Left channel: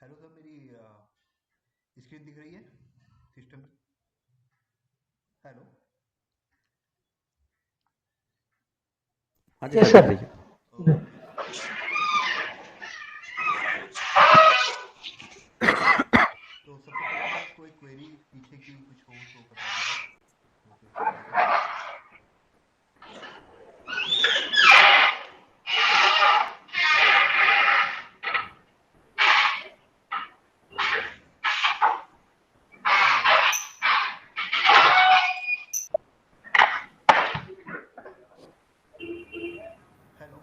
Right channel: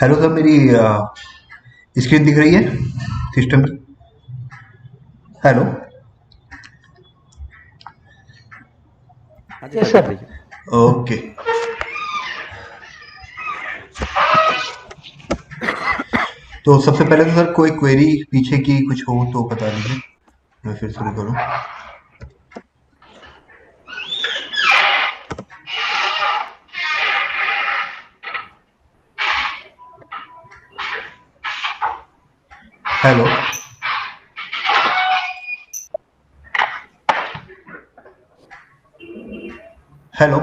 Hello sir, मेरी screen दिख रही है सिस्टम की? हेलो। हाँ जी यस सर, दिख सर। रही है। ओके। तो सबसे पहले तो सर कोई क्वेरी पीछे की कुछ हो तो बता दीजिए, मैं फिर शुरू करूँ। Hello. Hello.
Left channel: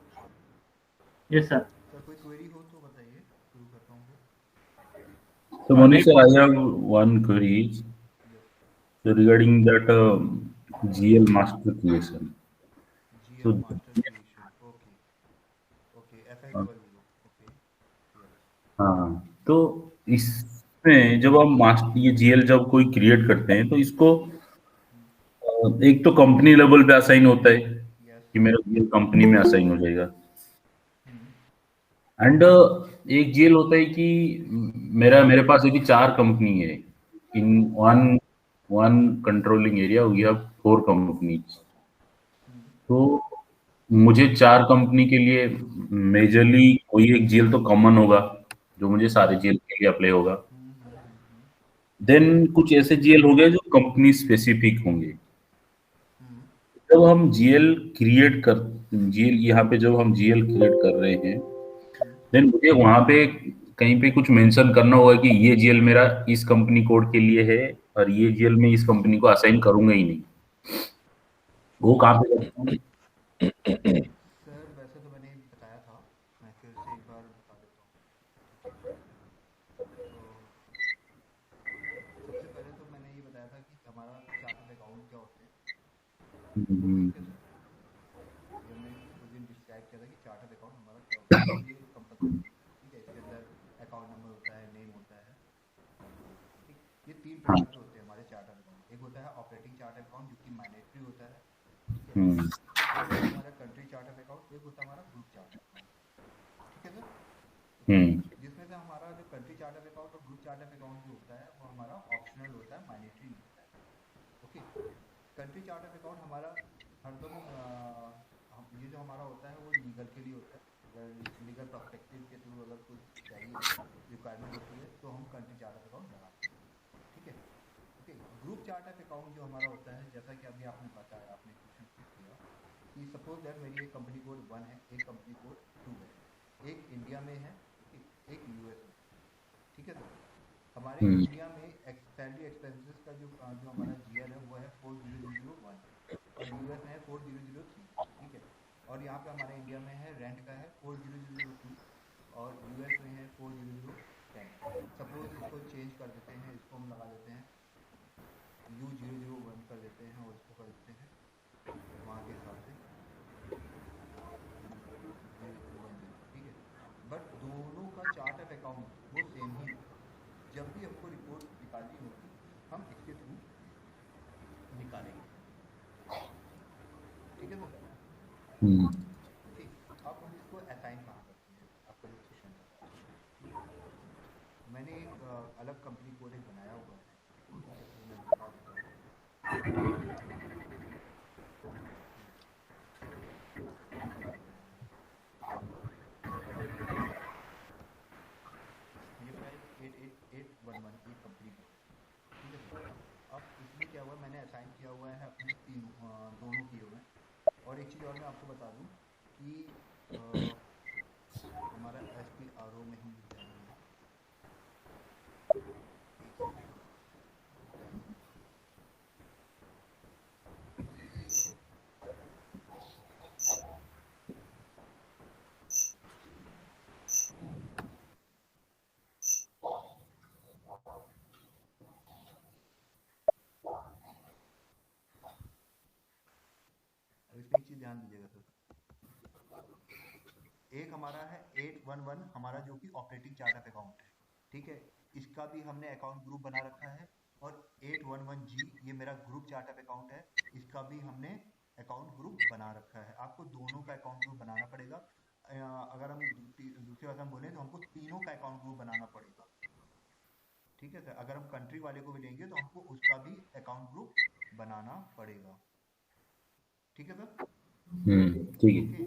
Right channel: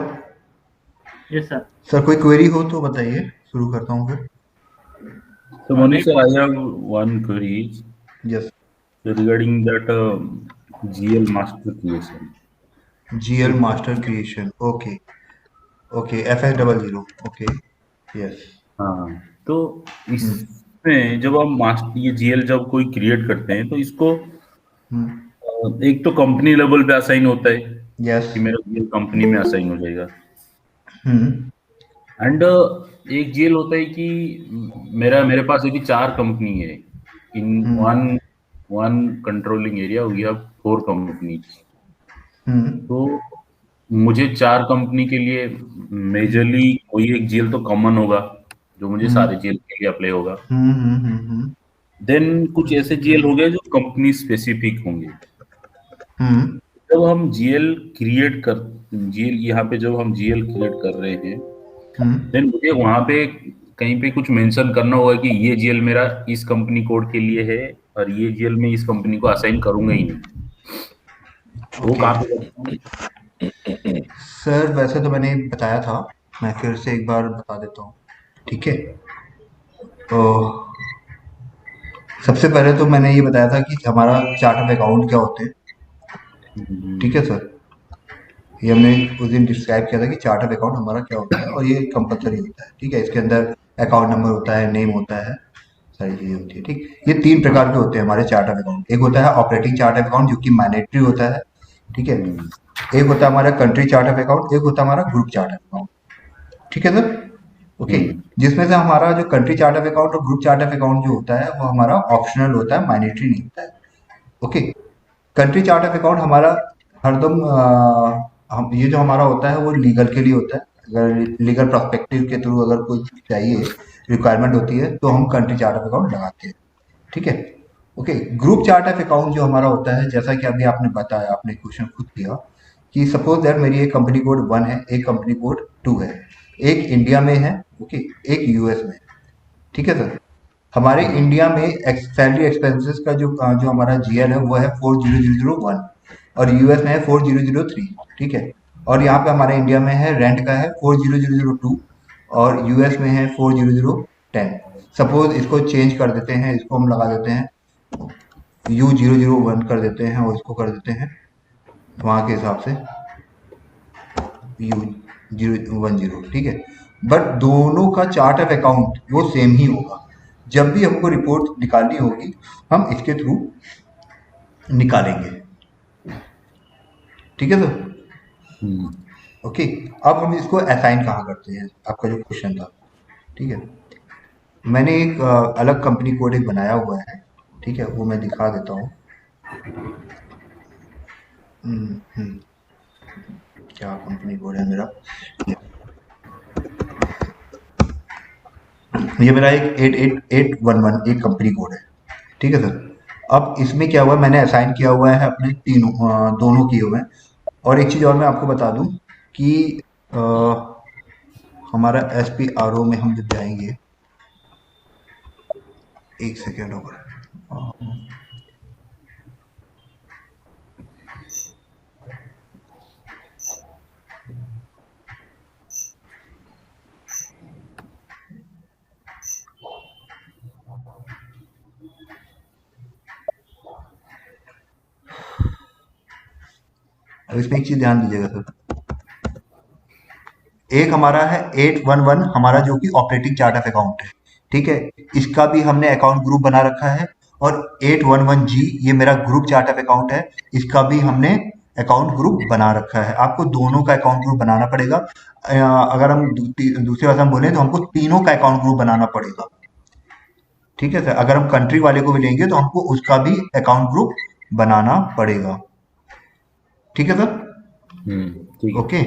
Yes sir. Sir कोई क्वेरी हो तो बताइए, शुरू करता हूँ फिर। So Manu sir, I have one query yes. regarding that GL master creation. GL It, master creation, okay. Okay, FS00, okay. Yes. हाँ, तो इसमें जब हम मास्टर ये जीएल जब कोई क्रिएट करते हैं तो इसको एक तो कंपनी लेवल पे असाइन होता है यस। कि मेरा जीएल कंपनी में असाइन हो जाएगा। हम्म। एंड एक जीएल होता है कि मेरे पास यदि 4 कंपनी है in one one controlling area, we have 4 companies. Hmm. तो मुझे 4 कंपनी के लिए मेजरली कोई एक जेल तो कॉमन होगा जो मुझे सारे हम्म। जेल के लिए अप्लाई होगा। हम्म। हम्म। देन कुछ ऐसे जेल हो गए जो कंपनी स्पेसिफिक होंगे। हम्म। जब हम जीएल क्रिएट कर जीएल यहाँ पे जब हम जीएल क्रिएट कर रहे हैं, हम्म। देन मुझे वहां पे कहीं पे कुछ मेंशन करना होगा कि ये जीएल मेरा इस कंपनी कोड के लिए है और ये जीएल मैं इस कंपनी को असाइन करूंगा ही नहीं। वो ओके। कहाँ पे करता हूँ? सर वैसे तो मैंने बताया था, मैं फिर से एक बार बता देता हूँ, ठीक है? तो सबसे पहले तो मैंने ये बताया था कि हमारा चार्ट ऑफ अकाउंट क्या होते हैं, ठीक है सर? ये हमने उस दिन डिस्क्राइब किया था कि चार्ट ऑफ अकाउंट हमारा क्या होता है, और ये कंपलसरी होता है, ठीक है? इसके अंदर अकाउंट नंबर होता है, नेम होता है, सारी चीज़ें होती है, ठीक? ये 3 प्रकार के होते हैं हमारे चार्ट ऑफ अकाउंट। एक होता है ऑपरेटिंग चार्ट ऑफ अकाउंट, जो कि मैंडेटरी होता है, ठीक है? हम्म, एक होता है हमारा कंट्री चार्ट ऑफ अकाउंट, एक होता है हमारा ग्रुप चार्ट ऑफ अकाउंट, ठीक है सर? ओके। हम्म, जिसमें से हमारा जो कंट्री चार्ट ऑफ अकाउंट और ग्रुप चार्ट ऑफ अकाउंट जो होता है वो हमारा ऑप्शनल होता है, मैंडेटरी नहीं होता है। Okay. Country chart of account हमारा हरदम हम ये जो हमारा होता है वो लीगल के लिए होता है। अगर लीगल पर्सपेक्टिव के थ्रू अगर कुछ चाहिए, रिक्वायरमेंट होती है, तो हम कंट्री चार्ट ऑफ अकाउंट लगाते हैं, ठीक है? Okay. Group chart of account जो हमारा होता है, जैसा कि अभी आपने बताया, आपने क्वेश्चन खुद किया कि सपोज दैट मेरी एक कंपनी कोड 1 है, एक कंपनी कोड 2 है, एक इंडिया में है, ओके, एक यूएस में, ठीक है सर? हमारे हम्म, इंडिया में सैलरी एक्सपेंसेस का जो हमारा जीएल है वो है 40001, और यूएस में है 4003, ठीक है? और यहाँ पे हमारे इंडिया में है रेंट का है 40002, और यूएस में है 40010। सपोज इसको चेंज कर देते हैं, इसको हम लगा देते हैं U001 कर देते हैं, और इसको कर देते हैं वहाँ के हिसाब से U010, ठीक है? बट दोनों का चार्ट ऑफ अकाउंट वो सेम ही होगा। जब भी हमको रिपोर्ट निकालनी होगी, हम इसके थ्रू निकालेंगे, ठीक है सर? हम्म। ओके। अब हम इसको असाइन कहाँ करते हैं, आपका जो क्वेश्चन था, ठीक है? मैंने एक अलग कंपनी कोड एक बनाया हुआ है, ठीक है? वो मैं दिखा देता हूँ। हम्म, हम्म, क्या कंपनी कोड है मेरा? ये मेरा एक 88811 एक कंपनी कोड है, ठीक है सर? अब इसमें क्या हुआ, मैंने असाइन किया हुआ है अपने तीनों, दोनों किए हुए हैं। और एक चीज़ और मैं आपको बता दूं कि अ, हमारा SPRO में हम जब जाएंगे, एक सेकेंड होगा, अब इसमें एक चीज़ ध्यान दीजिएगा सर। एक हमारा है 811, हमारा जो कि ऑपरेटिंग चार्ट ऑफ अकाउंट है, ठीक है? इसका भी हमने अकाउंट ग्रुप बना रखा है। और 811G ये मेरा ग्रुप चार्ट ऑफ अकाउंट है, इसका भी हमने अकाउंट ग्रुप बना रखा है। आपको दोनों का अकाउंट ग्रुप बनाना पड़ेगा। अगर हम दूसरी भाषा में बोलें तो हमको तीनों का अकाउंट ग्रुप बनाना पड़ेगा। ठीक है सर, अगर हम कंट्री वाले को भी लेंगे तो हमको उसका भी अकाउंट ग्रुप बनाना पड़ेगा। ठीक है सर। ठीक है। ओके,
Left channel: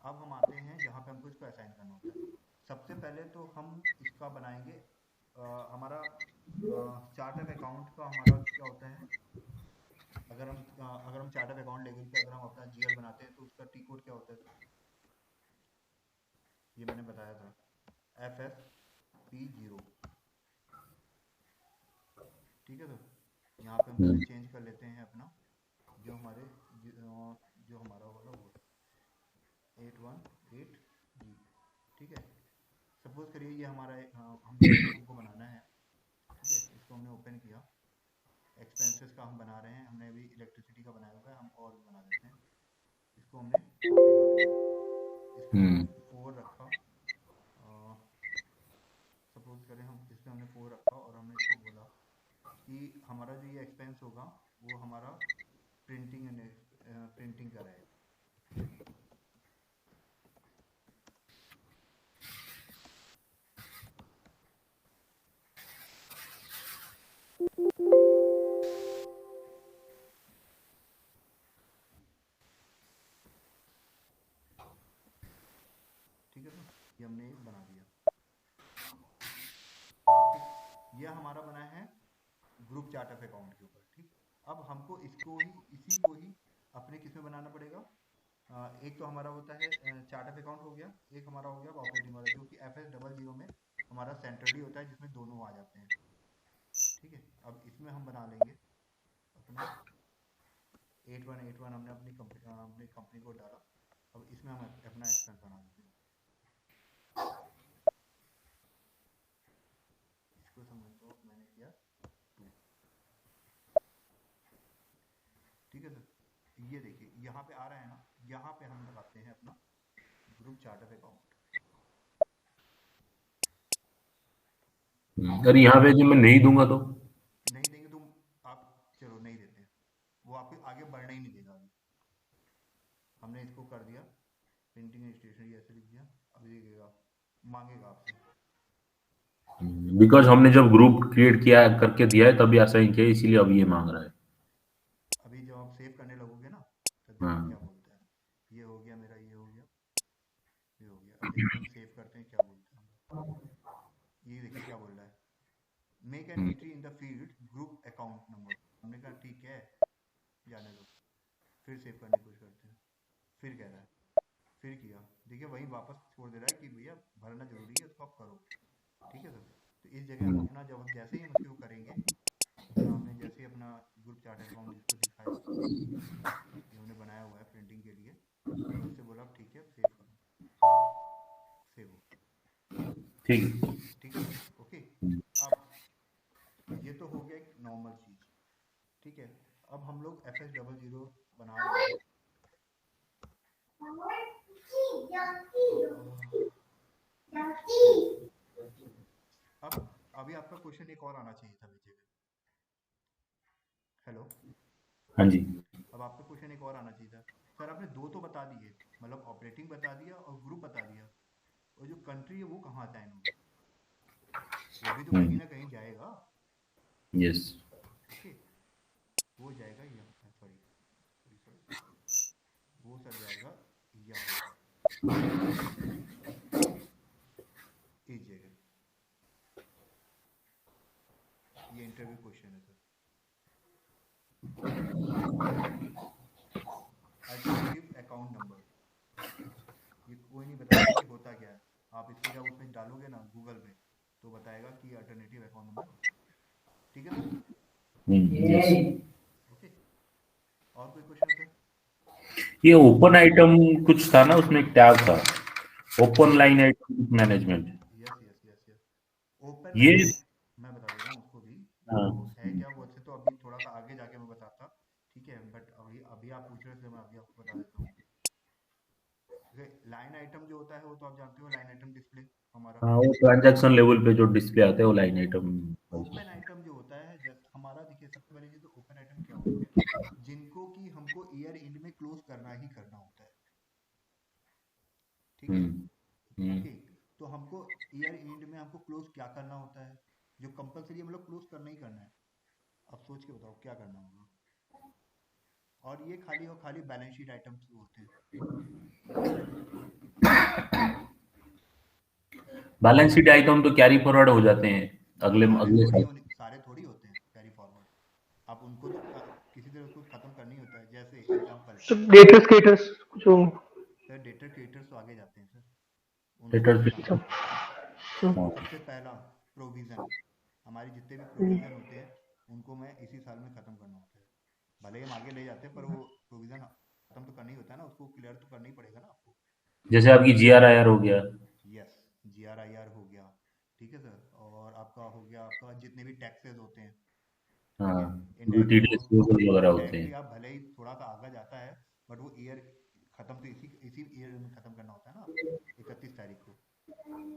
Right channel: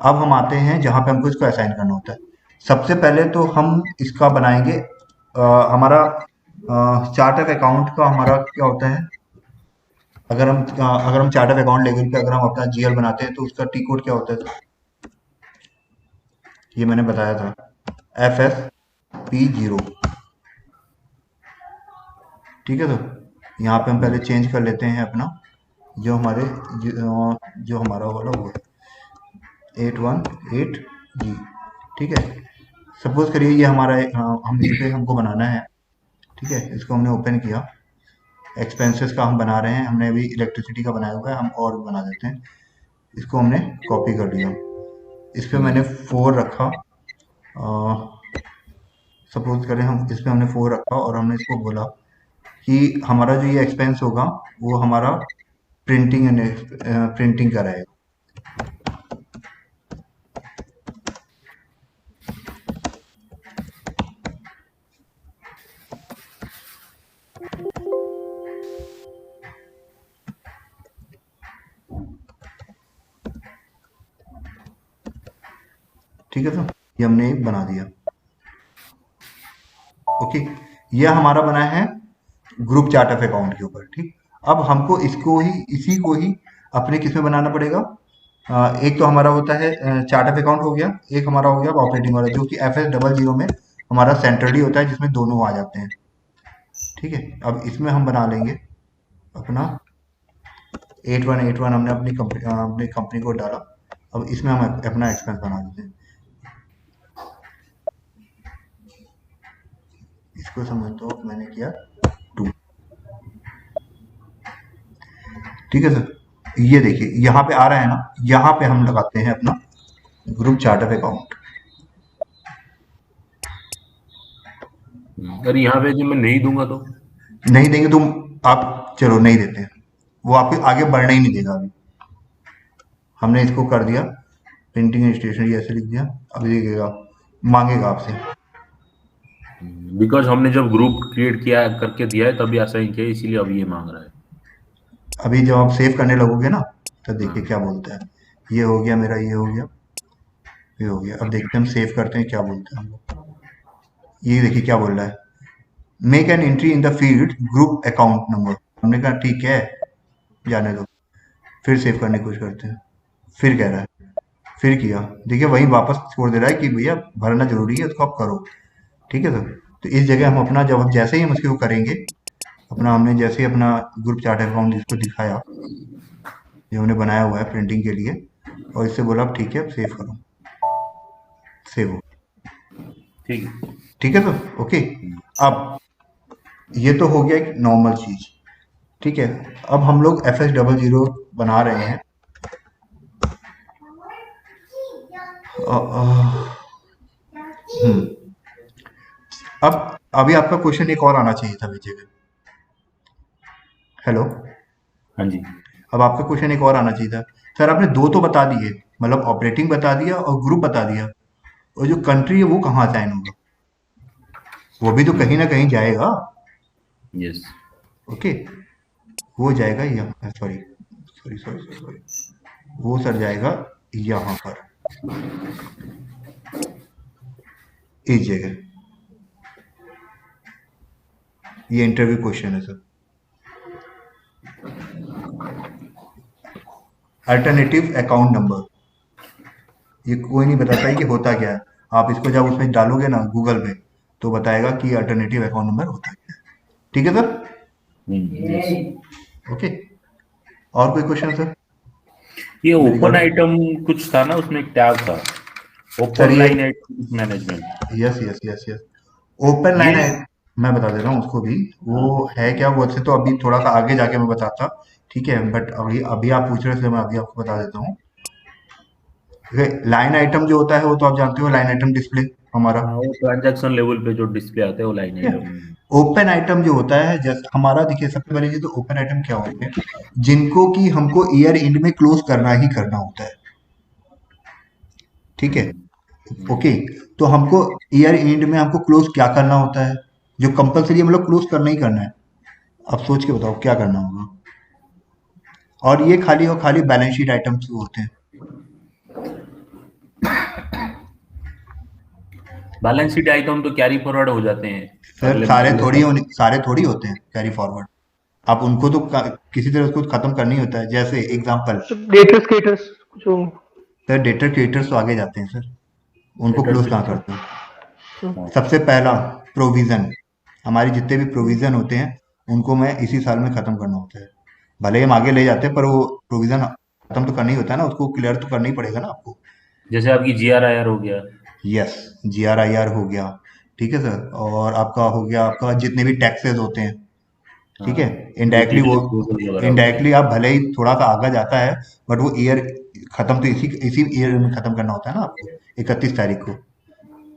अब हम आते हैं जहाँ पे हमको इसको असाइन करना होता है। सबसे पहले तो हम इसका बनाएंगे हमारा चार्ट ऑफ अकाउंट का हमारा क्या होता है। अगर हम चार्ट ऑफ अकाउंट लेवल पे अगर हम अपना जीएल बनाते हैं तो उसका टी कोड क्या होता है, ये मैंने बताया था, FSP0। ठीक है, तो यहाँ पे हम पहले चेंज कर लेते हैं अपना जो हमारा वाला वो 818G। ठीक है, सपोज करिए ये हमारा हम इस पे हमको बनाना है। ठीक है, इसको हमने ओपन किया, एक्सपेंसेस का हम बना रहे हैं, हमने अभी इलेक्ट्रिसिटी का बनाया हुआ है, हम और बना देते हैं। इसको हमने कॉपी कर लिया, इस पे मैंने 4 रखा, सपोज करें हम इस पे हमने 4 रखा और हमने इसको बोला कि हमारा जो ये एक्सपेंस होगा वो हमारा प्रिंटिंग का रहेगा। ठीक है, तो ये हमने एक बना दिया। ओके, ये हमारा बना है ग्रुप चार्ट ऑफ अकाउंट के ऊपर। ठीक, अब हमको इसी को ही अपने किस में बनाना पड़ेगा। एक तो हमारा होता है चार्ट ऑफ अकाउंट हो गया, एक हमारा हो गया ऑपरेटिंग वाला जो कि FS00 में हमारा सेंट्रली होता है जिसमें दोनों आ जाते हैं। ठीक है, अब इसमें हम बना लेंगे अपना 8181 हमने अपनी कंपनी को डाला। अब इसमें हम अपना एक्सपेंस बना देते हैं। इसको समझ तो मैंने किया 2। ठीक है सर, ये देखिए यहाँ पे आ रहा है ना, यहाँ पे हम लगाते हैं अपना ग्रुप चार्ट ऑफ अकाउंट। अरे यहाँ पे जो मैं नहीं दूंगा तो नहीं देंगे तो आप चलो नहीं देते हैं, वो आपके आगे बढ़ने ही नहीं देगा। अभी हमने इसको कर दिया प्रिंटिंग स्टेशनरी ऐसे लिख दिया, अभी देखेगा मांगेगा आपसे। बिकॉज हमने जब ग्रुप क्रिएट किया करके दिया है तभी असाइन किया है, इसीलिए अब ये मांग रहा है। अभी जब आप सेव करने लगोगे ना तो देखिए हाँ। क्या बोलता है। ये हो गया मेरा, ये हो गया, ये हो गया। अब देखते हैं हम सेव करते हैं क्या बोलते हैं हम लोग। ये देखिए क्या बोल रहा है, make an entry in the field group account number. हमने कहा ठीक है जाने दो, फिर सेव करने की कोशिश करते हैं, फिर कह रहा है, फिर किया, देखिए वही वापस छोड़ दे रहा है कि भैया भरना जरूरी है उसको आप करो। ठीक है सर, तो इस जगह हम अपना जब हम जैसे ही हम उसको करेंगे अपना, हमने जैसे ही अपना ग्रुप चार्ट अकाउंट जिसको दिखाया जो हमने बनाया हुआ है प्रिंटिंग के लिए, और इससे बोला अब ठीक है अब सेव करो, सेव हो। ठीक है। ठीक है सर, ओके। अब ये तो हो गया एक नॉर्मल चीज। ठीक है, अब हम लोग FS00 बना रहे हैं। अब अभी आपका क्वेश्चन एक और आना चाहिए था विजय का। हेलो, हाँ जी। अब आपका क्वेश्चन एक और आना चाहिए था सर, आपने 2 तो बता दिए, मतलब ऑपरेटिंग बता दिया और ग्रुप बता दिया, और जो कंट्री है वो कहाँ असाइन होगा, वो भी तो कहीं ना कहीं जाएगा। यस। ओके, वो जाएगा यहाँ, सॉरी सॉरी सॉरी सॉरी, वो सर जाएगा यहाँ पर, इस जगह। ये इंटरव्यू क्वेश्चन है सर। अल्टरनेटिव अकाउंट नंबर, ये कोई नहीं बताता है कि होता क्या है। आप इसको जब उसमें डालोगे ना गूगल पे तो बताएगा कि अल्टरनेटिव अकाउंट नंबर होता है क्या। ठीक है सर, यस। ओके। और कोई क्वेश्चन सर? ये ओपन आइटम कुछ था ना, उसमें एक टैग था open line item management. Yes yes yes yes, open line है, मैं बता देता हूँ उसको भी। वो है क्या, वो से तो अभी थोड़ा सा आगे जाके मैं बताता। ठीक है, बट अभी अभी आप पूछ रहे थे, मैं अभी आपको बता देता हूँ। लाइन आइटम जो होता है वो तो आप जानते हो, लाइन आइटम डिस्प्ले हमारा। हाँ, वो ट्रांजैक्शन लेवल पे जो डिस्प्ले आता है वो लाइन ठीक है, आइटम। ओपन आइटम जो होता है जैसे हमारा, देखिए सबसे पहले चीज तो ओपन आइटम क्या होते हैं, जिनको कि हमको ईयर एंड में क्लोज करना ही करना होता है। ठीक है। हम्म। ओके, तो हमको ईयर एंड में हमको क्लोज क्या करना होता है, जो कंपलसरी मतलब क्लोज करना ही करना है। अब सोच के बताओ क्या करना होगा। और ये खाली और खाली बैलेंस शीट आइटम्स होते हैं। बैलेंस शीट आइटम तो कैरी फॉरवर्ड हो जाते हैं सर अगले अगले साल। सारे थोड़ी होते हैं कैरी फॉरवर्ड। आप उनको तो किसी तरह उसको खत्म करना ही होता है। जैसे एग्जांपल, तो डेटर्स क्रिएटर्स जो। सर डेटर क्रिएटर्स तो आगे जाते हैं सर, उनको डेटर क्लोज कहाँ फिक्स। करते हो। हम्म, सबसे पहला प्रोविजन, हमारे जितने भी प्रोविजन होते हैं उनको मैं इसी साल में खत्म करना होता है। भले ही हम आगे ले जाते हैं पर वो प्रोविजन खत्म तो करना ही होता है ना, उसको क्लियर तो करना ही पड़ेगा ना आपको। जैसे आपकी GRIR हो गया। यस, GRIR हो गया, ठीक है सर। और आपका हो गया आपका जितने भी टैक्सेस होते हैं, ठीक हाँ, है। इनडायरेक्टली वो, यूटिलिटी डिस्पोजल वगैरह होते हैं। इनडायरेक्टली आप भले ही थोड़ा सा आगे जाता है, बट वो ईयर खत्म तो इसी इसी ईयर में खत्म करना होता है ना आपको, 31 तारीख को।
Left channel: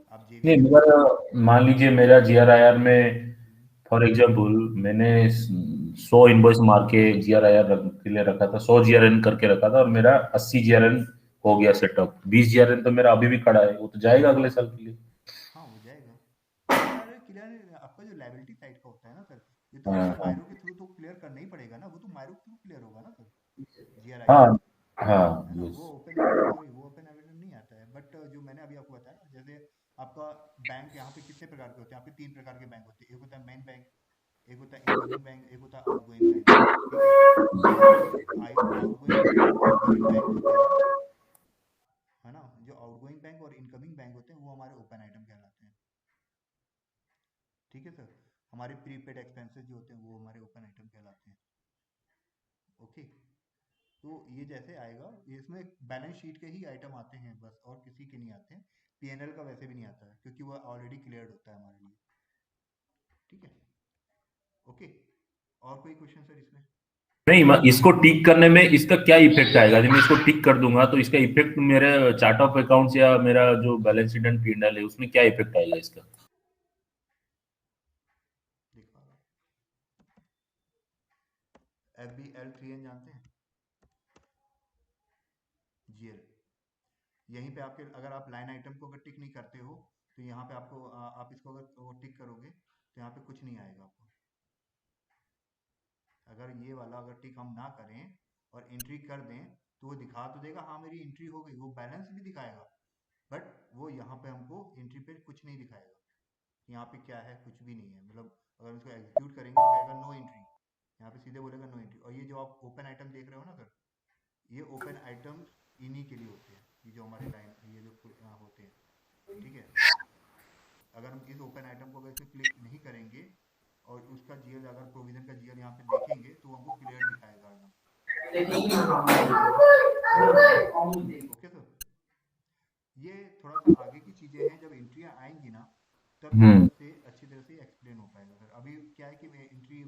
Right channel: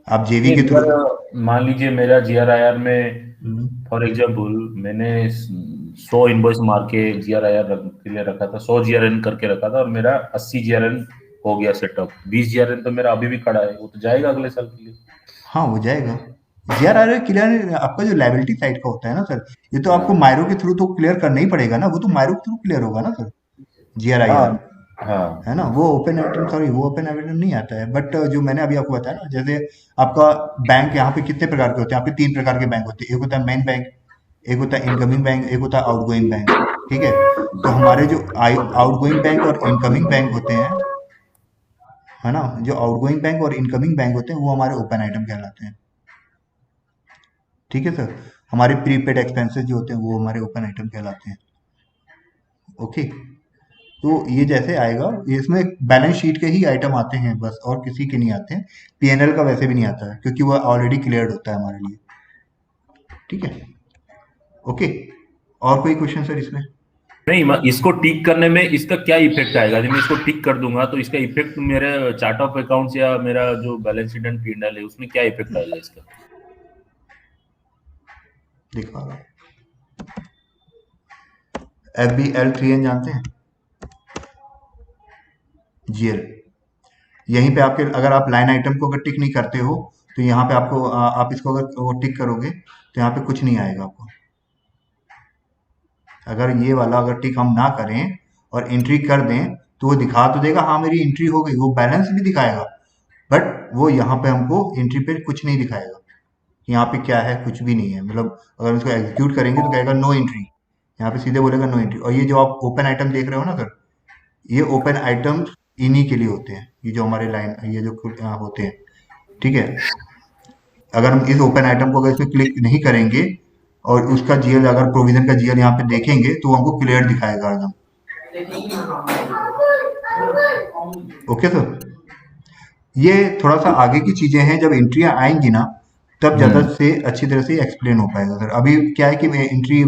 आप जेवी नहीं, के थ्रू। अगर मान लीजिए मेरा GRIR में हम्म, फॉर एग्जाम्पल मैंने 100 इनवॉइस मार के GRIR के लिए रखा था, 100 GRN करके रखा था और मेरा 80 GRN हो गया सेटअप। 20 GRN तो मेरा अभी भी खड़ा है, वो तो जाएगा अगले साल के लिए। हाँ हो जाएगा। GRR क्लियर आपका जो लाइबिलिटी साइड का होता है ना सर, ये तो आपको हाँ। मायरो के थ्रू तो क्लियर करना ही पड़ेगा ना, वो तो मायरो के थ्रू क्लियर होगा ना सर। हाँ। GRIR हाँ। है ना, वो ओपन आइटम, सॉरी वो ओपन आइटम नहीं आता है। बट जो मैंने अभी आपको बताया ना, जैसे आपका बैंक यहाँ पे कितने प्रकार के होते हैं, यहाँ पे 3 प्रकार के बैंक होते हैं। एक होता है मेन बैंक, एक होता है इनकमिंग बैंक, एक होता है आउटगोइंग बैंक, ठीक है। तो हमारे जो आउटगोइंग बैंक और इनकमिंग बैंक होते हैं, है ना, जो आउटगोइंग बैंक और इनकमिंग बैंक होते हैं वो हमारे ओपन आइटम कहलाते हैं, ठीक है सर। हमारे प्रीपेड एक्सपेंसेस जो होते हैं वो हमारे ओपन आइटम कहलाते हैं। ओके, तो ये जैसे आएगा, ये इसमें बैलेंस शीट के ही आइटम आते हैं बस, और किसी के नहीं आते हैं। पीएनएल का वैसे भी नहीं आता है क्योंकि वो ऑलरेडी क्लियर्ड होता है हमारे लिए, ठीक है। ओके, और कोई क्वेश्चन सर इसमें। नहीं, इसको टिक करने में इसका क्या इफेक्ट आएगा? जब मैं इसको टिक कर दूंगा तो इसका इफेक्ट मेरे चार्ट ऑफ अकाउंट्स या मेरा जो बैलेंस शीट एंड P&L है उसमें क्या इफेक्ट आएगा इसका? दिखा रहा हूँ, FBL3N जानते हैं, GL। यहीं पे आपके, अगर आप लाइन आइटम को अगर टिक नहीं करते हो तो यहाँ पे आपको आप इसको अगर वो टिक करोगे तो यहाँ पे कुछ नहीं आएगा आपको। अगर ये वाला अगर टिक हम ना करें और एंट्री कर दें तो वो दिखा तो देगा हाँ मेरी एंट्री हो गई, वो बैलेंस भी दिखाएगा, बट वो यहाँ पे हमको एंट्री पे कुछ नहीं दिखाएगा। यहाँ पे क्या है, कुछ भी नहीं है। मतलब अगर हम इसको एग्जीक्यूट करेंगे तो कहेगा नो एंट्री, यहाँ पे सीधे बोलेगा नो एंट्री। और ये जो आप ओपन आइटम देख रहे हो ना सर, ये ओपन आइटम इन्हीं के लिए होते हैं, ये जो हमारे लाइन ये जो होते हैं, ठीक है। अगर हम इस ओपन आइटम को अगर इसमें क्लिक नहीं करेंगे और उसका जीएल, अगर प्रोविजन का जीएल यहाँ पे देखेंगे तो वो हमको क्लियर दिखाएगा एकदम। ओके सर, ये थोड़ा सा आगे की चीजें हैं, जब एंट्रियां आएंगी ना तब ज्यादा हम्म। से अच्छी तरह से एक्सप्लेन हो पाएगा सर। अभी क्या है कि एंट्री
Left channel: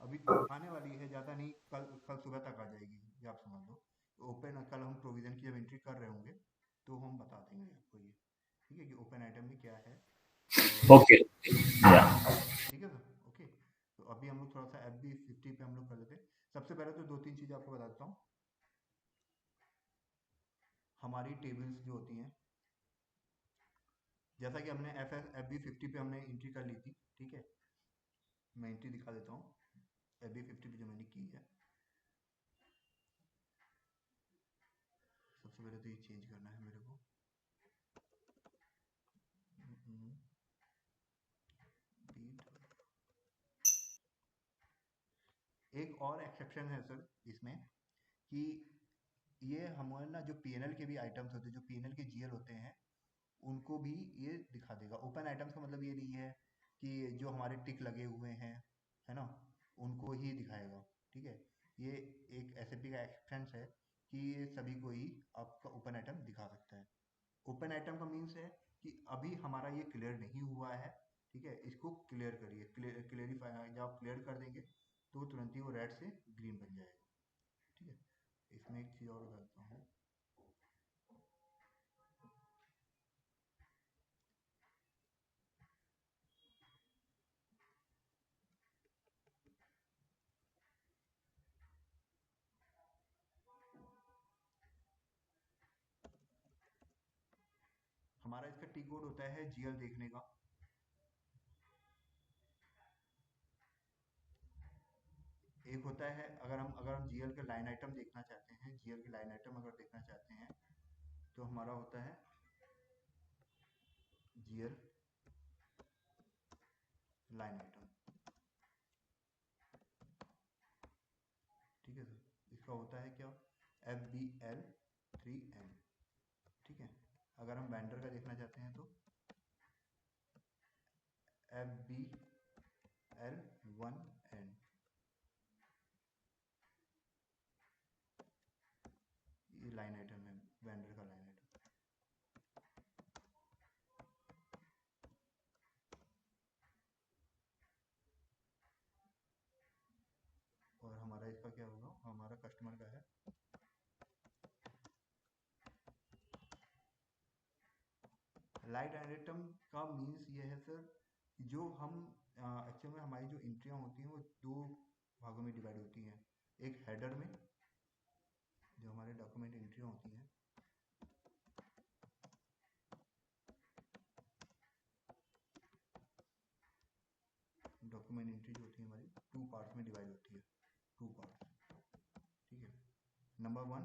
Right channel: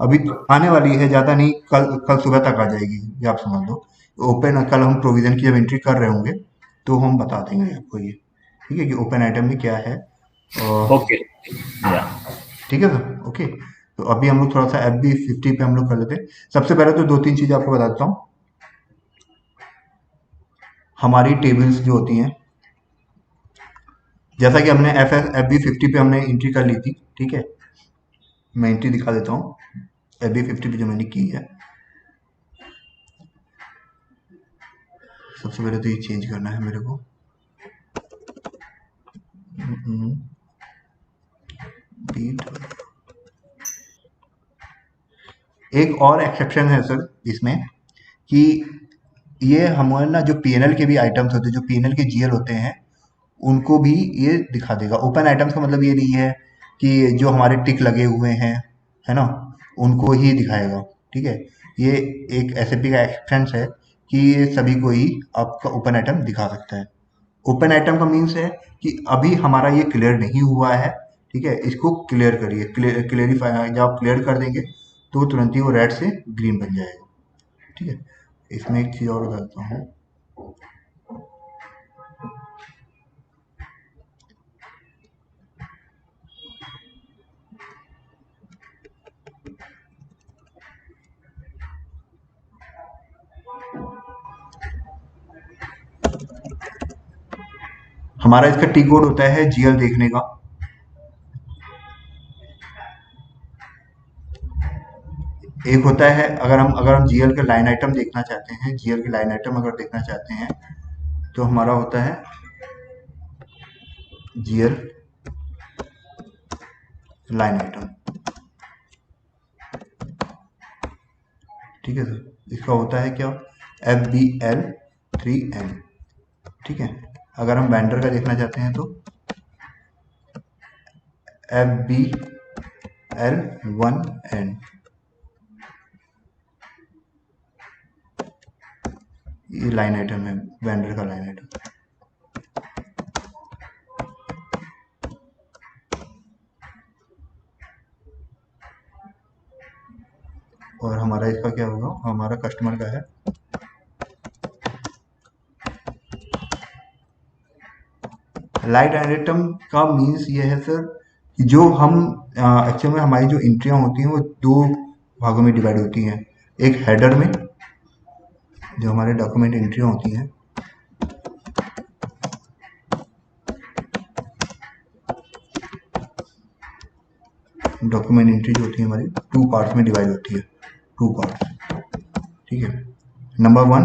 अभी आने वाली है, ज्यादा नहीं, कल कल सुबह तक आ जाएगी, ये आप समझ लो। ओपन कल हम प्रोविजन की जब एंट्री कर रहे होंगे तो हम बता देंगे आपको ये, ठीक है, कि ओपन आइटम में क्या है। और ओके। या। ठीक है सर, ओके। तो अभी हम लोग थोड़ा सा FB50 पे हम लोग कर लेते हैं। सबसे पहले तो दो तीन चीज़ आपको बता देता हूँ। हमारी टेबल्स जो होती हैं, जैसा कि हमने FB50 पे हमने एंट्री कर ली थी, ठीक है। मैं एंट्री दिखा देता हूँ FB50 पे जो मैंने की है। सबसे पहले तो ये चेंज करना है मेरे को। बीट, एक और एक्सेप्शन है सर इसमें, कि ये हमारे ना जो पीएनएल के भी आइटम्स होते हैं, जो पीएनएल के जीएल होते हैं, उनको भी ये दिखा देगा। ओपन आइटम्स का मतलब ये नहीं है कि जो हमारे टिक लगे हुए हैं, है ना, उनको ही दिखाएगा, ठीक है। ये एक एसएपी का एक्सटेंस है कि ये सभी को ही आपका ओपन आइटम दिखा सकता है। ओपन आइटम का मीन्स है कि अभी हमारा ये क्लियर नहीं हुआ है, ठीक है, इसको क्लियर करिए। क्लियरिफाई जब आप क्लियर कर देंगे तो तुरंत ही वो रेड से ग्रीन बन जाएगा, ठीक है। इसमें एक चीज़ और बताता हूँ। हमारा इसका टी कोड होता है जीएल देखने का। एक होता है अगर हम जीएल के लाइन आइटम देखना चाहते हैं, जीएल के लाइन आइटम अगर देखना चाहते हैं तो हमारा होता है जीएल लाइन आइटम, ठीक है सर। इसका होता है क्या, FBL3N, ठीक है। अगर हम वेंडर का देखना चाहते हैं तो FBL1N, ये लाइन आइटम है, वेंडर का लाइन आइटम। और हमारा इसका क्या होगा, हमारा कस्टमर का है लाइन आइटम का मीन्स ये है सर कि जो हम एक्चुअल में हमारी जो एंट्रियां होती हैं वो दो भागों में डिवाइड होती हैं। एक हेडर में जो हमारे डॉक्यूमेंट एंट्रियां होती हैं, डॉक्यूमेंट एंट्री जो होती है हमारी टू पार्ट्स में डिवाइड होती है, टू पार्ट्स, ठीक है। Number 1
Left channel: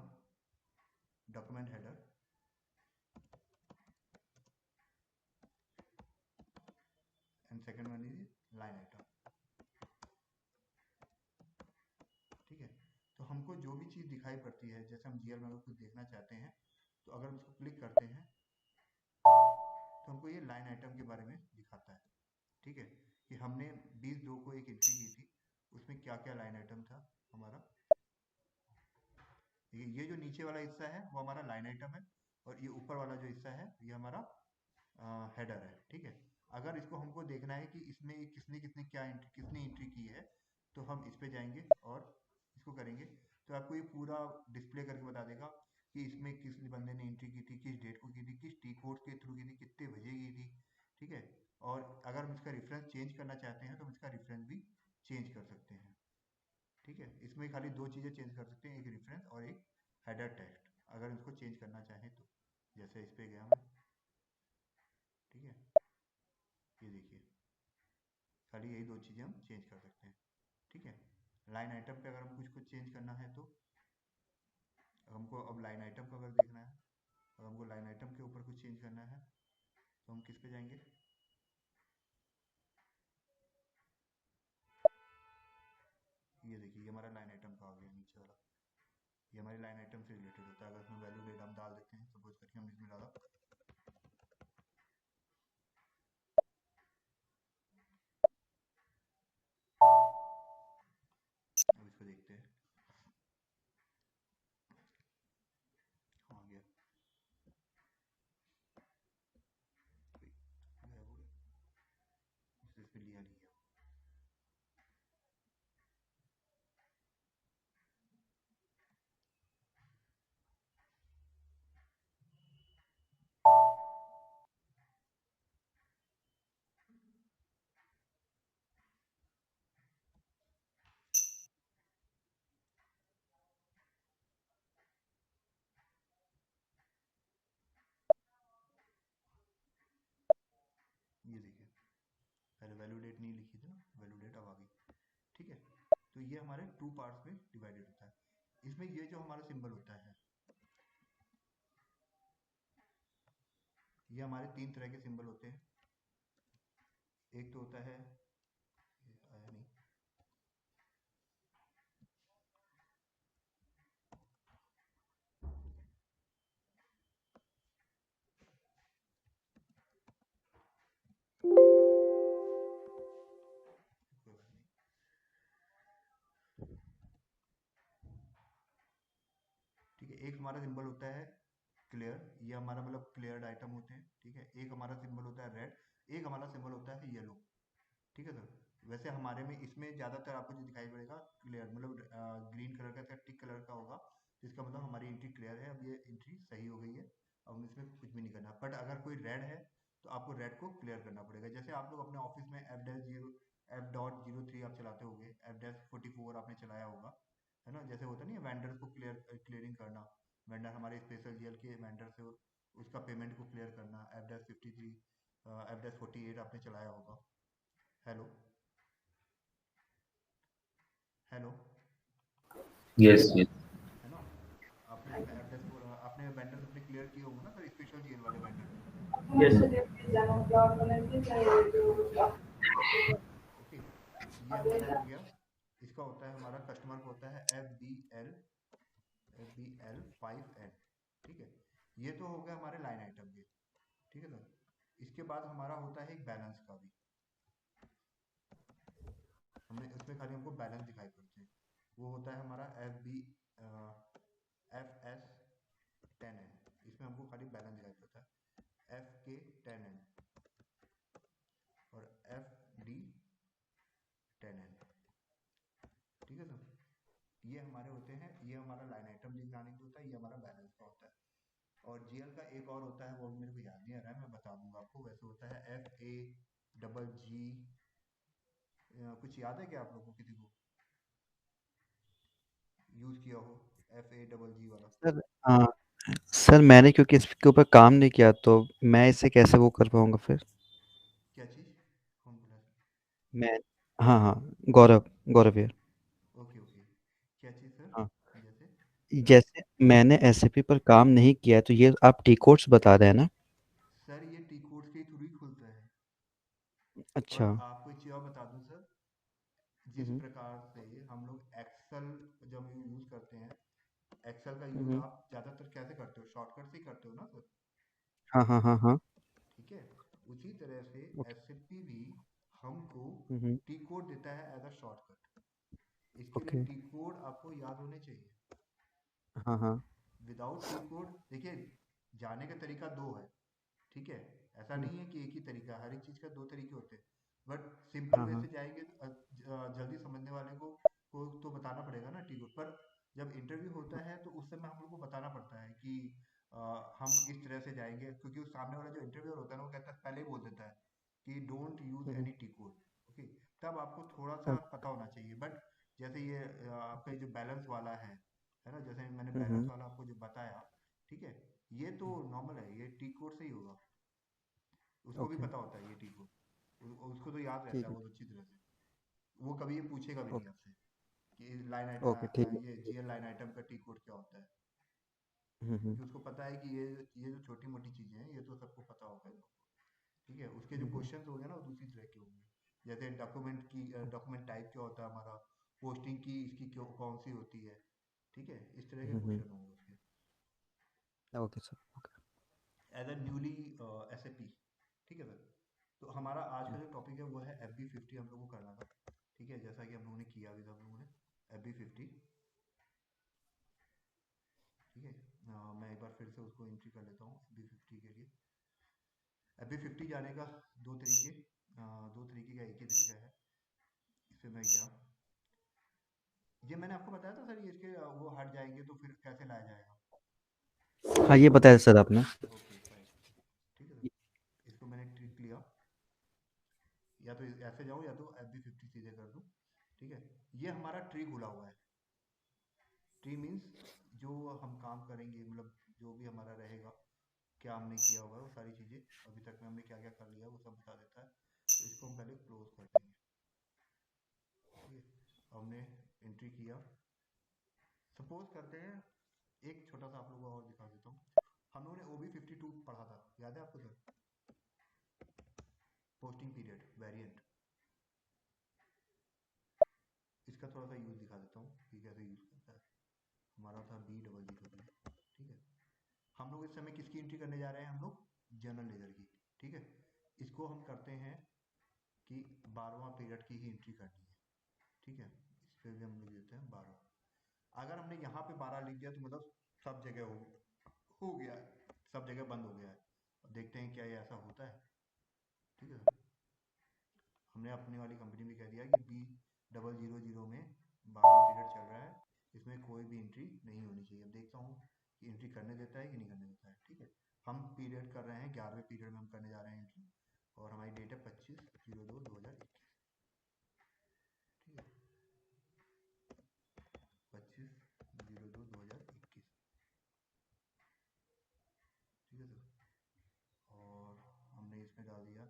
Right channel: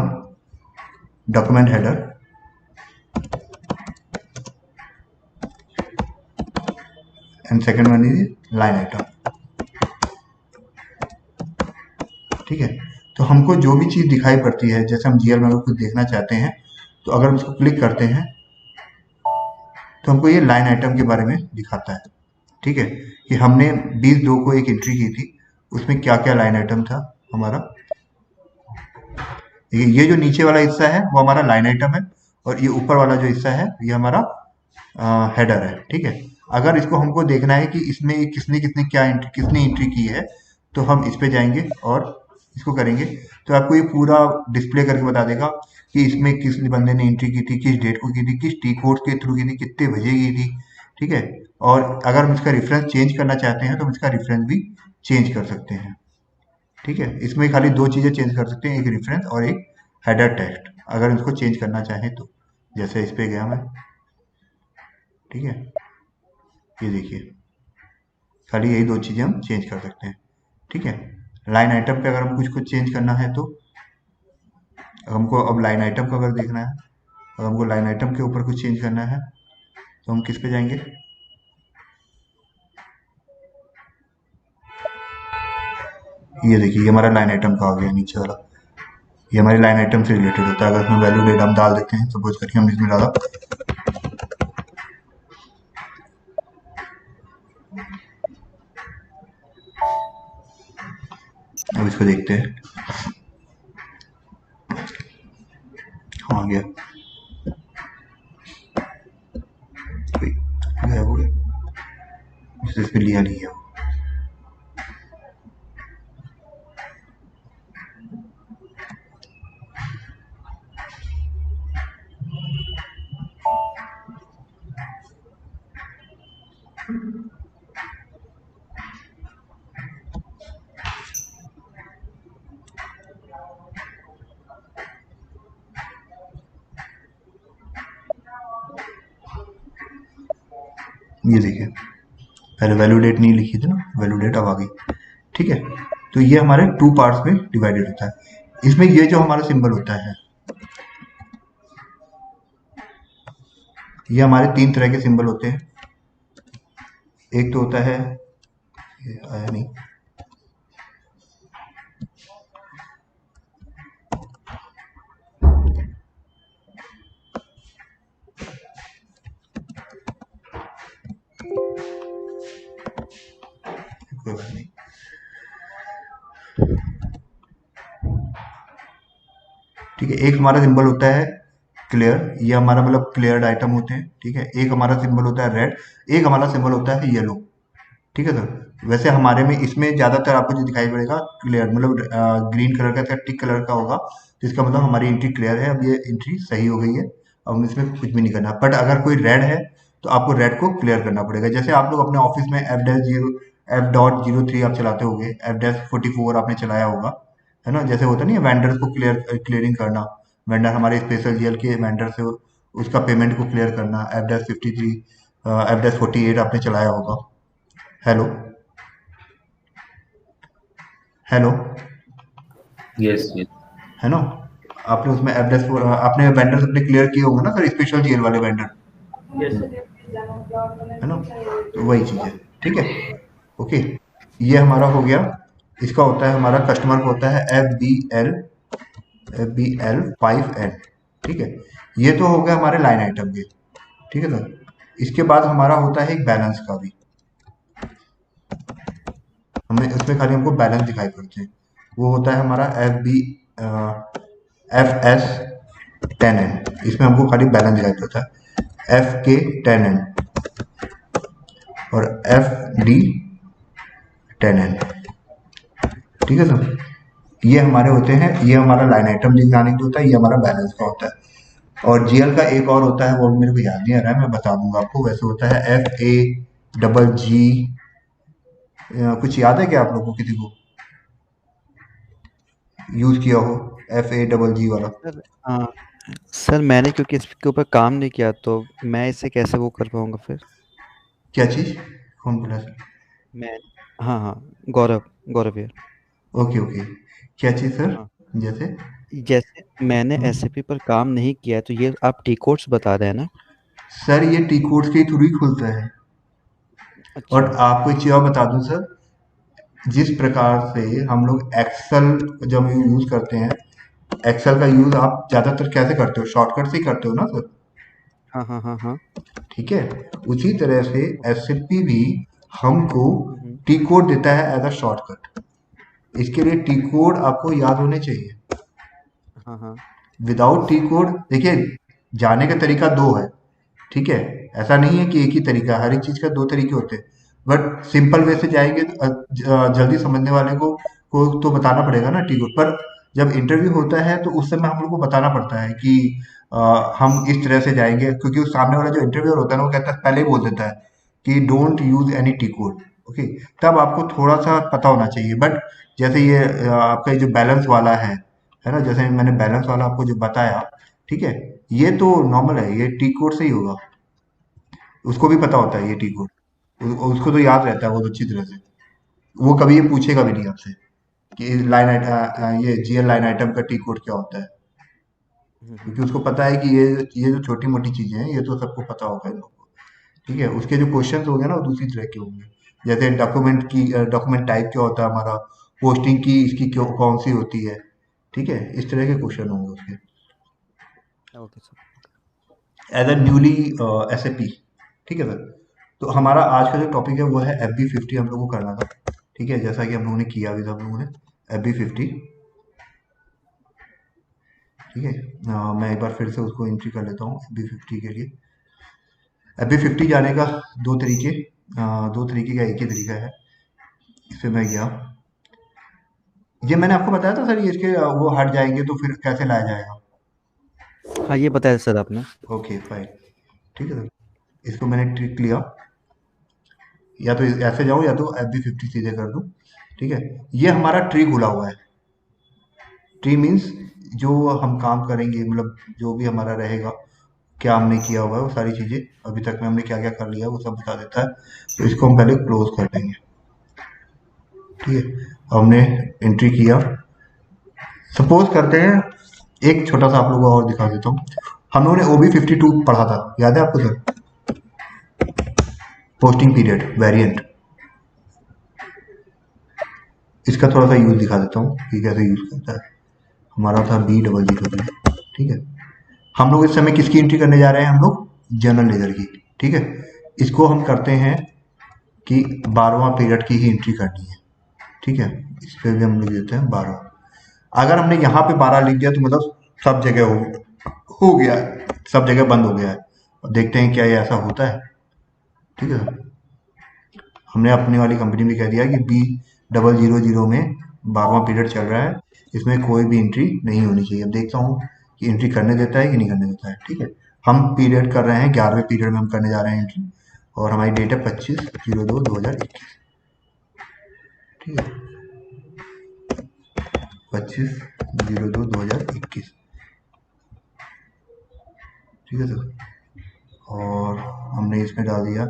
document header, and second one is line item, ठीक है। तो हमको जो भी चीज़ दिखाई पड़ती है, जैसे हम जीएल में अगर कुछ देखना चाहते हैं तो अगर हम इसको क्लिक करते हैं तो हमको ये लाइन आइटम के बारे में दिखाता है, ठीक है। कि हमने 20/2 को एक एंट्री की थी, उसमें क्या क्या लाइन आइटम था हमारा। ये जो नीचे वाला हिस्सा है वो हमारा लाइन आइटम है, और ये ऊपर वाला जो हिस्सा है ये हमारा हेडर है, ठीक है। अगर इसको हमको देखना है कि इसमें किसने किसने क्या किसने एंट्री की है, तो हम इस पे जाएंगे और इसको करेंगे तो आपको ये पूरा डिस्प्ले करके बता देगा कि इसमें किस बंदे ने एंट्री की थी, किस डेट को की थी, किस टी कोड के थ्रू की थी, कितने बजे की थी, ठीक है। और अगर हम इसका रेफरेंस चेंज करना चाहते हैं तो हम इसका रेफरेंस भी चेंज कर सकते हैं, ठीक है। इसमें खाली दो चीज़ें चेंज कर सकते हैं, एक रेफरेंस और एक हेडर टेक्स्ट। अगर इसको चेंज करना चाहें तो जैसे इस पे गया मैं, ठीक है, ये देखिए खाली यही दो चीज़ें हम चेंज कर सकते हैं, ठीक है। लाइन आइटम पे अगर हम कुछ चेंज करना है तो हमको अब लाइन आइटम को अगर देखना है, अगर हमको लाइन आइटम के ऊपर कुछ चेंज करना है तो हम किस पे जाएंगे, ये देखिए ये हमारा लाइन आइटम का आ गया नीचे वाला, ये हमारी लाइन आइटम से रिलेटेड होता है। अगर इसमें वैल्यू डेट हम डाल देते हैं, सपोज करके हमने इसमें डाला अब इसको देखते हैं, हाँ गया, गायब हो गया, इसमें लिया नहीं है। ये देखिए पहले वैल्यू डेट नहीं लिखी थी ना, वैल्यू डेट अब आ गई, ठीक है। तो ये हमारे टू पार्ट्स में डिवाइडेड होता है। इसमें ये जो हमारा सिंबल होता है, ये हमारे 3 तरह के सिंबल होते हैं। एक तो होता है, ये आया नहीं, कोई बात नहीं, ठीक है। एक हमारा सिंबल होता है क्लियर, ये हमारा मतलब क्लियर्ड आइटम होते हैं, ठीक है। एक हमारा सिंबल होता है रेड, एक हमारा सिंबल होता है येलो, ठीक है सर। वैसे हमारे में इसमें ज़्यादातर आपको जो दिखाई पड़ेगा क्लियर, मतलब ग्रीन कलर का टिक कलर का होगा, तो इसका मतलब हमारी एंट्री क्लियर है, अब ये एंट्री सही हो गई है, अब हम इसमें कुछ भी नहीं करना। बट अगर कोई रेड है तो आपको रेड को क्लियर करना पड़ेगा। जैसे आप लोग अपने ऑफिस में F.03 आप चलाते होंगे, F-44 आपने चलाया होगा, है ना। जैसे होता नहीं है वेंडर्स को क्लियरिंग करना, वेंडर हमारे स्पेशल जीएल के वेंडर से उसका पेमेंट को क्लियर करना, F-53, F-48 आपने चलाया होगा। Hello hello, yes yes. है ना? आपने उसमें F-4 आपने वेंडर्स अपने क्लियर किए होंगे ना सर, स्पेशल जेल वाले वेंडर, Yes, sir. है ना? तो वही चीज़ है, ठीक है, ओके। ये हमारा हो गया। इसका होता है, हमारा कस्टमर को होता है FBL 5N, ठीक है। ये तो हो गया हमारे लाइन आइटम के, ठीक है सर। इसके बाद हमारा होता है एक बैलेंस का भी, हमें उसमें खाली हमको बैलेंस दिखाई पड़ते हैं। वो होता है हमारा FS10N, इसमें हमको खाली बैलेंस दिखाई पड़ता है। FK10N और FD10N, ठीक है सर। ये हमारे होते हैं, ये हमारा लाइन आइटम दिखाने के होता है, ये हमारा बैलेंस का होता है। और जीएल का एक और होता है, वो मेरे को याद नहीं आ रहा है, मैं बता दूंगा आपको। वैसे होता है FAGG, कुछ याद है क्या आप लोगों को, किसी को यूज किया हो FAGG वाला? सर सर मैंने क्योंकि इसके ऊपर काम नहीं किया तो मैं इसे कैसे वो कर पाऊंगा फिर। क्या चीज, कौन बोला सर? मैं हाँ हाँ, गौरव गौरव यार। ओके ओके, क्या चीज सर? हाँ, जैसे जैसे मैंने एसएपी पर काम नहीं किया है, तो ये आप टी कोड्स बता रहे हैं ना। सर ये टी कोड्स के थ्रू ही खुलता है। और अच्छा। आपको एक चीज और बता दूं सर, जिस प्रकार से हम लोग एक्सेल जब यूज करते हैं, एक्सेल का यूज आप ज्यादातर कैसे करते हो, शॉर्टकट से ही करते हो ना सर, हाँ हाँ हाँ हाँ। ठीक है। उसी तरह से एसएपी भी हमको हम्म, टी कोड देता है एज अ शॉर्टकट। इसके लिए टी कोड आपको याद होने चाहिए। हाँ हाँ। विदाउट टी कोड, देखिए, जाने का तरीका दो है, ठीक है। ऐसा नहीं है कि एक ही तरीका है, हर एक चीज का दो तरीके होते हैं। बट सिंपल वे से जाएंगे तो जल्दी समझने वाले को तो बताना पड़ेगा ना टी कोड पर। जब इंटरव्यू होता है तो उस समय हम लोग को बताना पड़ता है कि हम इस तरह से जाएंगे, क्योंकि उस सामने वाला जो इंटरव्यूअर होता है ना, वो कहता है, पहले ही बोल देता है कि don't use any T code, okay. तब आपको थोड़ा सा पता होना चाहिए। बट जैसे ये आपका ये जो बैलेंस वाला है ना, जैसे मैंने बैलेंस वाला आपको जो बताया, ठीक है, ये तो नॉर्मल है, ये टी कोड से ही होगा। उसको भी पता होता है ये टी कोड, उसको तो याद रहता है वो तो अच्छी तरह से। वो कभी ये पूछेगा भी नहीं आपसे कि लाइन ओके। आइटम, ये जीएल लाइन आइटम का टी कोड क्या होता है, क्योंकि उसको पता है कि ये जो छोटी मोटी चीजें हैं ये तो सबको पता होगा इन लोगों को, ठीक है। उसके जो क्वेश्चंस होंगे ना वो दूसरी तरह के होंगे। जैसे डॉक्यूमेंट टाइप क्या होता है हमारा, पोस्टिंग की इसकी क्यों कौन सी होती है, ठीक है, इस तरह के क्वेश्चन होंगे उसके, okay sir. As a newly SAP, ठीक है सर। तो हमारा आज का जो टॉपिक है वो है FB50 हम लोगों को करना था, ठीक है, जैसा कि हम लोगों ने किया भी था, हम लोगों ने FB50, ठीक है। मैं एक बार फिर से उसको एंट्री कर लेता हूँ FB50 के लिए। FB50 जाने का दो तरीके, दो तरीके का एक ही तरीका है। इस पे मैं गया, ये मैंने आपको बताया था सर, ये इसके वो हट जाएंगे तो फिर कैसे लाया जाएगा। हाँ, ये बताया सर आपने। ओके फाइन, ठीक है सर। इसको मैंने ट्रिक लिया, या तो ऐसे जाऊँ या तो FB50 सीधे कर दूँ, ठीक है। ये हमारा ट्री खुला हुआ है। ट्री मीन्स जो हम काम करेंगे, मतलब जो भी हमारा रहेगा, क्या हमने किया हुआ है, वो सारी चीज़ें अभी तक में हमने क्या क्या कर लिया है वो सब बता देता है। तो इसको हम पहले क्लोज कर देंगे, ठीक है। हमने एंट्री किया, सपोज करते हैं, एक छोटा सा आप लोगों को और दिखा देता हूँ। हम लोगों ने OB52 पढ़ा था, याद है आपको सर? पोस्टिंग पीरियड वेरिएंट, इसका थोड़ा सा यूज दिखा देता हूँ कि कैसे यूज करता है। हमारा था B00, ठीक है। हम लोग इस समय किसकी एंट्री करने जा रहे हैं, हम लोग जनरल लेजर की, ठीक है। इसको हम करते हैं कि 12वां पीरियड की ही एंट्री करनी है, ठीक है। इस पे भी हम लोग देते हैं 12। अगर हमने यहाँ पे 12 लिख दिया तो मतलब सब जगह हो गया है, सब जगह बंद हो गया है। अब देखते हैं क्या ये ऐसा होता है, ठीक है। हमने अपनी वाली कंपनी में कह दिया कि B000 में 12वां पीरियड चल रहा है, इसमें कोई भी एंट्री नहीं होनी चाहिए। अब देखता हूँ कि एंट्री करने देता है कि नहीं करने देता है, ठीक है। हम पीरियड कर रहे हैं, 11वें पीरियड में हम करने जा रहे हैं एंट्री, और हमारी डेट है 25/02/2021, ठीक है। 25/02/2021, ठीक है सर। और हमने इसमें डाल दिया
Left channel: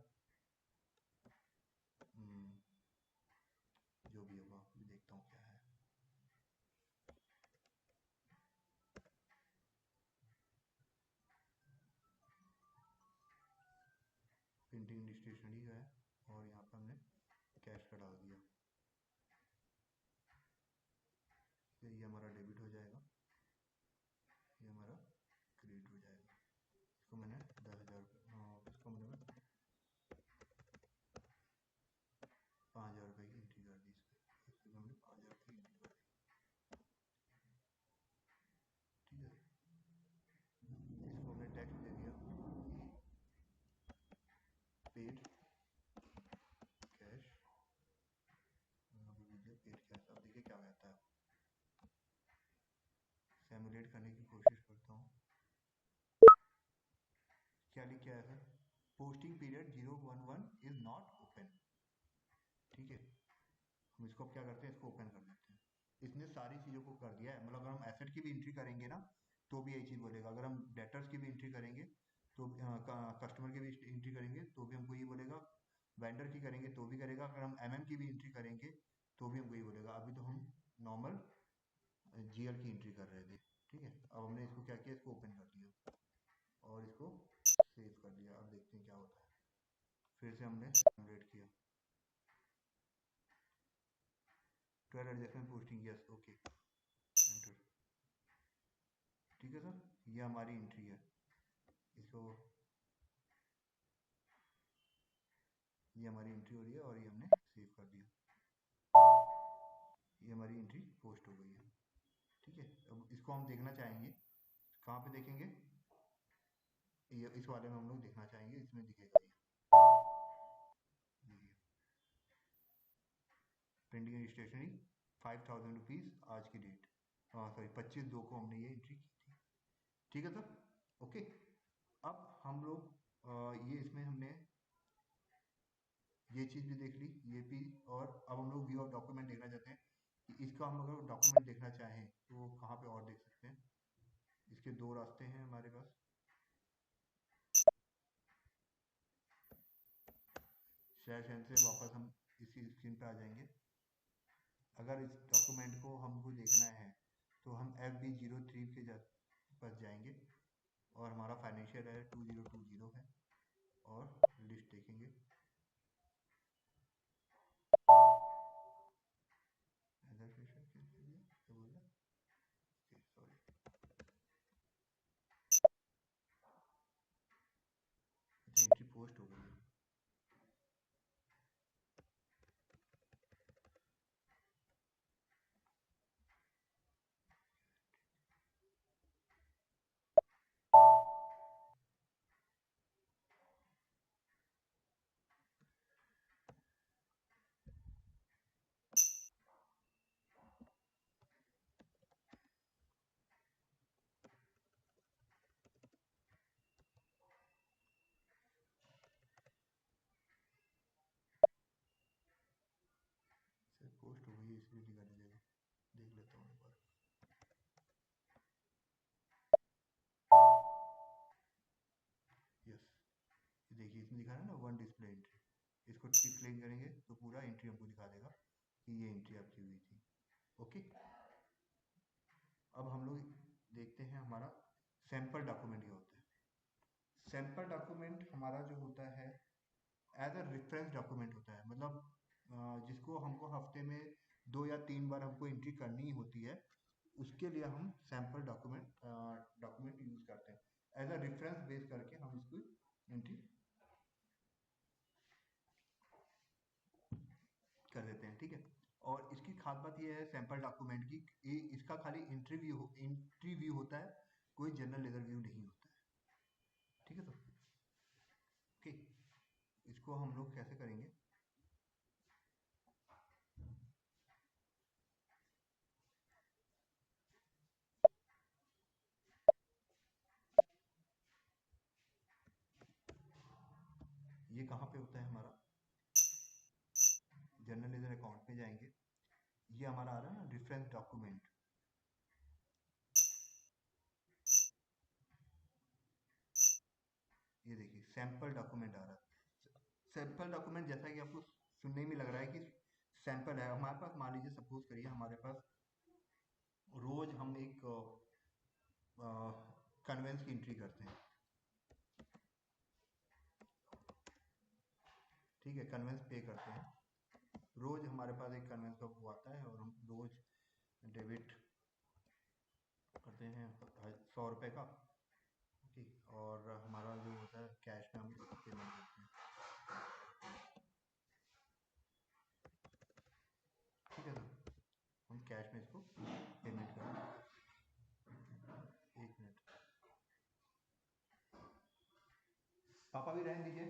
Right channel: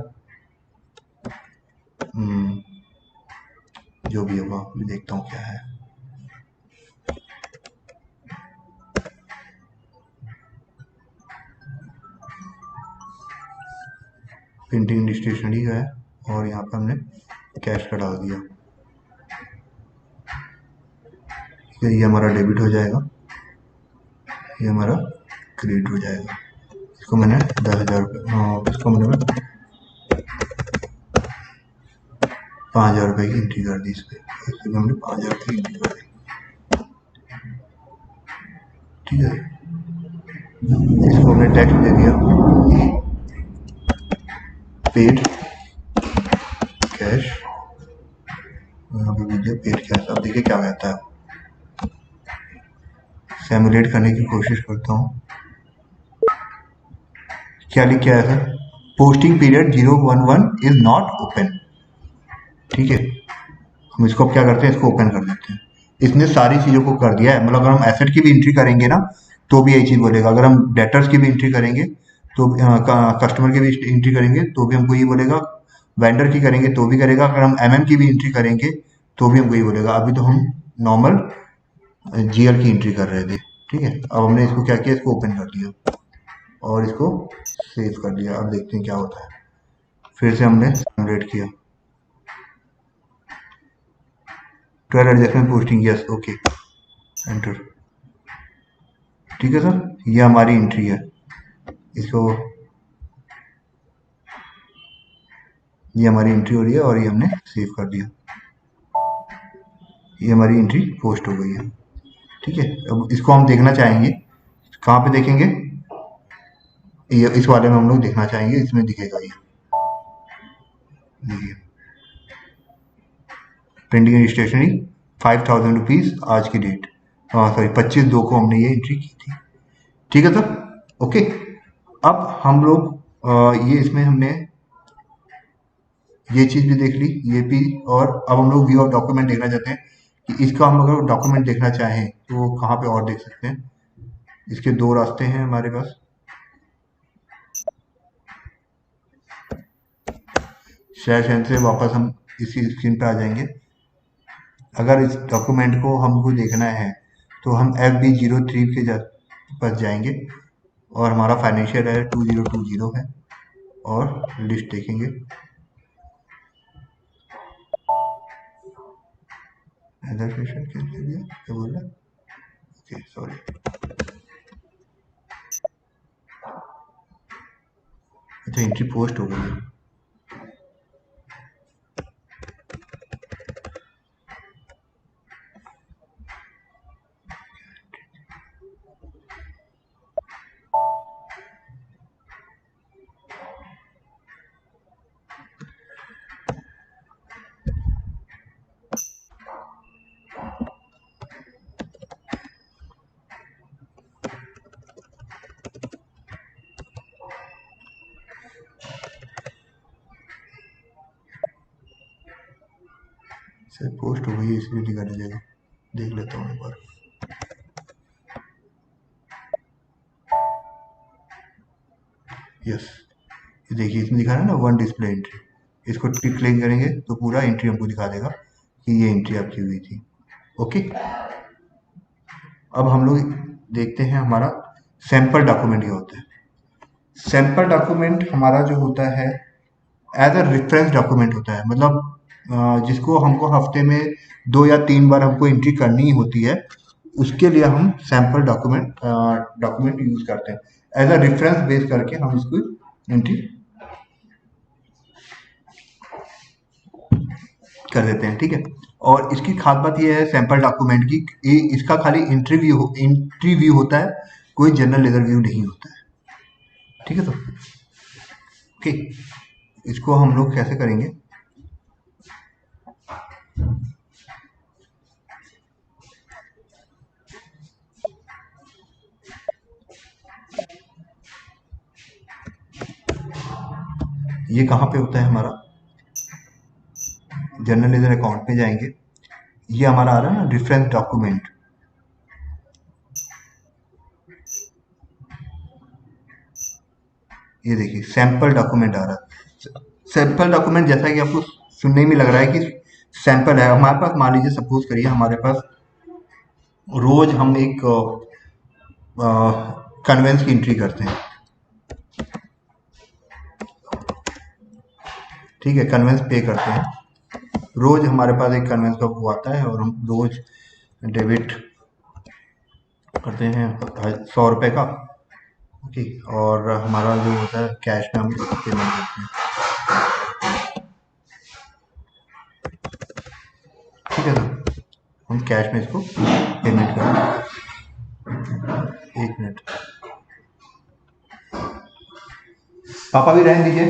जो भी होगा, मैं देखता हूँ क्या है। प्रिंटिंग स्टेशनरी का है और यहाँ पर हमने कैश का डाल दिया। ये हमारा डेबिट हो जाएगा, ये हमारा क्रेडिट हो जाएगा। इसको मैंने 10,000 रुपये, इसको मैंने 5,000 रुपये की एंट्री कर दी। इस पर इसमें हमने 5,000 रुपये की एंट्री कर दी। ठीक है, इसको हमने टैक्स दे दिया, पेड कैश, यहाँ पे दीजिए पेड कैश। अब देखिए क्या कहता है, सिमुलेट करने की कोशिश करता हूँ। क्या लिख के आया sir? Posting period 011 is not open. ठीक है, हम इसको अब क्या करते हैं, इसको ओपन कर देते हैं। इसने सारी चीज़ों को कर दिया है। मतलब अगर हम एसेट की भी एंट्री करेंगे ना तो भी यही चीज़ बोलेगा। अगर हम डेटर्स की भी एंट्री करेंगे तो कस्टमर की भी एंट्री करेंगे तो भी हमको ये बोलेगा। वेंडर की करेंगे तो भी करेगा। अगर हम एमएम की भी एंट्री करेंगे तो भी हमको ये बोलेगा। अभी तो हम नॉर्मल जीएल की एंट्री कर रहे थे। ठीक है, अब हमने इसको क्या किया, इसको ओपन कर दिया और इसको सेव कर दिया। अब देखते हैं क्या होता है। फिर से हमने सिमुलेट किया। 12 adjustment posting, yes, okay, enter. ठीक है सर, ये हमारी एंट्री है। इसको, ये हमारी एंट्री हो रही है और ये हमने सेव कर दिया। ये हमारी एंट्री पोस्ट हो गई है। ठीक है, अब इसको हम देखना चाहेंगे। कहाँ पे देखेंगे? ये इस वाले में हम लोग देखना चाहेंगे, इसमें दिखेगा ये। देखिए, प्रिंटिंग एंड स्टेशनरी 5,000 रुपीज़ आज की डेट, सॉरी 25/2 को हमने ये एंट्री की थी। ठीक है सर, ओके। अब हम लोग ये इसमें हमने ये चीज़ भी देख ली, ये भी। और अब हम लोग व्यू ऑफ डॉक्यूमेंट देखना चाहते हैं कि इसका हम अगर डॉक्यूमेंट देखना चाहें तो कहाँ पे और देख सकते हैं। इसके दो रास्ते हैं हमारे पास। शेयर चैन से वापस हम इसी स्क्रीन पे आ जाएंगे। अगर इस डॉक्यूमेंट को हमको देखना है तो हम FB03 के पास जाएंगे और हमारा फाइनेंशियल है 2020 है और लिस्ट देखेंगे। क्या बोल रहा? Okay, sorry. अच्छा, एंट्री पोस्ट हो गई है। सर पोस्ट हो गई है, इसलिए दिखाने जाएगा। देख लेता हूँ एक बार। यस, ये देखिए इसमें दिखा रहा है ना, 1 डिस्प्ले एंट्री। इसको क्लिक करेंगे तो पूरा एंट्री हमको दिखा देगा कि ये एंट्री आपकी हुई थी। ओके, अब हम लोग देखते हैं हमारा सैंपल डॉक्यूमेंट क्या होता है। सैंपल डॉक्यूमेंट हमारा जो होता है एज अ रेफरेंस डॉक्यूमेंट होता है। मतलब जिसको हमको हफ्ते में 2 या 3 बार हमको एंट्री करनी होती है, उसके लिए हम सैंपल डॉक्यूमेंट यूज करते हैं। एज अ रेफरेंस बेस करके हम इसको एंट्री कर देते हैं। ठीक है, और इसकी खास बात यह है सैंपल डॉक्यूमेंट की, इसका खाली एंट्री व्यू होता है, कोई जनरल लेजर व्यू नहीं होता है। ठीक है, तो ओके, इसको हम लोग कैसे करेंगे? ये कहाँ पे होता है हमारा? जनरल लेजर अकाउंट पे जाएंगे। ये हमारा आ रहा है ना रेफरेंस डॉक्यूमेंट। ये देखिए सैंपल डॉक्यूमेंट आ रहा है। सैंपल डॉक्यूमेंट जैसा कि आपको सुनने में लग रहा है कि सैंपल है हमारे पास। मान लीजिए सपोज करिए हमारे पास रोज हम एक कन्वेंस की एंट्री करते हैं, ठीक है, कन्वेंस पे करते हैं। रोज हमारे पास एक कन्वेंस का वो आता है और हम रोज डेबिट करते हैं 100 रुपये का, ओके, और हमारा जो होता है कैश में हम इसको पेमेंट करते हैं, ठीक है सर, हम कैश में इसको पेमेंट करते हैं। एक मिनट, पापा भी रहने दीजिए।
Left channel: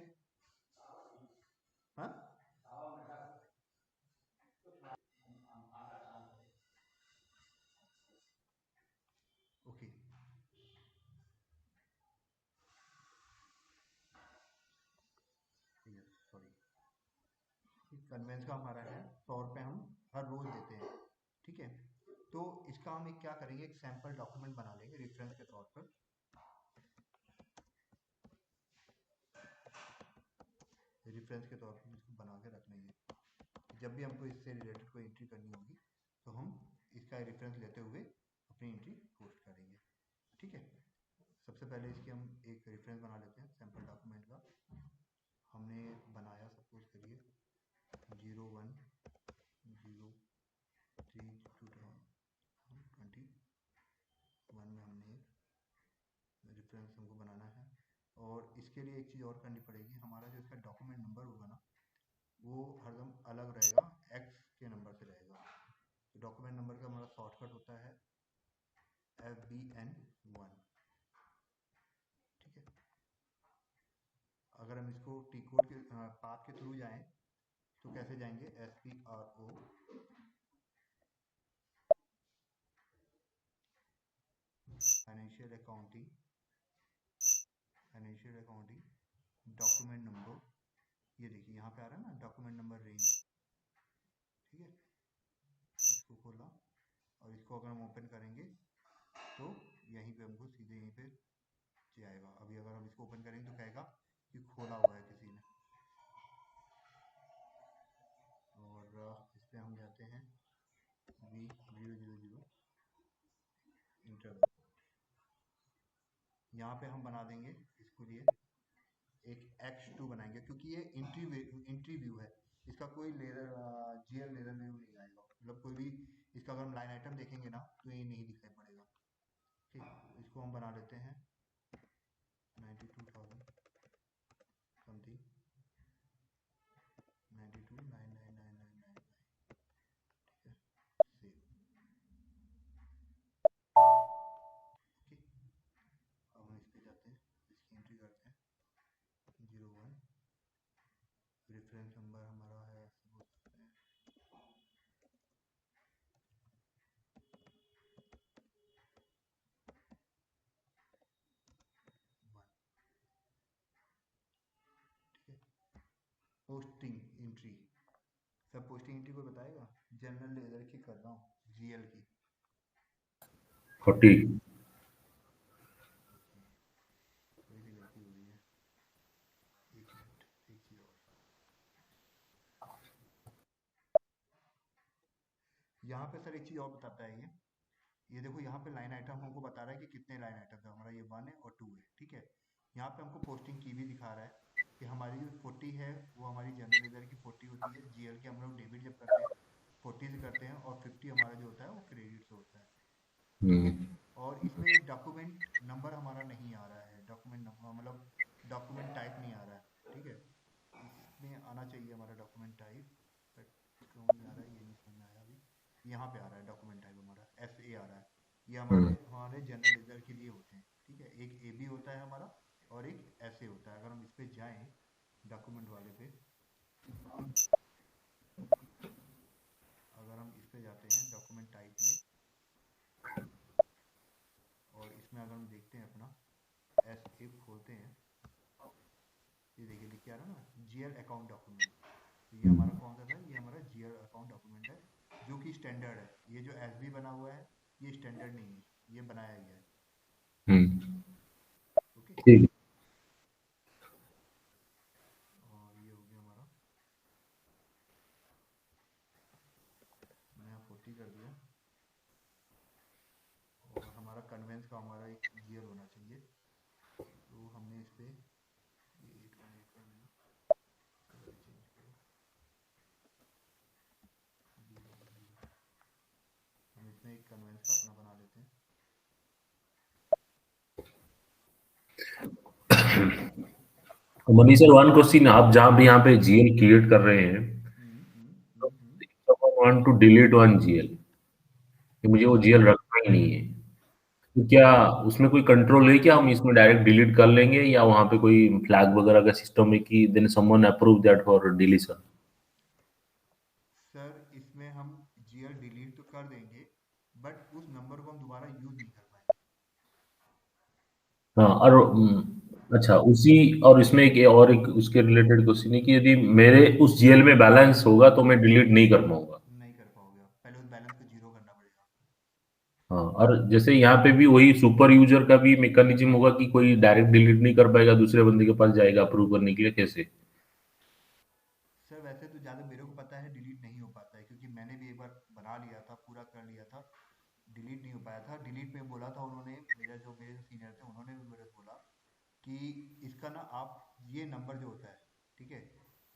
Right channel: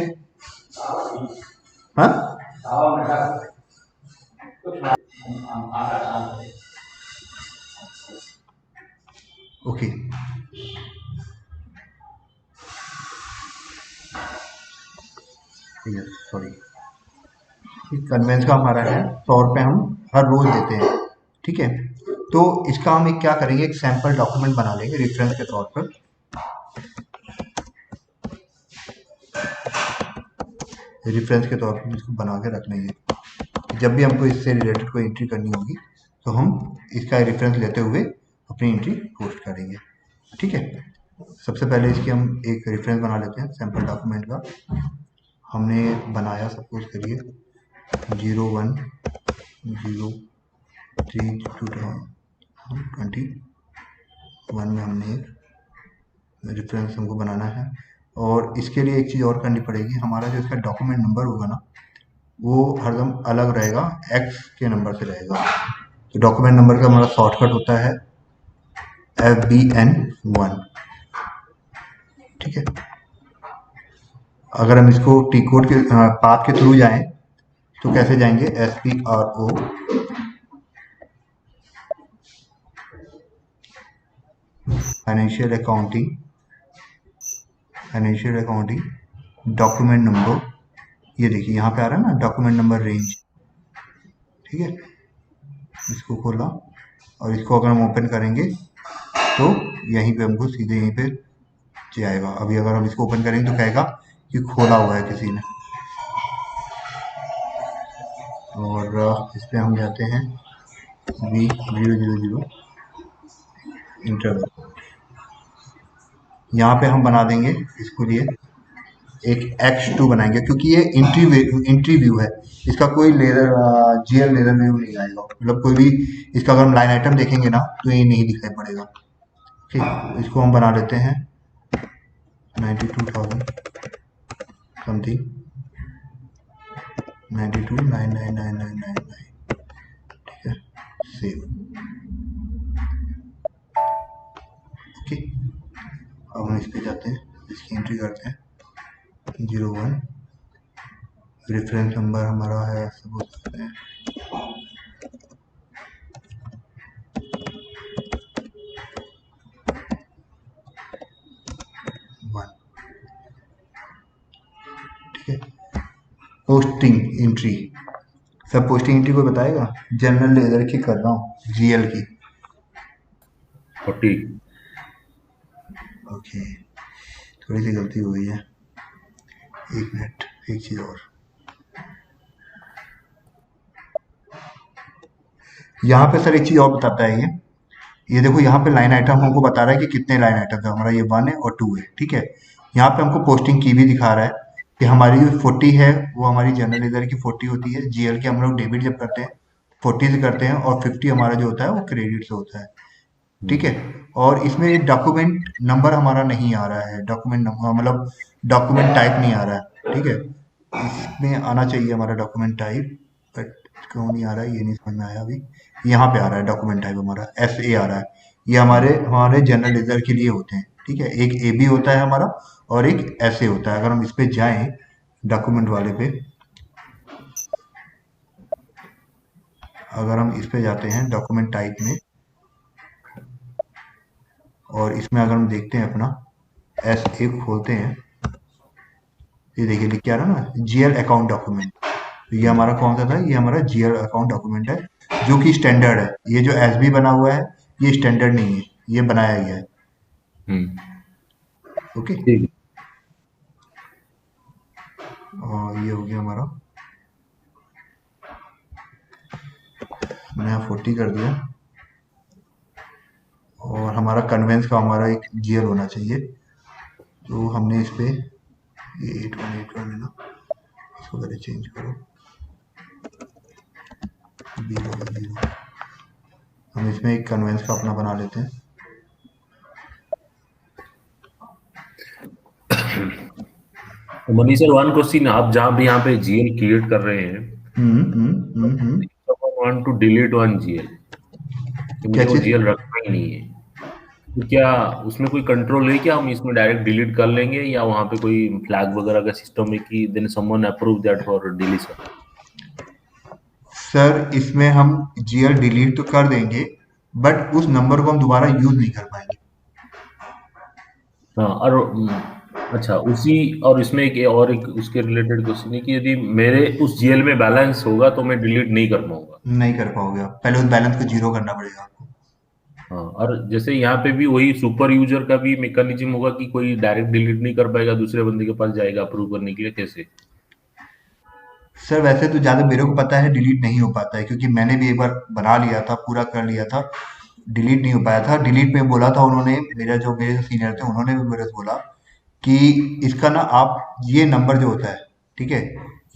हाँ, ओके, ठीक है, सॉरी। कन्वेंस का हमारा है 100 रुपये, हम हर रोज देते हैं, ठीक है। तो इसका हम एक क्या करेंगे, एक सैंपल डॉक्यूमेंट बना लेंगे रेफरेंस के तौर पर। रेफरेंस के तौर पर इसको बना के रख लेंगे। जब भी हमको इससे रिलेटेड कोई एंट्री करनी होगी तो हम इसका रेफरेंस लेते हुए अपनी एंट्री पोस्ट करेंगे, ठीक है। सबसे पहले इसकी हम एक रेफरेंस बना लेते हैं सैंपल डॉक्यूमेंट का। हमने बनाया सपोज करिए 01/03/2021 में हमने एक रेफरेंस हमको बनाना है। और इसके लिए एक चीज़ और करनी पड़ेगी, हमारा जो इसका डॉक्यूमेंट नंबर होगा ना वो हरदम अलग रहेगा, एक्स के नंबर से रहेगा। तो डॉक्यूमेंट नंबर का हमारा शॉर्टकट होता है FBN1, ठीक है। अगर हम इसको टी कोड के पाथ के थ्रू जाएं तो कैसे जाएंगे, SPRO financial accounting document number, ये देखिए यहाँ पे आ रहा है ना डॉक्यूमेंट नंबर रेंज, ठीक है। इसको खोला और इसको अगर हम ओपन करेंगे तो यहीं पे हमको सीधे यहीं पे जाएगा। अभी अगर हम इसको ओपन करेंगे तो कहेगा कि खोला हुआ है किसी ने, और इस पर हम जाते हैं V000 इंटरवल। यहाँ पे हम बना देंगे इसको लिए एक X2 बनाएंगे, क्योंकि ये इंट्री व्यू है, इसका कोई लेजर GL लेजर व्यू नहीं आएगा। मतलब कोई भी इसका अगर हम लाइन आइटम देखेंगे ना तो ये नहीं दिखाई पड़ेगा, ठीक। इसको हम बना लेते हैं 92,000 समथिंग, 92,999,999, ठीक है, सेव, ओके। अब हम इस पे जाते हैं, इसकी एंट्री करते हैं 01, रेफरेंस नंबर हमारा है सपोज करते हैं 1, ठीक है। पोस्टिंग एंट्री, सब पोस्टिंग एंट्री को बताएगा। जनरल लेजर की कर रहा हूँ, GL की, 40। ओके, थोड़ी सी गलती हो गई है, एक मिनट, एक चीज़ और, यहाँ पे सर एक चीज़ और बताता है ये देखो यहाँ पे लाइन आइटम हमको बता रहा है कि कितने लाइन आइटम है, हमारा ये 1 है और 2 है, ठीक है। यहाँ पे हमको पोस्टिंग की भी दिखा रहा है कि हमारी जो 40 है वो हमारी जनरल लेजर की 40 होती है, GL की हम लोग डेबिट जब करते हैं 40 से करते हैं, और 50 हमारा जो होता है वो क्रेडिट से होता है, ठीक है। और इसमें डॉक्यूमेंट नंबर हमारा नहीं आ रहा है, डॉक्यूमेंट नंबर मतलब डॉक्यूमेंट टाइप नहीं आ रहा है, ठीक है। इसमें आना चाहिए हमारा डॉक्यूमेंट टाइप, बट क्यों नहीं आ रहा है ये नहीं समझ में आया अभी। यहाँ पे आ रहा है डॉक्यूमेंट टाइप हमारा SA आ रहा है, ये हमारे जनरल लेजर के लिए होते हैं, ठीक है। एक AB होता है हमारा और एक SA होता है। अगर हम इस पे जाएं डॉक्यूमेंट वाले पे, अगर हम इस पे जाते हैं डॉक्यूमेंट टाइप में और इसमें अगर हम देखते हैं अपना SA खोलते हैं, ये देखिए लिख के आ रहा है ना GL अकाउंट डॉक्यूमेंट। तो ये हमारा कौन सा था, ये हमारा GL अकाउंट डॉक्यूमेंट है जो कि स्टैंडर्ड है। ये जो SB बना हुआ है ये स्टैंडर्ड नहीं है, ये बनाया गया है, ओके। ठीक। और ये हो गया हमारा, मैंने 40 कर दिया। और हमारा कन्वेंस का हमारा एक जीएल होना चाहिए, तो हमने इस पे ये 8181 है ना, इसको पहले चेंज करो, जीरो। हम इसमें एक कन्वेंस का अपना बना लेते हैं। तो मनी सर, वन क्वेश्चन, आप जहाँ भी यहाँ पे जीएल क्रिएट कर रहे हैं, hmm. Want to delete one GL, कि क्या मुझे वो चीज? जीएल रखना ही नहीं है, तो क्या उसमें कोई कंट्रोल है, क्या हम इसमें डायरेक्ट डिलीट कर लेंगे, या वहाँ पे कोई फ्लैग वगैरह का सिस्टम है कि then someone approve that for deletion? Sir इसमें हम जीएल डिलीट तो कर देंगे, बट उस नंबर को हम दोबारा यूज नहीं कर पाएंगे। हाँ, और अच्छा, उसी, और इसमें एक उसके रिलेटेड क्वेश्चन है कि यदि मेरे उस जीएल में बैलेंस होगा तो मैं डिलीट नहीं कर पाऊंगा। नहीं कर पाओगे आप, पहले उस बैलेंस को जीरो करना पड़ेगा आपको। हाँ, और जैसे यहाँ पे भी वही सुपर यूजर का भी मैकेनिज्म होगा कि कोई डायरेक्ट डिलीट नहीं कर पाएगा, दूसरे बंदे के पास जाएगा अप्रूव करने के लिए, कैसे? सर वैसे तो ज़्यादा मेरे को पता है डिलीट नहीं हो पाता है, क्योंकि मैंने भी एक बार बना लिया था, पूरा कर लिया था, डिलीट नहीं हो पाया था। डिलीट में बोला था उन्होंने, मेरे जो सीनियर थे उन्होंने भी मेरे से बोला कि इसका ना आप ये नंबर जो होता है, ठीक है,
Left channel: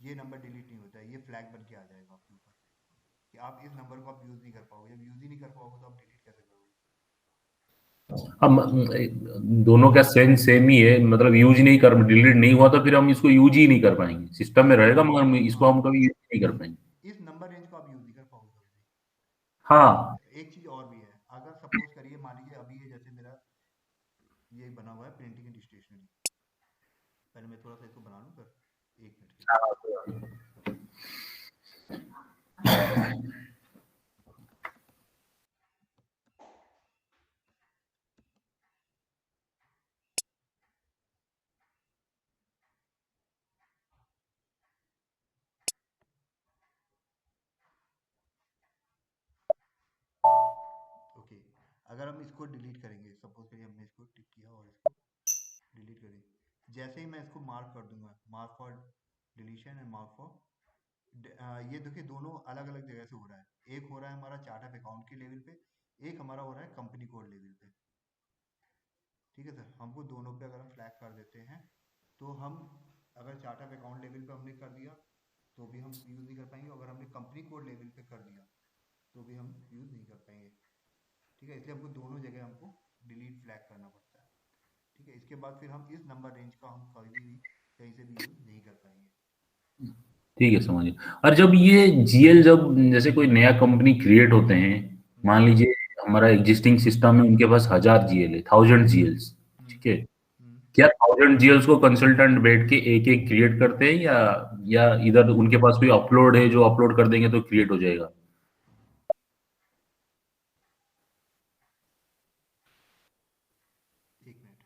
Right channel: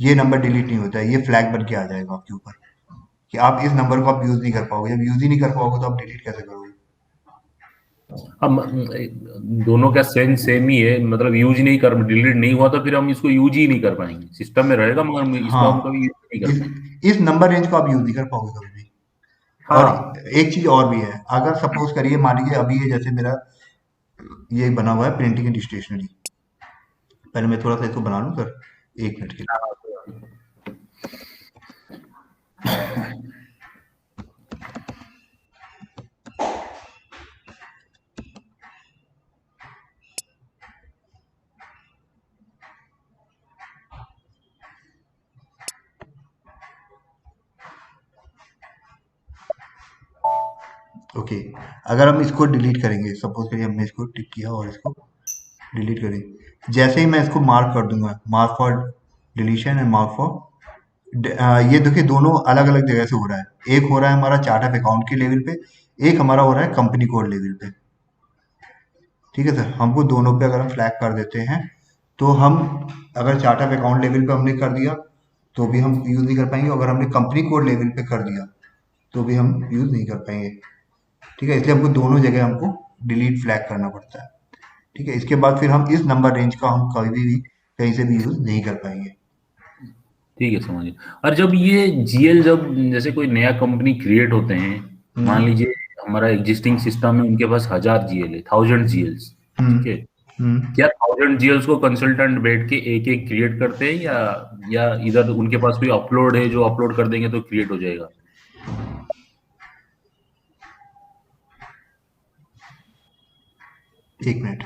ये नंबर डिलीट नहीं होता है, ये फ्लैग बन के आ जाएगा आपके ऊपर कि आप इस नंबर को आप यूज़ नहीं कर पाओगे। जब यूज़ ही नहीं कर पाओगे तो आप डिलीट कैसे करोगे? हम दोनों का सेंस सेम ही है, मतलब यूज नहीं कर, डिलीट नहीं हुआ तो फिर हम इसको यूज ही नहीं कर पाएंगे, सिस्टम में रहेगा मगर इसको हम हाँ, कभी यूज नहीं कर इस पाएंगे। इस नंबर रेंज को आप यूज़ नहीं कर पाओगे कभी भी। हाँ। और एक चीज़ और भी है, अगर सपोज करिए, मान लीजिए अभी ये जैसे मेरा ये बना हुआ है प्रिंटिंग एंड स्टेशनरी, पहले मैं थोड़ा सा इसको बना लूँ सर, 1 मिनट के लिए। ओके, अगर हम इसको डिलीट करेंगे, सपोज करिए हमने इसको टिक किया और इसको डिलीट करेंगे, जैसे ही मैं इसको मार्क कर दूंगा, mark for deletion and mark for, ये देखिए दोनों अलग अलग जगह से हो रहा है। एक हो रहा है हमारा चार्ट ऑफ अकाउंट के लेवल पे, एक हमारा हो रहा है कंपनी कोड लेवल पे। ठीक है सर, हमको दोनों पे अगर हम फ्लैग कर देते हैं, तो हम, अगर चार्ट ऑफ अकाउंट लेवल पे हमने कर दिया तो भी हम यूज़ नहीं कर पाएंगे, अगर हमने कंपनी कोड लेवल पे कर दिया तो भी हम यूज़ नहीं कर पाएंगे। ठीक है, इसलिए हमको दोनों जगह हमको डिलीट फ्लैग करना पड़ता है। ठीक है, इसके बाद फिर हम इस नंबर रेंज का हम कभी भी कहीं से भी यूज़ नहीं कर पाएंगे। ठीक है, समझिए। और जब ये जीएल, जब जैसे कोई नया कंपनी क्रिएट होते हैं, मान हम्म लीजिए हमारा एग्जिस्टिंग सिस्टम है, उनके पास 1000 जीएल है, 1000 जीएल्स, हम्म ठीक है, हम्म क्या 1000 जीएल्स को कंसल्टेंट बैठ के एक एक क्रिएट करते हैं, या इधर उनके पास कोई अपलोड है जो अपलोड कर देंगे तो क्रिएट हो जाएगा? 1 मिनट।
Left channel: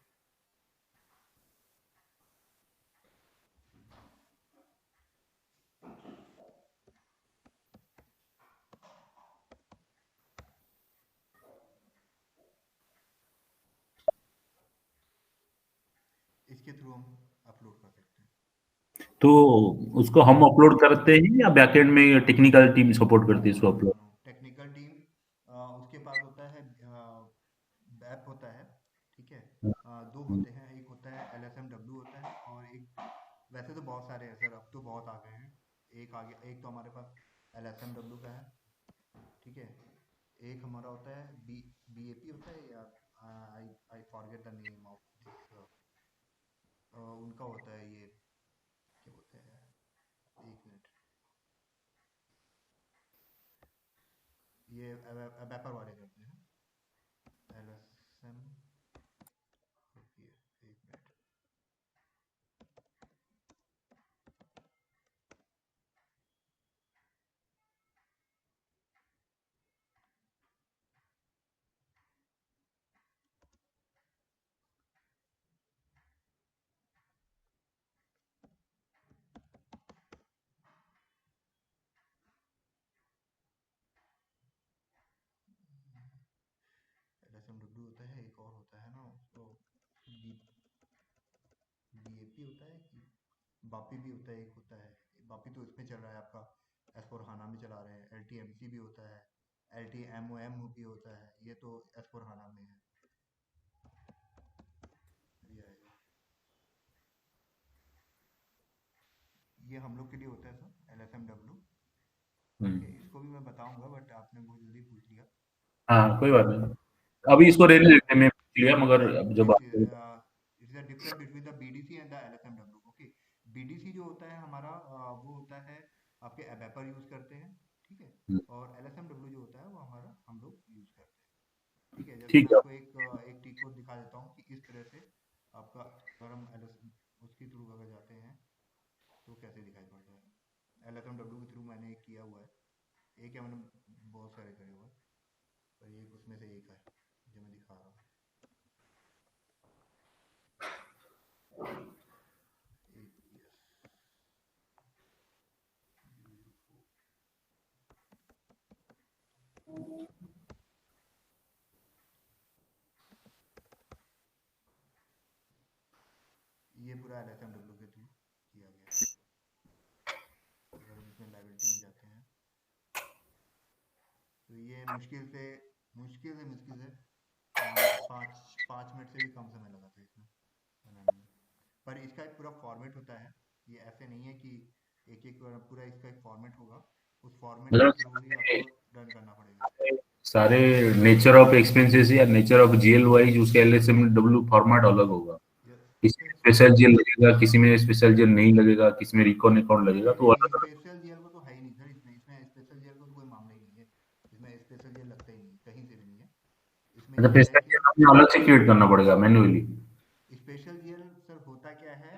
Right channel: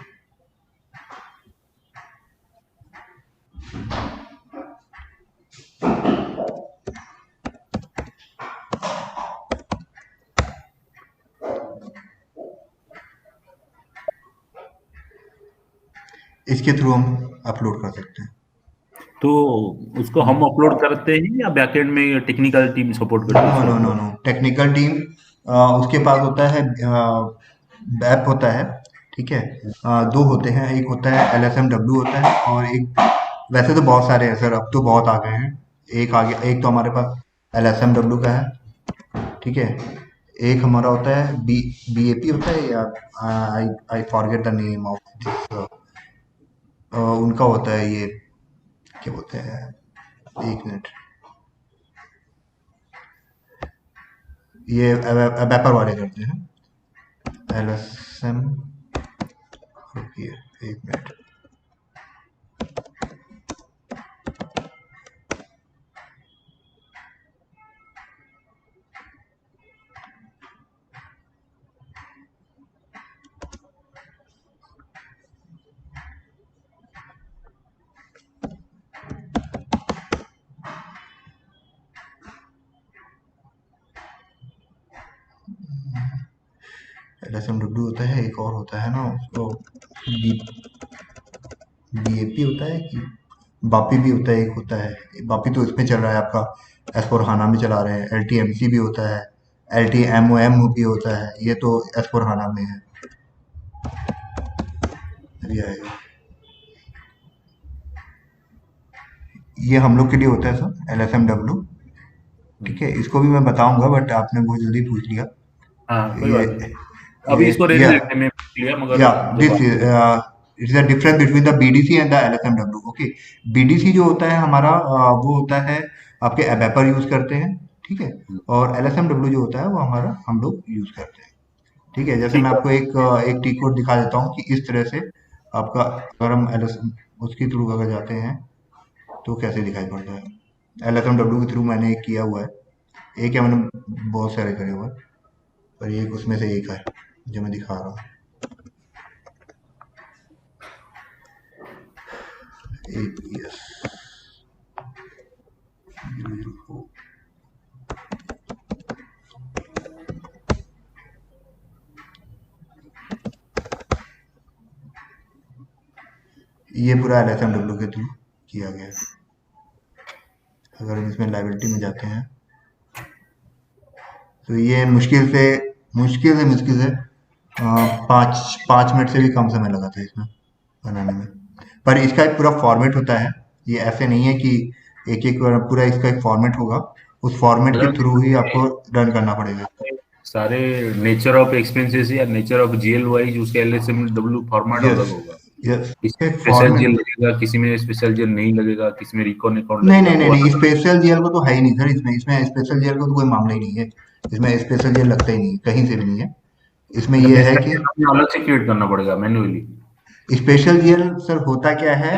इसके थ्रू हम अपलोड कर सकते हैं। तो उसको हम अपलोड करते हैं या बैकएंड में टेक्निकल टीम सपोर्ट करती है नो इसको no no upload? No, technical team उसके पास होता है, ऐप होता है, ठीक है, दो होते हैं, एक होता है LSMW होता है, और एक, वैसे तो बहुत सारे हैं सर, अब तो बहुत आ गए हैं। एक आ गया, एक तो हमारे पास LSMW का है, ठीक है, एक हमारा होता है BAP होता है, या I I forget the name of this, उनका होता है ये, क्या बोलते हैं, 1 मिनट, ये वेपर वाले करते हैं, LSM, रुकिए 1 मिनट। LSMW होता है, एक और होता है ना उसको, BAP होता है कि बापी भी होता है, एक होता है बापी, तो इसमें चल रहा है आपका S/4HANA में चला रहे हैं। LTMC भी होता है, LTMOM भी होता है, ये तो S/4HANA में है। अभी आएगा, ये हम लोग के लिए होता है सर, LSMW। ठीक है, इसको भी मैं बताऊंगा, बट आपने बहुत जल्दी पूछ लिया। हाँ कोई ये बात नहीं, अभी इसको रहने ये देते हैं, मैं लिया, मगर या जब this it is the difference between the BDC and the LSMW। Okay, BDC जो होता है हमारा वो होता है आपके एबेपर यूज करते हैं, ठीक है। और LSMW जो होता है वो हमारा हम लोग यूज करते हैं, ठीक है। जैसे ठीक मैं है। आपको एक टी कोड दिखा देता हूँ कि इस तरह से आपका, अगर हम उसके थ्रू अगर जाते हैं तो कैसे दिखाई पड़ता है। LSMW के थ्रू मैंने एक किया हुआ है, एक है, मैंने बहुत सारे करे हुए हैं, पर एक उसमें से एक है जो मैं दिखा रहा हूँ। APS 004, ये पूरा LSMW के थ्रू किया गया है। अगर हम इसमें लाइबिलिटी में जाते हैं तो ये मुश्किल से 5 मिनट से भी कम समय लगा था इसमें बनाने में। पर इसका एक पूरा फॉर्मेट होता है, ये ऐसे नहीं है कि एक एक पूरा इसका एक फॉर्मेट होगा, उस फॉर्मेट के थ्रू ही आपको रन करना पड़ेगा। सारे नेचर ऑफ एक्सपेंसेस या नेचर ऑफ जीएल वाइज उसका LSMW फॉर्मेट यस, अलग होगा। यस, किसी में स्पेशल जीएल फॉर्मेट। लगेगा, किसी में स्पेशल जीएल नहीं लगेगा, किसी में रिकॉन अकाउंट नहीं लगेगा, नहीं नहीं वो नहीं, अलग स्पेशल जेल को तो है ही नहीं सर, इसमें स्पेशल जेल को तो कोई मामला ही नहीं है। इसमें स्पेशल जेल लगता ही नहीं, कहीं से भी नहीं है। इसमें मतलब ये है स्पेशल कि जीएल अलग से क्रिएट करना पड़ेगा मैन्युअली। स्पेशल जीएल सर होता क्या है,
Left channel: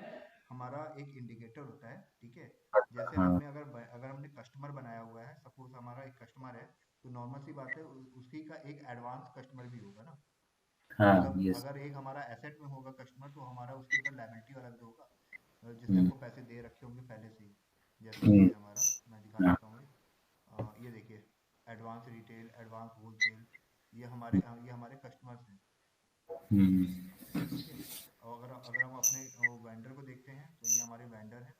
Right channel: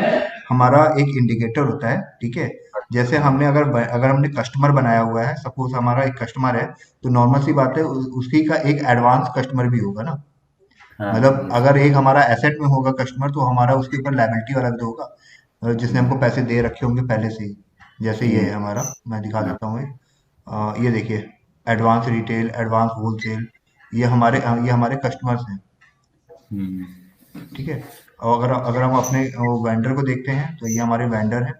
हमारा एक इंडिकेटर होता है, ठीक है। जैसे हाँ अगर हमने कस्टमर बनाया हुआ है, सपोज हमारा एक कस्टमर है, तो नॉर्मल सी बात है उसकी का एक एडवांस कस्टमर भी होगा ना। हाँ मतलब यस। अगर एक हमारा एसेट में होगा कस्टमर, तो हमारा उसके ऊपर लायबिलिटी वाला भी तो होगा, जिसने हमको पैसे दे रखे होंगे पहले से ही। जैसे ये है हमारा, मैं दिखा हाँ, देता हूँ ये देखिए, एडवांस रिटेल, एडवांस होलसेल, ये हमारे कस्टमर्स हैं, हम्म, ठीक है। और अगर हम अपने वेंडर को देखते हैं तो ये हमारे वेंडर हैं।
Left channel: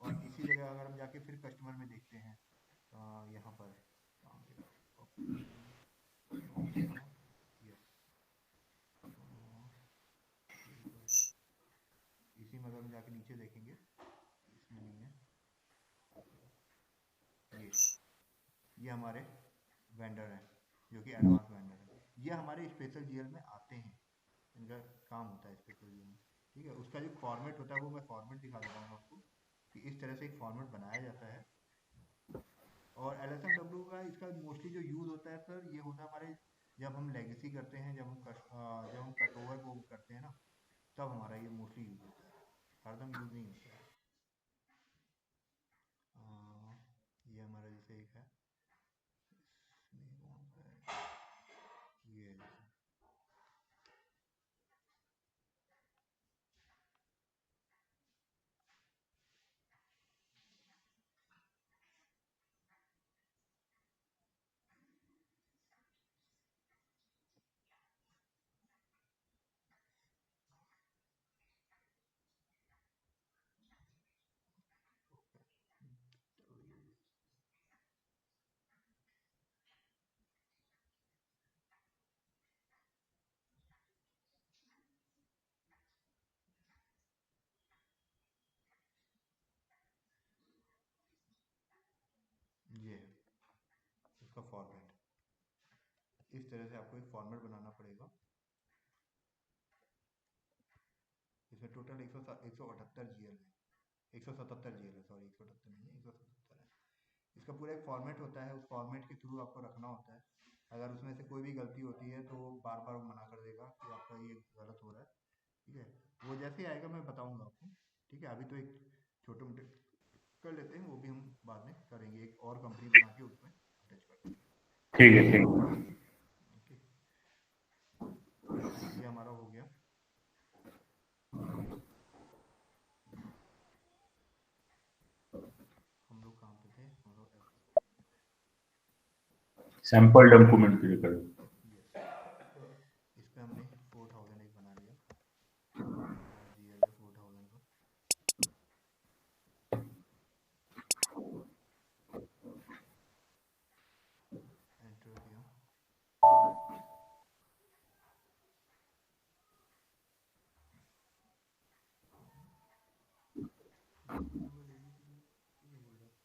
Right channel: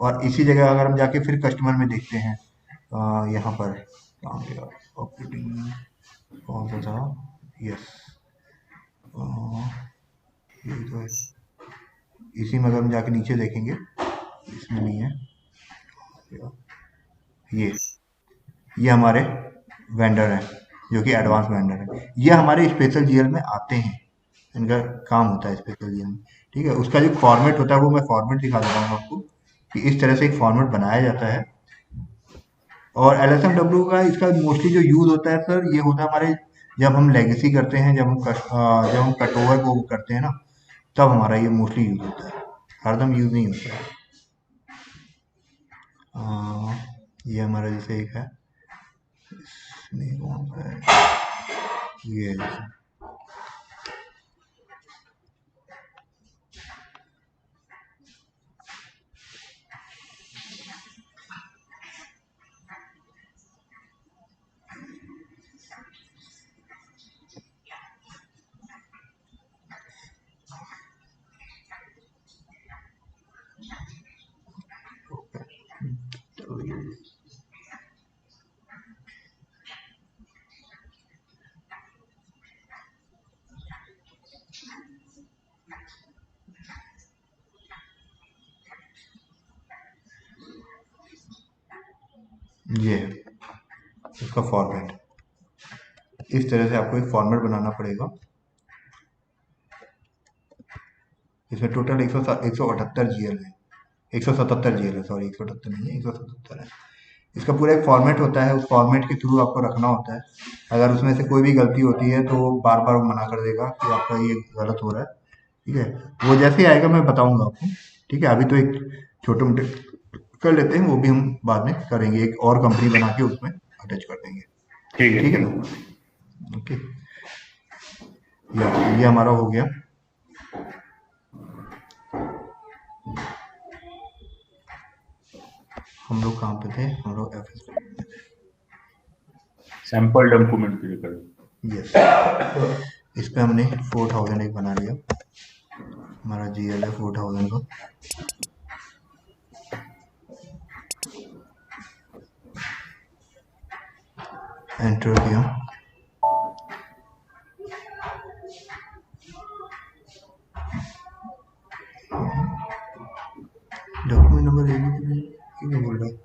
और इसी जगह अगर हम जाके फिर कस्टमर में देखते हैं, यहाँ पर कहाँ गया, ऑपरेटिंग कौन सा था, यस, यही तो है। इसी में अगर हम जाके नीचे देखेंगे, इसमें नहीं है, ये ये हमारे वेंडर हैं, जो कि एडवांस वेंडर हैं। ये हमारे स्पेशल जीएल में आते हैं, इनका काम होता है स्पेशल जीएल में, ठीक है। उसका जो फॉर्मेट होता है वो मैं फॉर्मेट दिखा दे रहा हूँ आपको, कि इस तरह से एक फॉर्मेट बनाया जाता है। और LSMW का इसका मोस्टली जो यूज होता है सर, ये होता है हमारे, जब हम लेगेसी करते हैं, जब हम कट ओवर को करते हैं ना, तब हमारा ये मोस्टली यूज होता है, हरदम यूज नहीं होता है। ये हमारा जैसे एक है, इसमें कौन सा है, ये है जैसे, ये है इसका फॉर्मेट। इस तरह से आपको एक फॉर्मेट बनाना पड़ेगा। इसमें टोटल 178 जीएल है, 177 जीएल है, सॉरी 178 नहीं है, 177 है। इसका पूरा एक फॉर्मेट होता है, उस फॉर्मेट के थ्रू आपको रखना होता है। अगर उसमें से कोई भी गलती होती है तो वो बार बार मना कर देगा कि आपका ये गलत हो रहा है, ठीक है। वो जैसे ही आएगा मैं बताऊंगा आपको, ठीक है। अभी तो एक छोटे मोटे कर लेते हैं, वो भी हम बाद में करेंगे, एक और कंपनी बना के उसमें अटैच कर देंगे, ठीक है ठीक है। ठीक है। ओके, ये हमारा हो गया। हम लोग कहाँ पे थे, हम लोग FS में थे, सैंपल डॉक्यूमेंट क्रिएट करो। यस। इस पे हमने 4000 एक बना लिया, हमारा GL है 4000 का। एंटर किया। डॉक्यूमेंट नंबर क्यों बोल रहा है?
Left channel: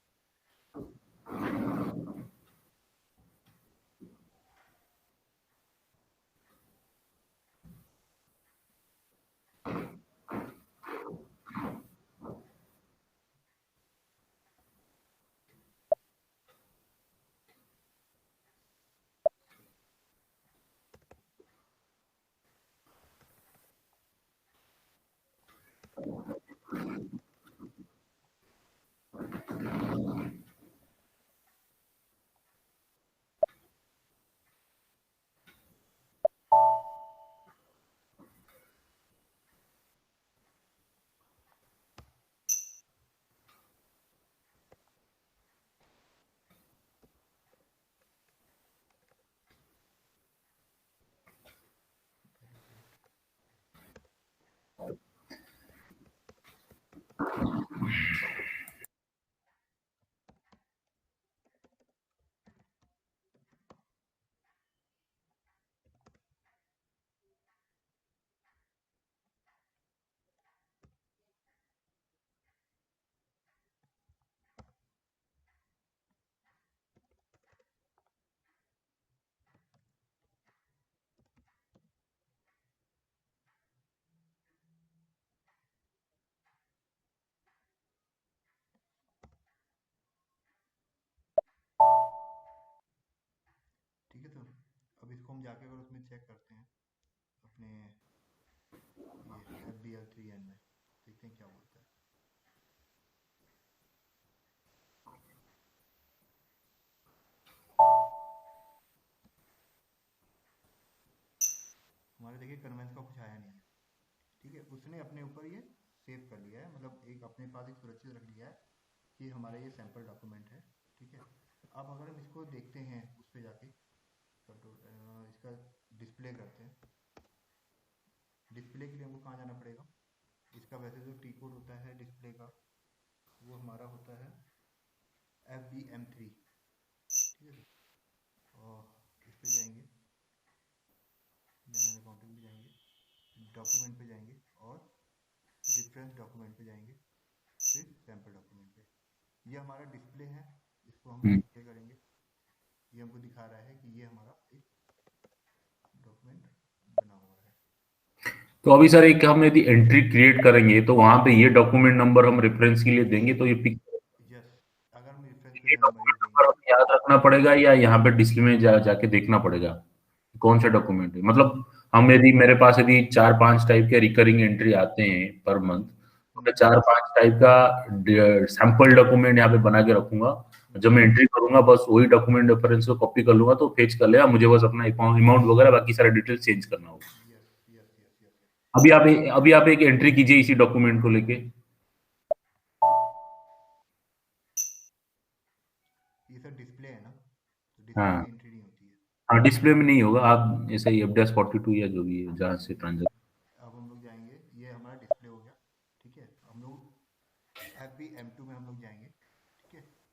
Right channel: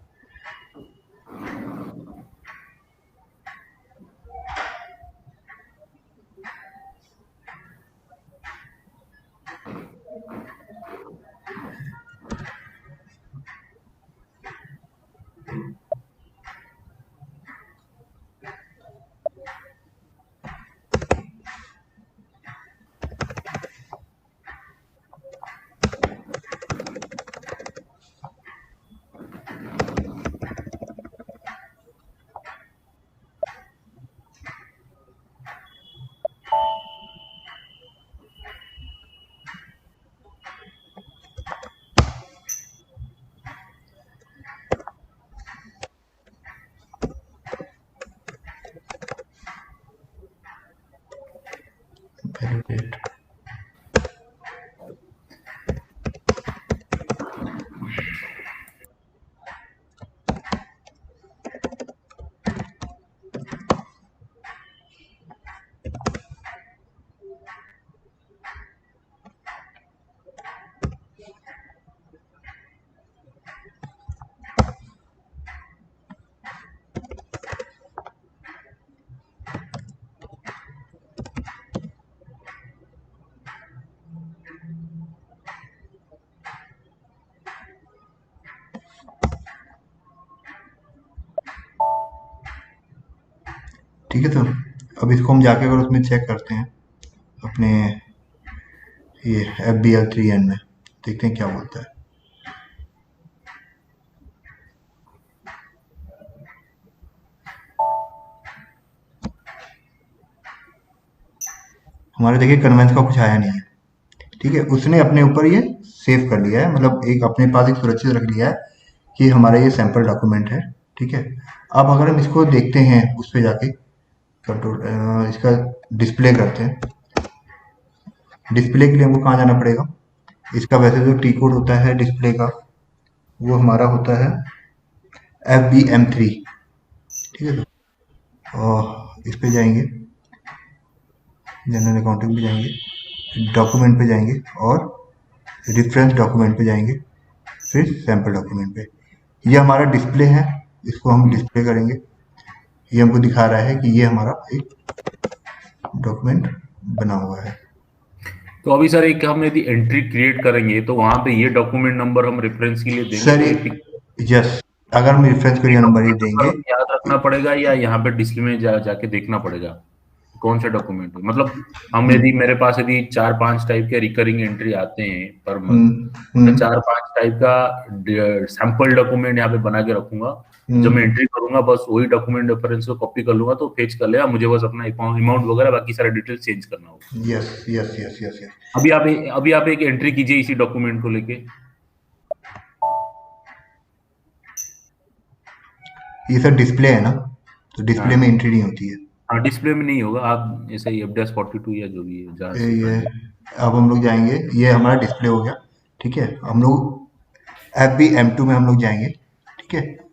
Validate. ठीक है, तो अब इसको हम जाके अगर उसमें चेक करते हैं अपने ये FBL3N में, देखते हैं क्या बोलता है। हमारे देखिए कन्वेंस का कुछ आया नहीं है। ठीक है, उसने अपने ऊपर ये सेव कर लिया है, मतलब एक अपने पास एक सुरक्षित रख लिया है कि हमारा ये सैंपल डॉक्यूमेंट है। ठीक है, अब अगर हम इसको देखते हैं उस पर जाके कंट्रोल इसका डिस्प्ले करते हैं। डिस्प्ले के लिए हमको कहाँ जाना पड़ेगा? इसका वैसे जो टी कोड होता है डिस्प्ले का वो हमारा होता है FBM3। ठीक है, तो और इस पे जाएंगे, जनरल अकाउंटिंग पे जाएंगे, डॉक्यूमेंट पे जाएंगे और रेफरेंस डॉक्यूमेंट पे जाएंगे, फिर सैंपल डॉक्यूमेंट पे। ये हमारा डिस्प्ले है, इसको हम डिस्प्ले करेंगे। ये हमको दिखा रहा है कि ये हमारा एक डॉक्यूमेंट बना हुआ है। तो अभी सर एक हम यदि एंट्री क्रिएट करेंगे तो वहां पे ये डॉक्यूमेंट नंबर हम रेफरेंस के लिए देंगे सर तो ये यस, अगर हम रेफरेंस के लिए नंबर ही देंगे, याद रखना पड़ेगा या यहाँ पे डिस्प्ले में जाके देखना पड़ेगा कौन से डॉक्यूमेंट है? मतलब हम यदि मेरे पास यदि 4-5 टाइप के रिकरिंग एंट्री आते हैं पर मंथ, तो 4-5 टाइप का सैंपल डॉक्यूमेंट यहाँ पे बना के रखूंगा। जब मैं एंट्री करूंगा बस वही डॉक्यूमेंट रेफरेंस को कॉपी कर लूंगा तो फेच कर लेगा, मुझे बस अपना अमाउंट वगैरह बाकी सारे डिटेल चेंज करना होगा। Yes yes yes yes yes. अभी आप एक एंट्री कीजिए इसी डॉक्यूमेंट को लेके। ये सर डिस्प्ले है ना, तो डिस्प्ले में एंट्री नहीं होती है। हाँ, डिस्प्ले में नहीं होगा, आप ऐसे ही FDAS42 या जो भी है जहाँ से ये अब हम लोग जाएंगे, ये हमारा डिस्प्ले हो गया। ठीक है, हम लोग FBM2 में हम लोग जाएंगे। ठीक है,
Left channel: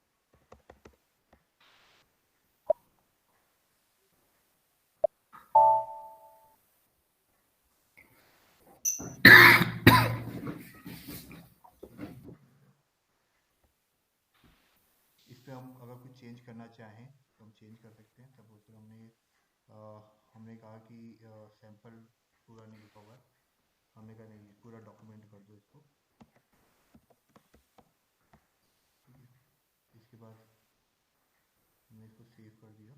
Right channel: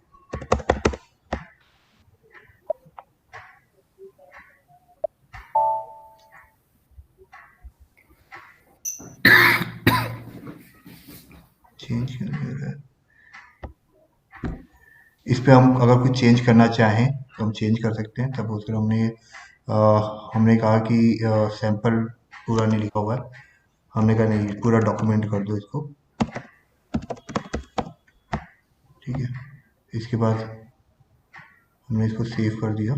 चेंज है इस पे हम अगर कुछ चेंज करना चाहें तो हम चेंज कर सकते हैं। तब उसमें हमने कहा कि सैंपल पूरा नहीं लिखा हुआ है, हमने कहा नहीं पूरा डॉक्यूमेंट कर दो इसको। ठीक है, इसके बाद हमने इसको सेव कर दिया,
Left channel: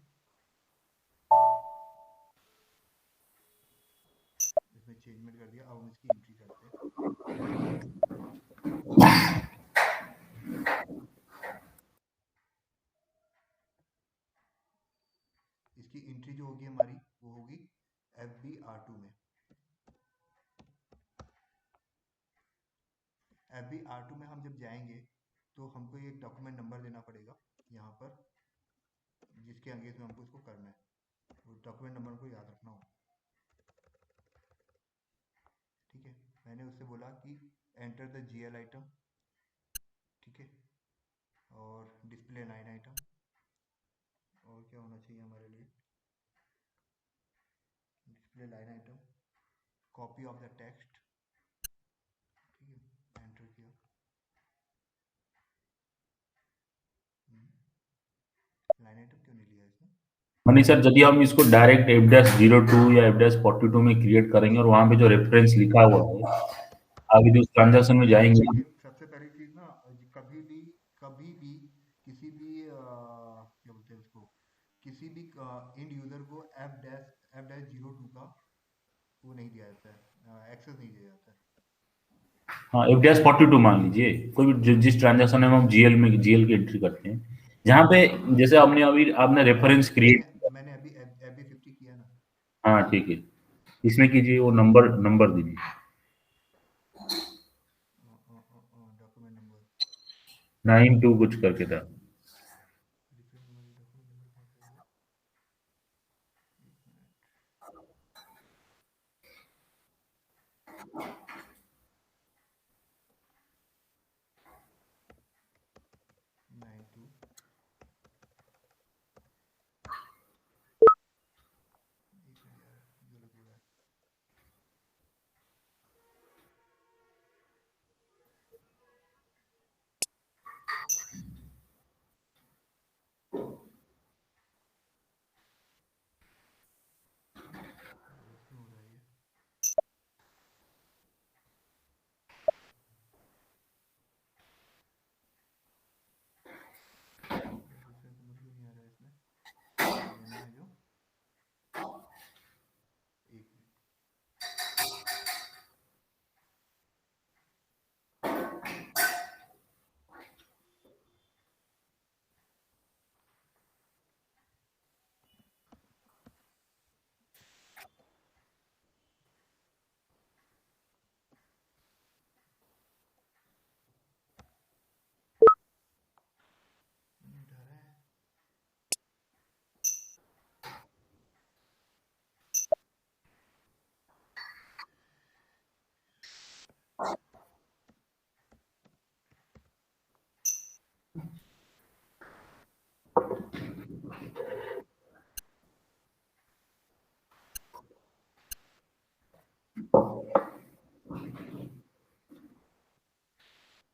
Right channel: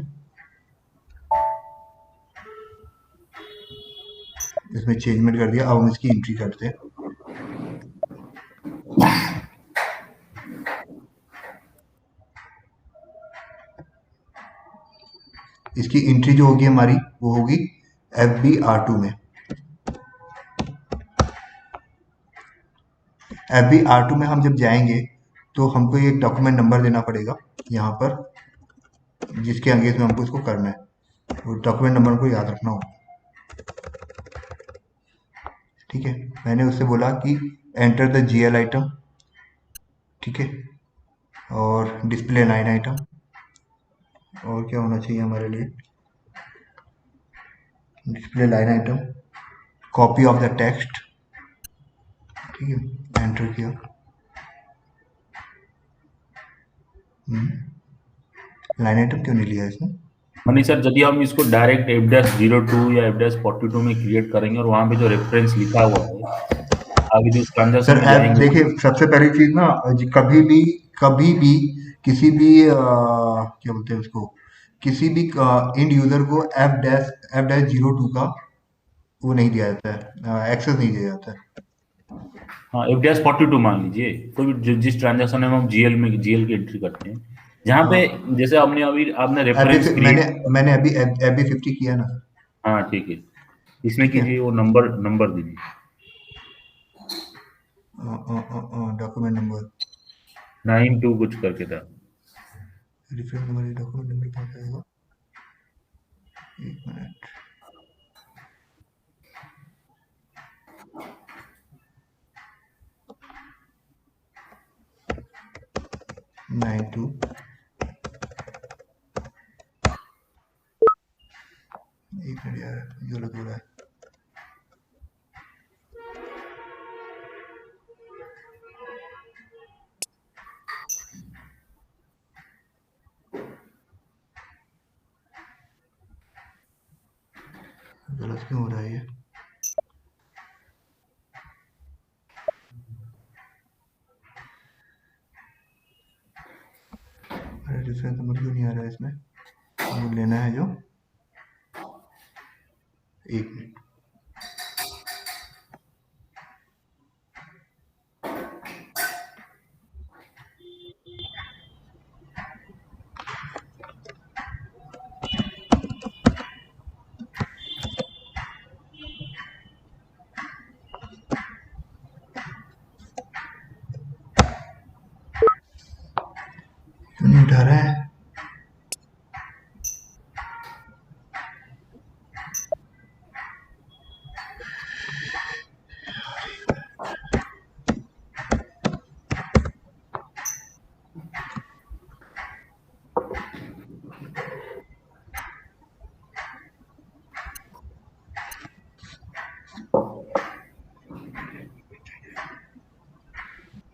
इसमें चेंजमेंट कर दिया। अब हम इसकी एंट्री करते हैं। इसकी एंट्री जो होगी हमारी वो होगी FBR2 में। FBR2 में हम जब जाएंगे तो हमको एक डॉक्यूमेंट नंबर देना पड़ेगा यहाँ पर, जिसके अगेंस्ट में हमको इसको करना है। वो डॉक्यूमेंट नंबर को याद रखना होगा। ठीक है, मैंने उससे बोला कि एंटर द GL आइटम। ठीक है, और डिस्प्ले लाइन आइटम और क्या होना चाहिए हमारे लिए? Display line item, copy of the text, ठीक है, एंटर किया। लाइन आइटम क्यों नहीं लिया इसने? मनी सर, यदि हम इसको डायरेक्ट F-02 या F-42 में क्रिएट करेंगे और वहां पे जो रेफरेंस लिखा हुआ है आगे जो ट्रांजैक्शन सर में ऐप जाएंगे देखिए, सबसे पहली चीज ना, कभी भी किसी भी क्या बोलते हैं उसको, किसी भी इंड यूजर को F-02 का वो नहीं दिया जाता है, एक्सेस नहीं दिया जाता है। हाँ, F-42 मान लीजिए, कोई भी जिस ट्रांजैक्शन में हम जीएल की एंट्री करते हैं, जहाँ पे जैसे आपने रेफरेंस मैंने क्रिएट। मैंने अभी FB50 किया ना। हाँ ठीक है, इसमें ठीक है, कीजिए, वो नंबर दीजिए। डॉक्यूमेंट नंबर, 92 कुछ करके था। रेफरेंस नंबर, डॉक्यूमेंट नंबर कहाँ से आएगा? एक मिनट। नाइन टू, एक मिनट यार, जो लग रहा है। गलत क्यों हो रहा है ये? अरे रेफरेंस नंबर क्यों नहीं आ रहा है इसमें? वो लेना है जो, एक मिनट। क्यों नहीं उठा रहा है?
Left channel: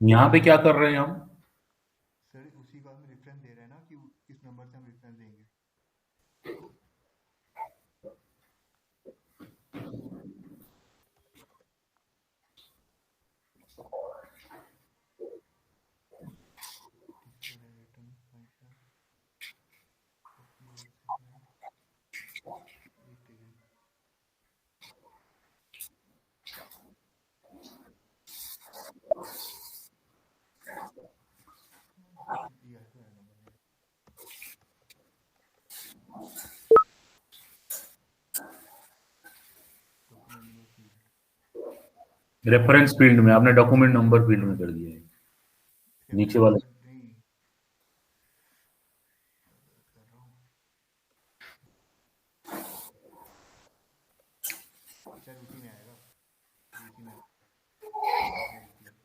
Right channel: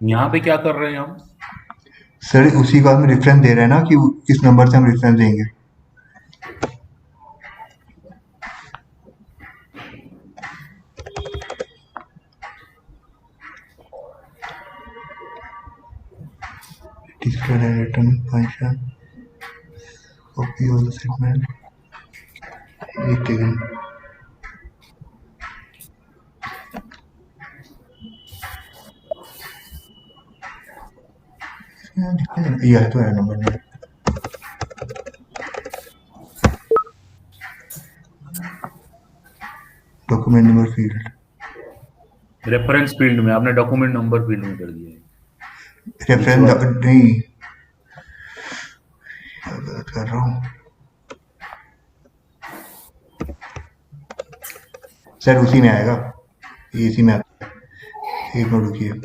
यहाँ पे क्या कर रहे हैं हम? सर उसी बात में रेफरेंस दे रहे हैं ना कि किस नंबर से हम रेफरेंस देंगे। Display line return function, copy of the segment, एक सेकंड। यह तो है नंबर में। Document number field, reference field में आपने डॉक्यूमेंट नंबर फील्ड में कर दिया है नीचे रेफरेंस वाला। नहीं, क्या गलत कर रहा हूँ सर, उसी में आएगा, ये इसी में आता है। एक मिनट रुकिए।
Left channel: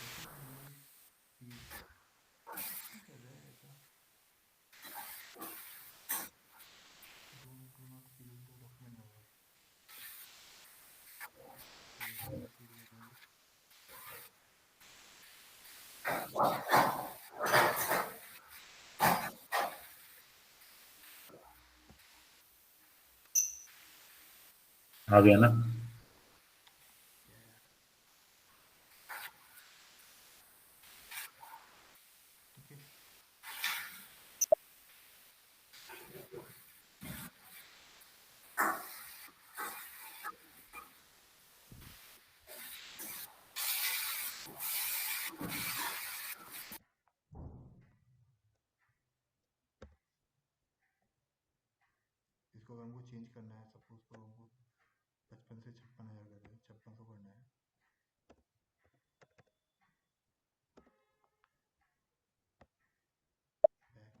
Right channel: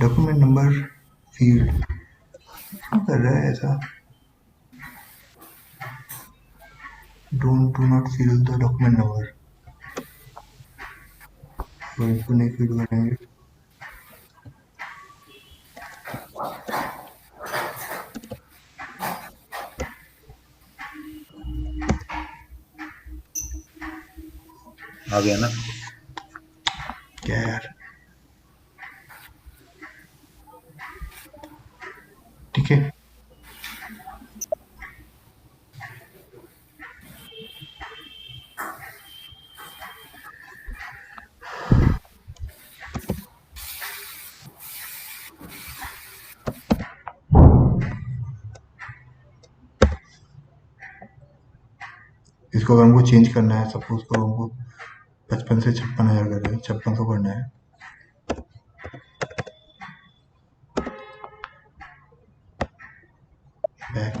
डॉक्यूमेंट नंबर फील्ड क्यों कर रहा है ऐसा? Do not fill the document number, इसको नहीं फिल करेंगे। आ गया ना? क्या यार, ठीक है। इसको अगर हमको चेंज करना है, सपोज करो हमको 55 से 56,000 कर रहे हैं, 5600 करना है। Back,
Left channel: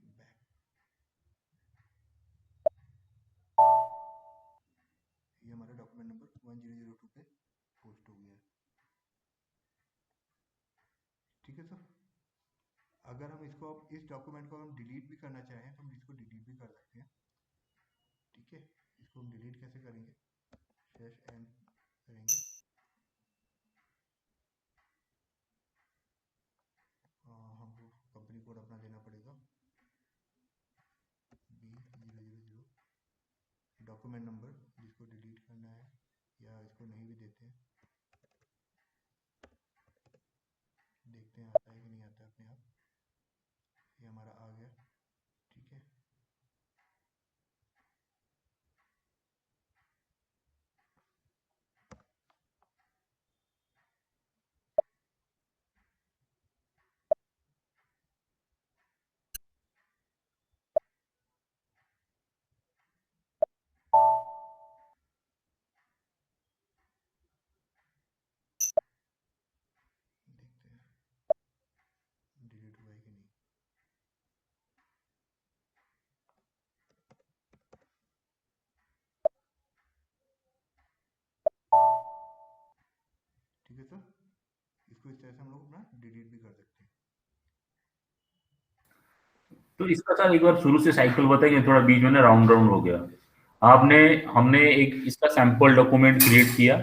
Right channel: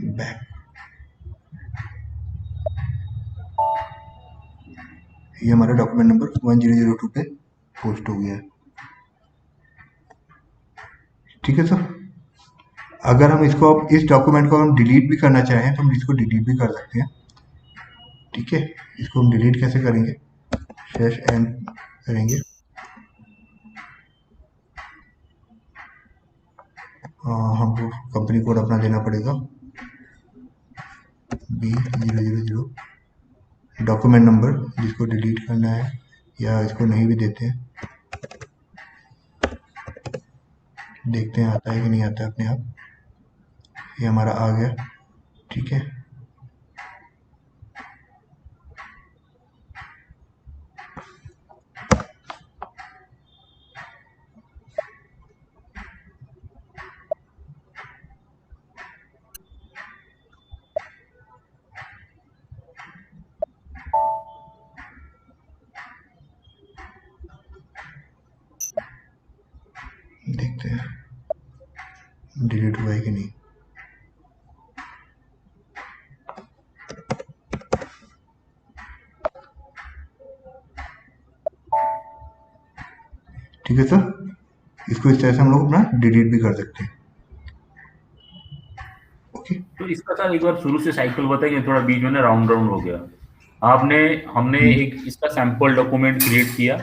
back. ये हमारा डॉक्यूमेंट नंबर 1002 पे पोस्ट हो गया है। ठीक है सर। अगर हम इसको अब इस डॉक्यूमेंट को हम डिलीट भी करना चाहें तो हम इसको डिलीट भी कर सकते हैं। ठीक है, इसको हम डिलीट कैसे करेंगे, /n करेंगे, हमको कंपनी कोड अपना देना पड़ेगा B000, डॉक्यूमेंट नंबर जिसको डिलीट करना है, या इसको नहीं भी देते हैं, देखते हैं आता है कि नहीं आता है अपने आप। ये हमारा आ गया। ठीक है, देखते हैं डिलीट हुआ है कि नहीं। ठीक है सर, इसको इस तरह से हम लोग अपना डिलीट भी कर सकते हैं। ओके, तो इसका सर एक बार शुरू से साइकिल बताएंगे, थोड़ा बीच में ना राउंड राउंड हो गया। हमने एक इसका सैंपल डॉक्यूमेंट क्रिएट किया,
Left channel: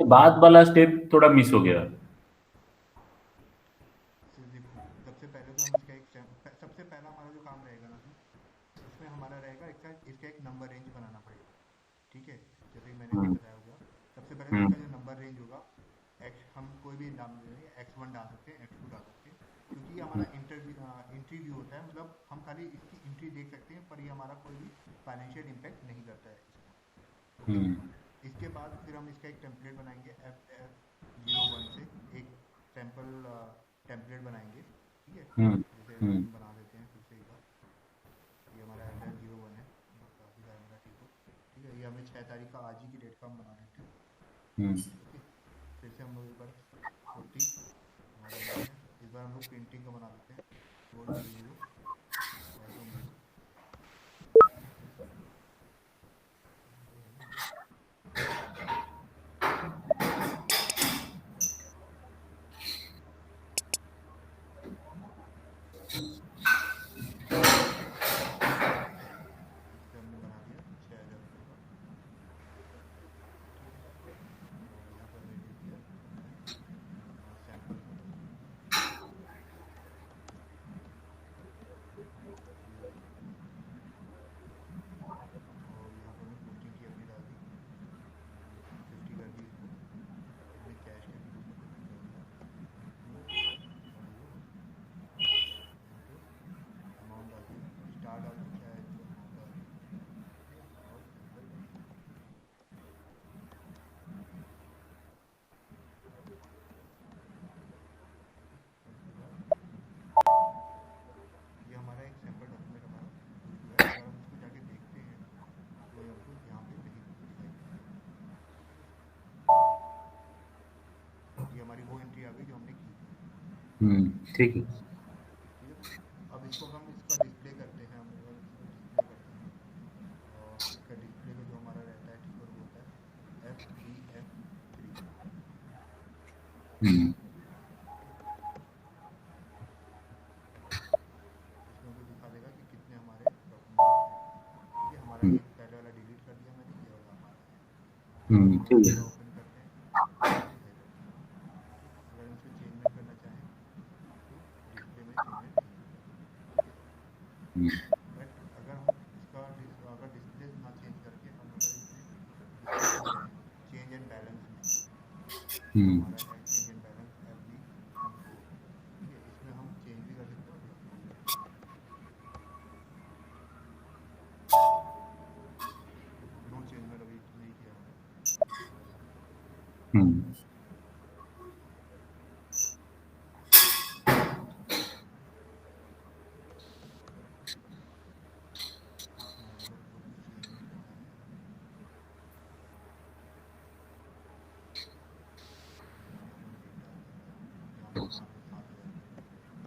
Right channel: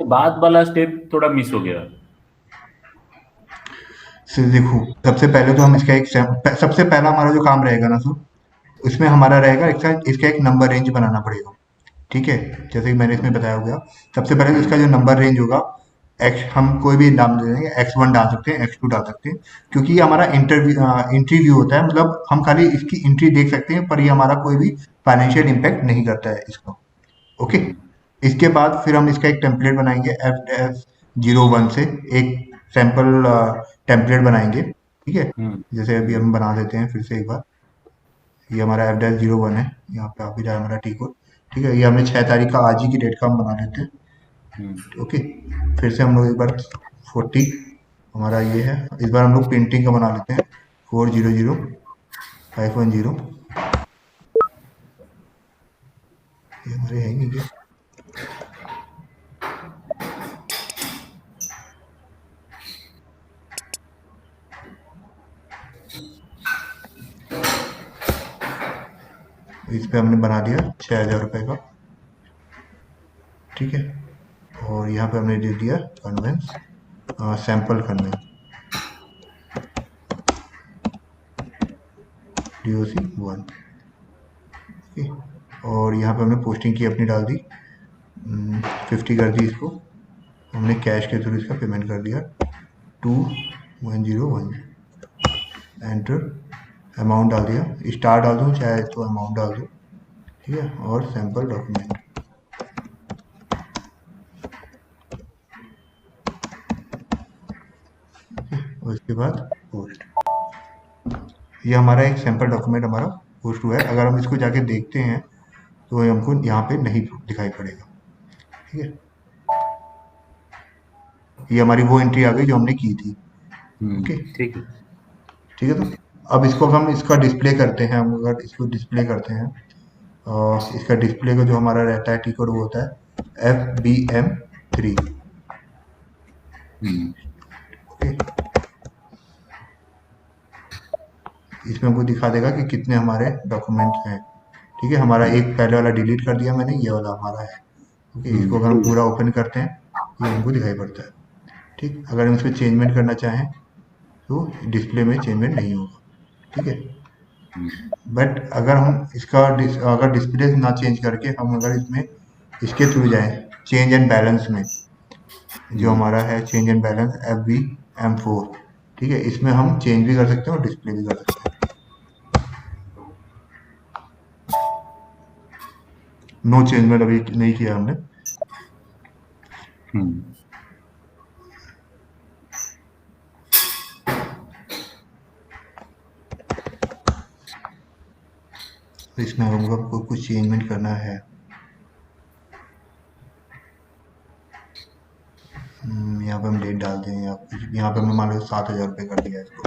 तो बाद वाला स्टेप थोड़ा मिस हो गया। सर देखो, सबसे पहले तो हम इसका सबसे पहला हमारा जो काम रहेगा ना सर, उसमें हमारा रहेगा इसका एक नंबर रेंज बनाना पड़ेगा। ठीक है, जैसे कि मैंने इसमें बताया होगा, सबसे पहले तो इसका जो नंबर रेंज होगा, हम कोई भी नाम दे देंगे, X1 डाल सकते हैं, X2 डाल सकते हैं, क्योंकि ये हमारा एंट्री व्यू होता है, मतलब हम खाली इसकी एंट्री देख सकते हैं, पर ये हमारा कोई भी फाइनेंशियल इम्पैक्ट नहीं करता है इसको। ओके, इसके बाद फिर हम इसका एक टेम्पलेट बनाएंगे, F-01 से एक सैंपल टेम्पलेट बनाएंगे। ठीक है, जैसे अभी हम बना देते हैं फिर से एक बार। ये हमारा F-01 है, यहाँ पे आ भी रहा है हमारा टी कोड। ठीक है, ये हमने 6 तारीख का आज ही की डेट का हम बना लेते हैं। ओके, फिर से हम लोग एक बार 40 हमारा ये है, इस बार हम लोग पेंटिंग का बना लेते हैं, 400-510। ये हमारे है नहीं, इस पे हमने बना दिया 6,000 रुपये का। ठीक है, और यहाँ पे हमने दे दिया convince, sample convince DOC1। Okay, और यहाँ पे हमने पोस्टिंग की अपनी डाल दी, 50 कर दी इसको, हमने कैश के थ्रू इसका पेमेंट कर दिया 2101। एंटर, अमाउंट डाल दिया, स्टार डाल दूँ चाहे तो अमाउंट डाल दूँ। ठीक है, और सैंपल डॉक्यूमेंट, उसके बाद पोस्ट। ये हमारा एक सैंपल डॉक्यूमेंट हमारा पोस्ट हुआ है। अगर हम इसको जाके देखते हैं तो हमको यहाँ पे नहीं दिखाई पड़ेगा। ठीक है, ये हमारी वो एंट्री आ गई जो हमने की थी। ओके, ठीक है। ठीक है, तो अब इसको हम इसका डिस्प्ले करते हैं। हम अगर इसको डिस्प्ले करते हैं, इसका डिस्प्ले का जो हमारा रहता है टी कोड वो होता है FBM3। ओके, इसमें हमको दिखा देगा कि कितने हमारे डॉक्यूमेंट्स हैं। ठीक है, हमारा एक पहले वाला डिलीट कर दिया मैंने, ये वाला हमारा है। ओके, इसको अगर हम पूरा ओपन करते हैं ये हमको दिखाई पड़ता है। ठीक, अगर हम इसमें चेंजमेंट करना चाहें तो डिस्प्ले में चेंजमेंट नहीं होगा। ठीक है, बट अगर हम इसका अगर डिस्प्ले ना चेंज करके हम अगर इसमें इसके थ्रू जाएं, चेंज एंड बैलेंस में, जो हमारा है चेंज एंड बैलेंस FBM4। ठीक है, इसमें हम चेंज भी कर सकते हैं और डिस्प्ले भी कर सकते हैं। नो चेंजमेंट अभी नहीं किया हमने। तो इसमें हमको कुछ चेंजमेंट करना है। यहाँ पे हम डेट डाल दें या कुछ, यहाँ पे हमने मान लो 7,000 रुपये कर दिया इसको,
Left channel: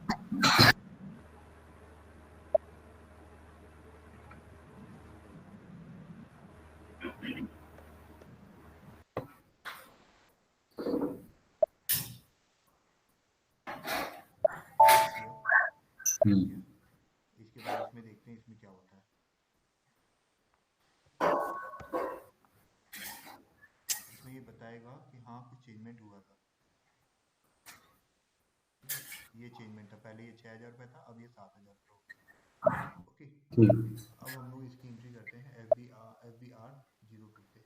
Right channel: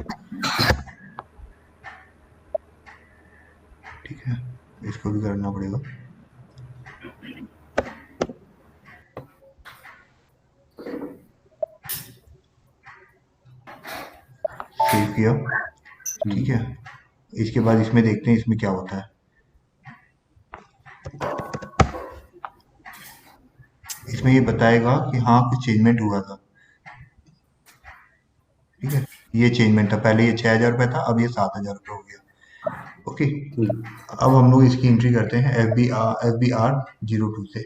ठीक है, इसको भी करना पड़ेगा। सेव किया, ठीक है। इसके बाद इसमें देखते हैं इसमें क्या होता है। इसमें ये बताएगा कि हाँ कुछ चेंजमेंट हुआ था, ठीक है। ये चेंजमेंट था, पहले ये 6,000 रुपये था, अब ये 7,000 रुपये हो गया। ओके, अब हम लोग इसकी एंट्री करते हैं FBR 02 से,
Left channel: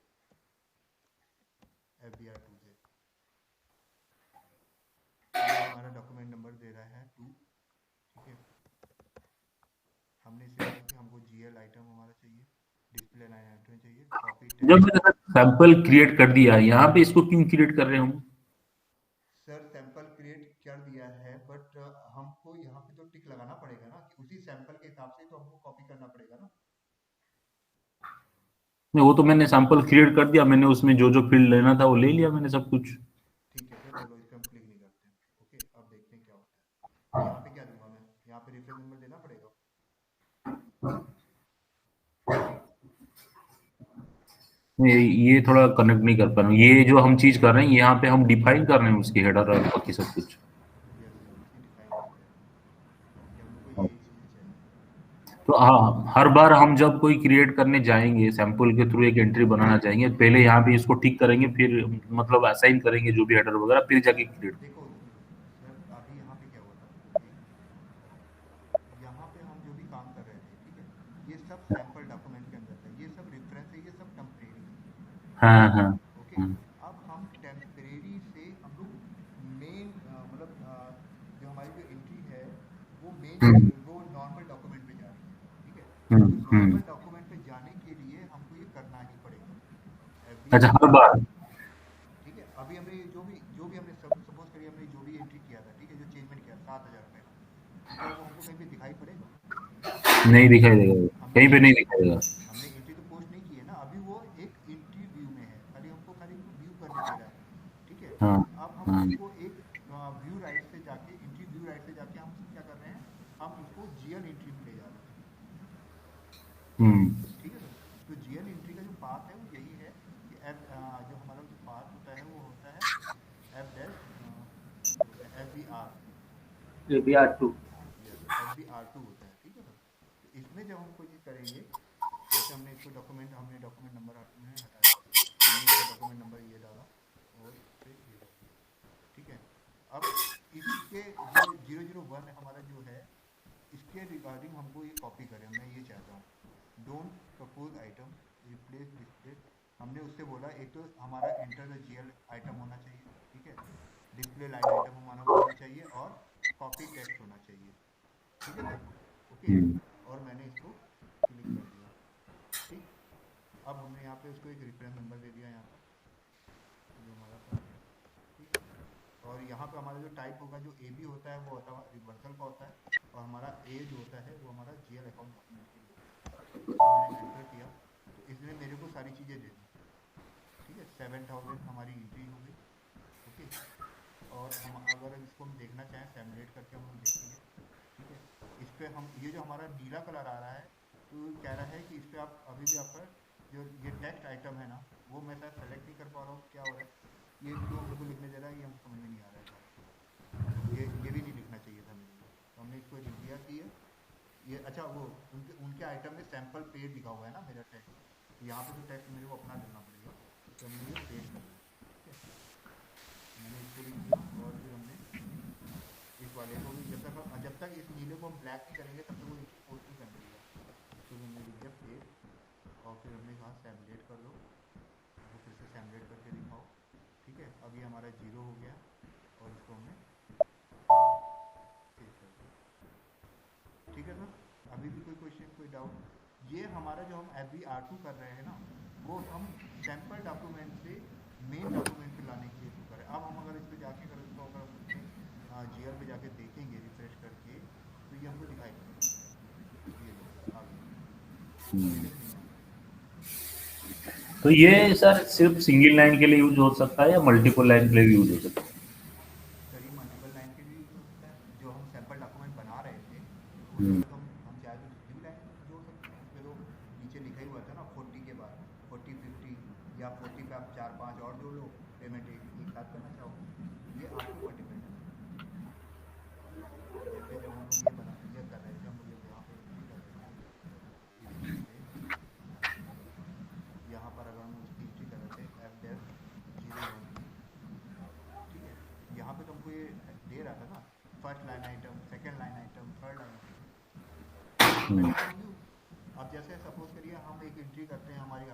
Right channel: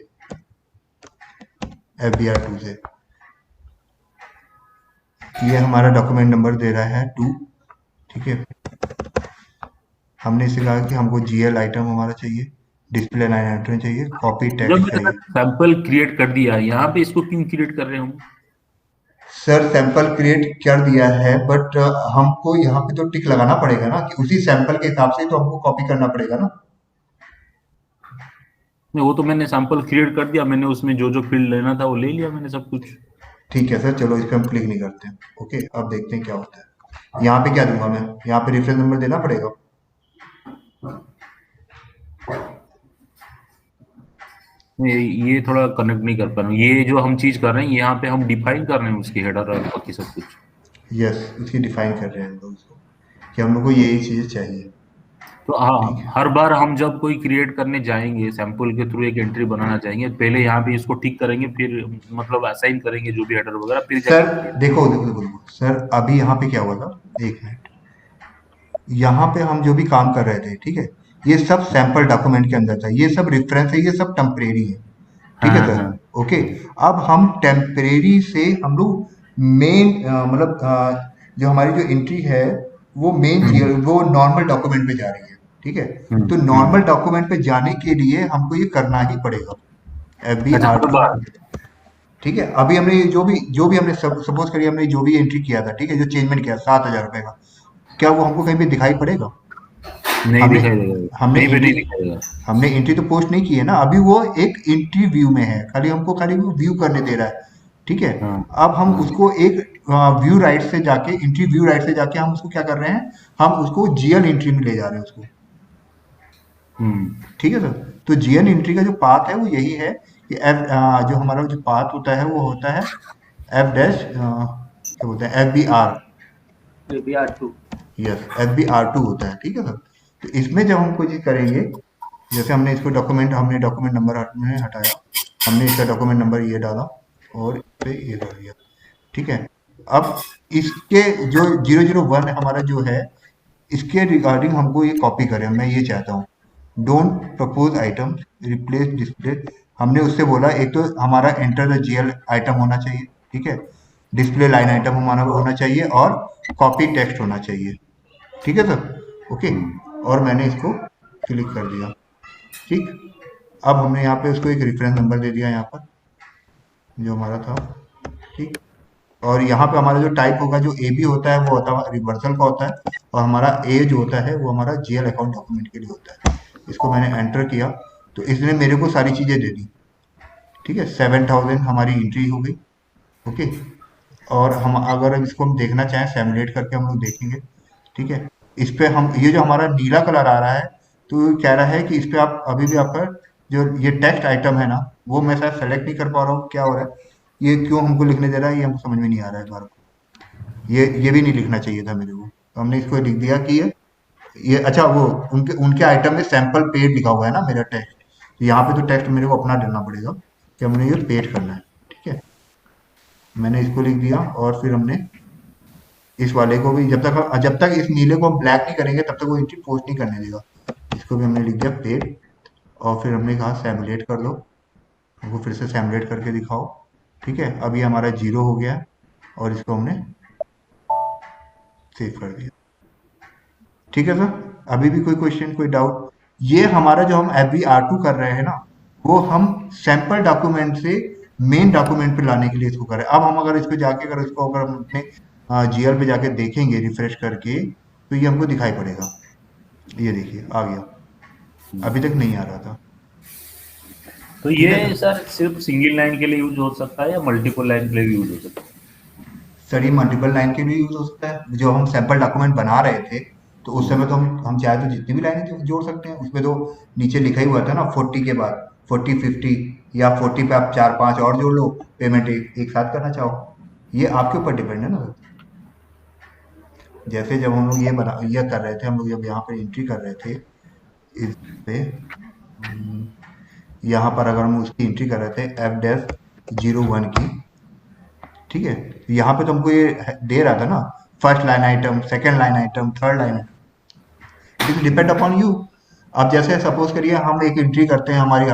FBR 2 से। ये हमारा डॉक्यूमेंट नंबर दे रहा है 2, ठीक है। हमने इसे कहा कि हमको GL आइटम हमारा चाहिए, डिस्प्ले लाइन आइटम चाहिए, कॉपी जब टेक्स्ट मैंने चाहिए। सैंपल क्रिएट कर दिया, यहाँ पे इसको क्यों क्रिएट कर रहे हो? सर सैंपल क्रिएट कर दिया है, बट हमको यहाँ पे तो टिक लगाना पड़ेगा ना कि उसी सैंपल के हिसाब से तो हमको कॉपी करना पड़ेगा ना। नहीं, वो तो मैंने सैंपल क्रिएट कर दिया, मैंने उसमें जो जो फील्ड लेना था वो ले लिया मैंने सब कुछ। ठीक है सर, चलो इस पर हम क्लिक नहीं करते हैं। ओके, अब देखते हैं क्या होता है। यहाँ पे क्या दूंगा मैं, यहाँ पे रेफरेंस नंबर देना पड़ेगा। ये थोड़ा कनेक्ट नहीं कर पा रहा हूँ। ये जो हम चीज कर रहे हैं यहाँ पे हम डिफाइन कर रहे हैं उसकी हेडर और बाकी सब कुछ। यस, उसकी डिफाइन कर रहे हैं हम लोग उसको कि हम लोग को यही चीज़ें चाहिए। तो हाँ, हर बार हम जब कोई क्रिएट करने जाएंगे, सैंपल के थ्रू एक एंट्री बनाना चाहेंगे, पहले यहाँ पे इसको ठीक करेंगे, फिर मतलब असाइन करेंगे जो भी हेडर वगैरह, फिर सर जाके देखो सर, अभी यहाँ पे क्या हुआ था, एक मिनट, यहाँ पे हम जो भी काम कर रहे थे, ठीक है, ये सब सैंपल डॉक्यूमेंट के अंदर था, ये सब रेफरेंस है, ये सब टेम्परेरी है, ठीक है हाँ सर। हाँ ओके, अब हम टेम्परेरी से हम लोग मेन मतलब जो हमारी जो एंट्री है वो वो नॉर्मल डॉक्यूमेंट पे जा रही है, ठीक है। तो नॉर्मल डॉक्यूमेंट पे जाने के लिए हमको ये करना ही पड़ेगा, अच्छा, हर FBR2, बार। ठीक है। अभी हमने जो भी हमने सपोज करिए हमने जो भी एंट्री किया था, ठीक है, जो चेंजमेंट किया 7,000 रुपये का, क्या वो हमको कहीं पे दिखाई पड़ेगा? नहीं हमने दिखाई देगा, हमने कहीं पे नहीं एंट्री दिखाई देगा। हमने एंट्री तो पोस्ट नहीं की है ना, अभी वो एक एंट्री व्यू में है, खाली हमको खाली वो व्यू करने दे रहा है, ठीक है। हाँ अब हम हाँ उसको एक व्यू राइट से जाके, एंट्री व्यू राइट से जाके हम उसको क्या कर रहे हैं, हम उसको GL एंट्री में ले जा रहे हैं उसको, ठीक है सर। तो GL एंट्री का जो पाथ है वो यही है कि जो हमारा जो पाथ होता है वो होता है F डैश क्या बोलते हैं, FBR2। यस, FBR2 होता है, ठीक है सर। तो इसमें जब हम कोई चीज़ करेंगे, जैसे हमने इसको हमने डॉक्यूमेंट नंबर हटाया, हमने इसका डॉक्यूमेंट नंबर ये डाला और इस पे ये कर दिया, ठीक है। अब इसके जो 001 हमारा जो है, इसके रिगार्डिंग हमको ये कॉपी करें, मैं ये चाहता हूँ, don't propose item replace display. हमने उससे बोला एक तो हमारा एंटर द GL आइटम होना चाहिए, ठीक है, डिस्प्ले लाइन आइटम हमारा होना चाहिए और कॉपी टेक्स्ट होना चाहिए, ठीक है सर। ओके, और मैंने इसको क्लिक कर दिया, ठीक। अब हमने यहाँ पे उसको एक रेफरेंस नंबर दे दिया यहाँ पर जो हमारा था, ठीक। और यहाँ पे हमारा जो टाइप होगा, जो AB होता है वो होता है रिवर्सल का होता है, और हमारा A जो होता है वो हमारा GL अकाउंट डॉक्यूमेंट के लिए होता है। इसको मैंने एंटर किया तो इसने मेरे को सारी चीज़ें दे दी, ठीक है। 7,000 हमारी एंट्री हो गई, ओके। और हम अगर इसको हम देखना चाहें सैमुलेट करके हम लोग देखेंगे, ठीक है। इस पे हम ये जो हमारा नीला कलर आ रहा है, तो कह रहा है कि इस पे आप अभी भी आपका जो ये टेक्स्ट आइटम है ना, वो मैं शायद सेलेक्ट नहीं कर पा रहा हूँ, क्या हो रहा है, ये क्यों हमको लिखने दे रहा है, ये हमको समझ में नहीं आ रहा है हमारा। ये भी नहीं लिखना चाहिए था मेरे को, तो हमने इसको लिख दिया कि ये अच्छा, वो उनके उनके आइटम में सैंपल पेड लिखा हुआ है ना मेरा टेक्स्ट, तो यहाँ पे तो टेक्स्ट मेरे को अपना डालना पड़ेगा कि हमने ये पेड करना है, ठीक है। मैंने इसको लिख दिया और फिर हमने इस वाले को भी जब तक इस नीले को हम ब्लैक नहीं करेंगे तब तक वो एंट्री पोस्ट नहीं करने देगा। इसको भी हमने लिख दिया पेड, और फिर हमने कहा सैमुलेट कर दो, हमको फिर से सैमुलेट करके दिखाओ, ठीक है। अब ये हमारा 0 हो गया और इसको हमने सेव कर दिया, ठीक है सर। अभी भी कोई क्वेश्चन, कोई डाउट? ये हमारा जो हम FBR2 कर रहे हैं ना, वो हम सैंपल डॉक्यूमेंट से मेन डॉक्यूमेंट पे लाने के लिए इसको कर रहे हैं। अब हम अगर इस पे जाके अगर इसको अगर हम अपने GL पे जाके देखेंगे रिफ्रेश करके, तो ये हमको दिखाई पड़ेगा, ये देखिए आ गया, अभी तक नहीं आ रहा था। तो ये सर सिर्फ सिंगल लाइन के लिए यूज हो सकता है या मल्टीपल लाइन के लिए यूज हो सकता है? सर ये मल्टीपल लाइन के लिए यूज हो सकता है। जो हम सैंपल डॉक्यूमेंट बना रहे थे तो उस समय तो हम चाहे तो जितनी भी लाइनें जोड़ सकते हैं। उसमें तो नीचे लिखा ही हुआ था ना 40 के बाद 40 50, या 40 पे आप 4 5 और जोड़ लो, पेमेंट एक साथ करना चाहो, ये आपके ऊपर डिपेंड है ना सर। जैसे जब हम लोग ये कर रहे थे, हम लोग जब यहाँ पे एंट्री कर रहे थे इस पे, यहाँ पर अगर हम उसकी एंट्री कर रहे थे F-01 की, ठीक है, तो यहाँ पे तो हमको ये दे रहा था ना first line item, second line item, third line, it depend upon you. अब जैसे सपोज करिए हम एक एंट्री करते हैं, हमारी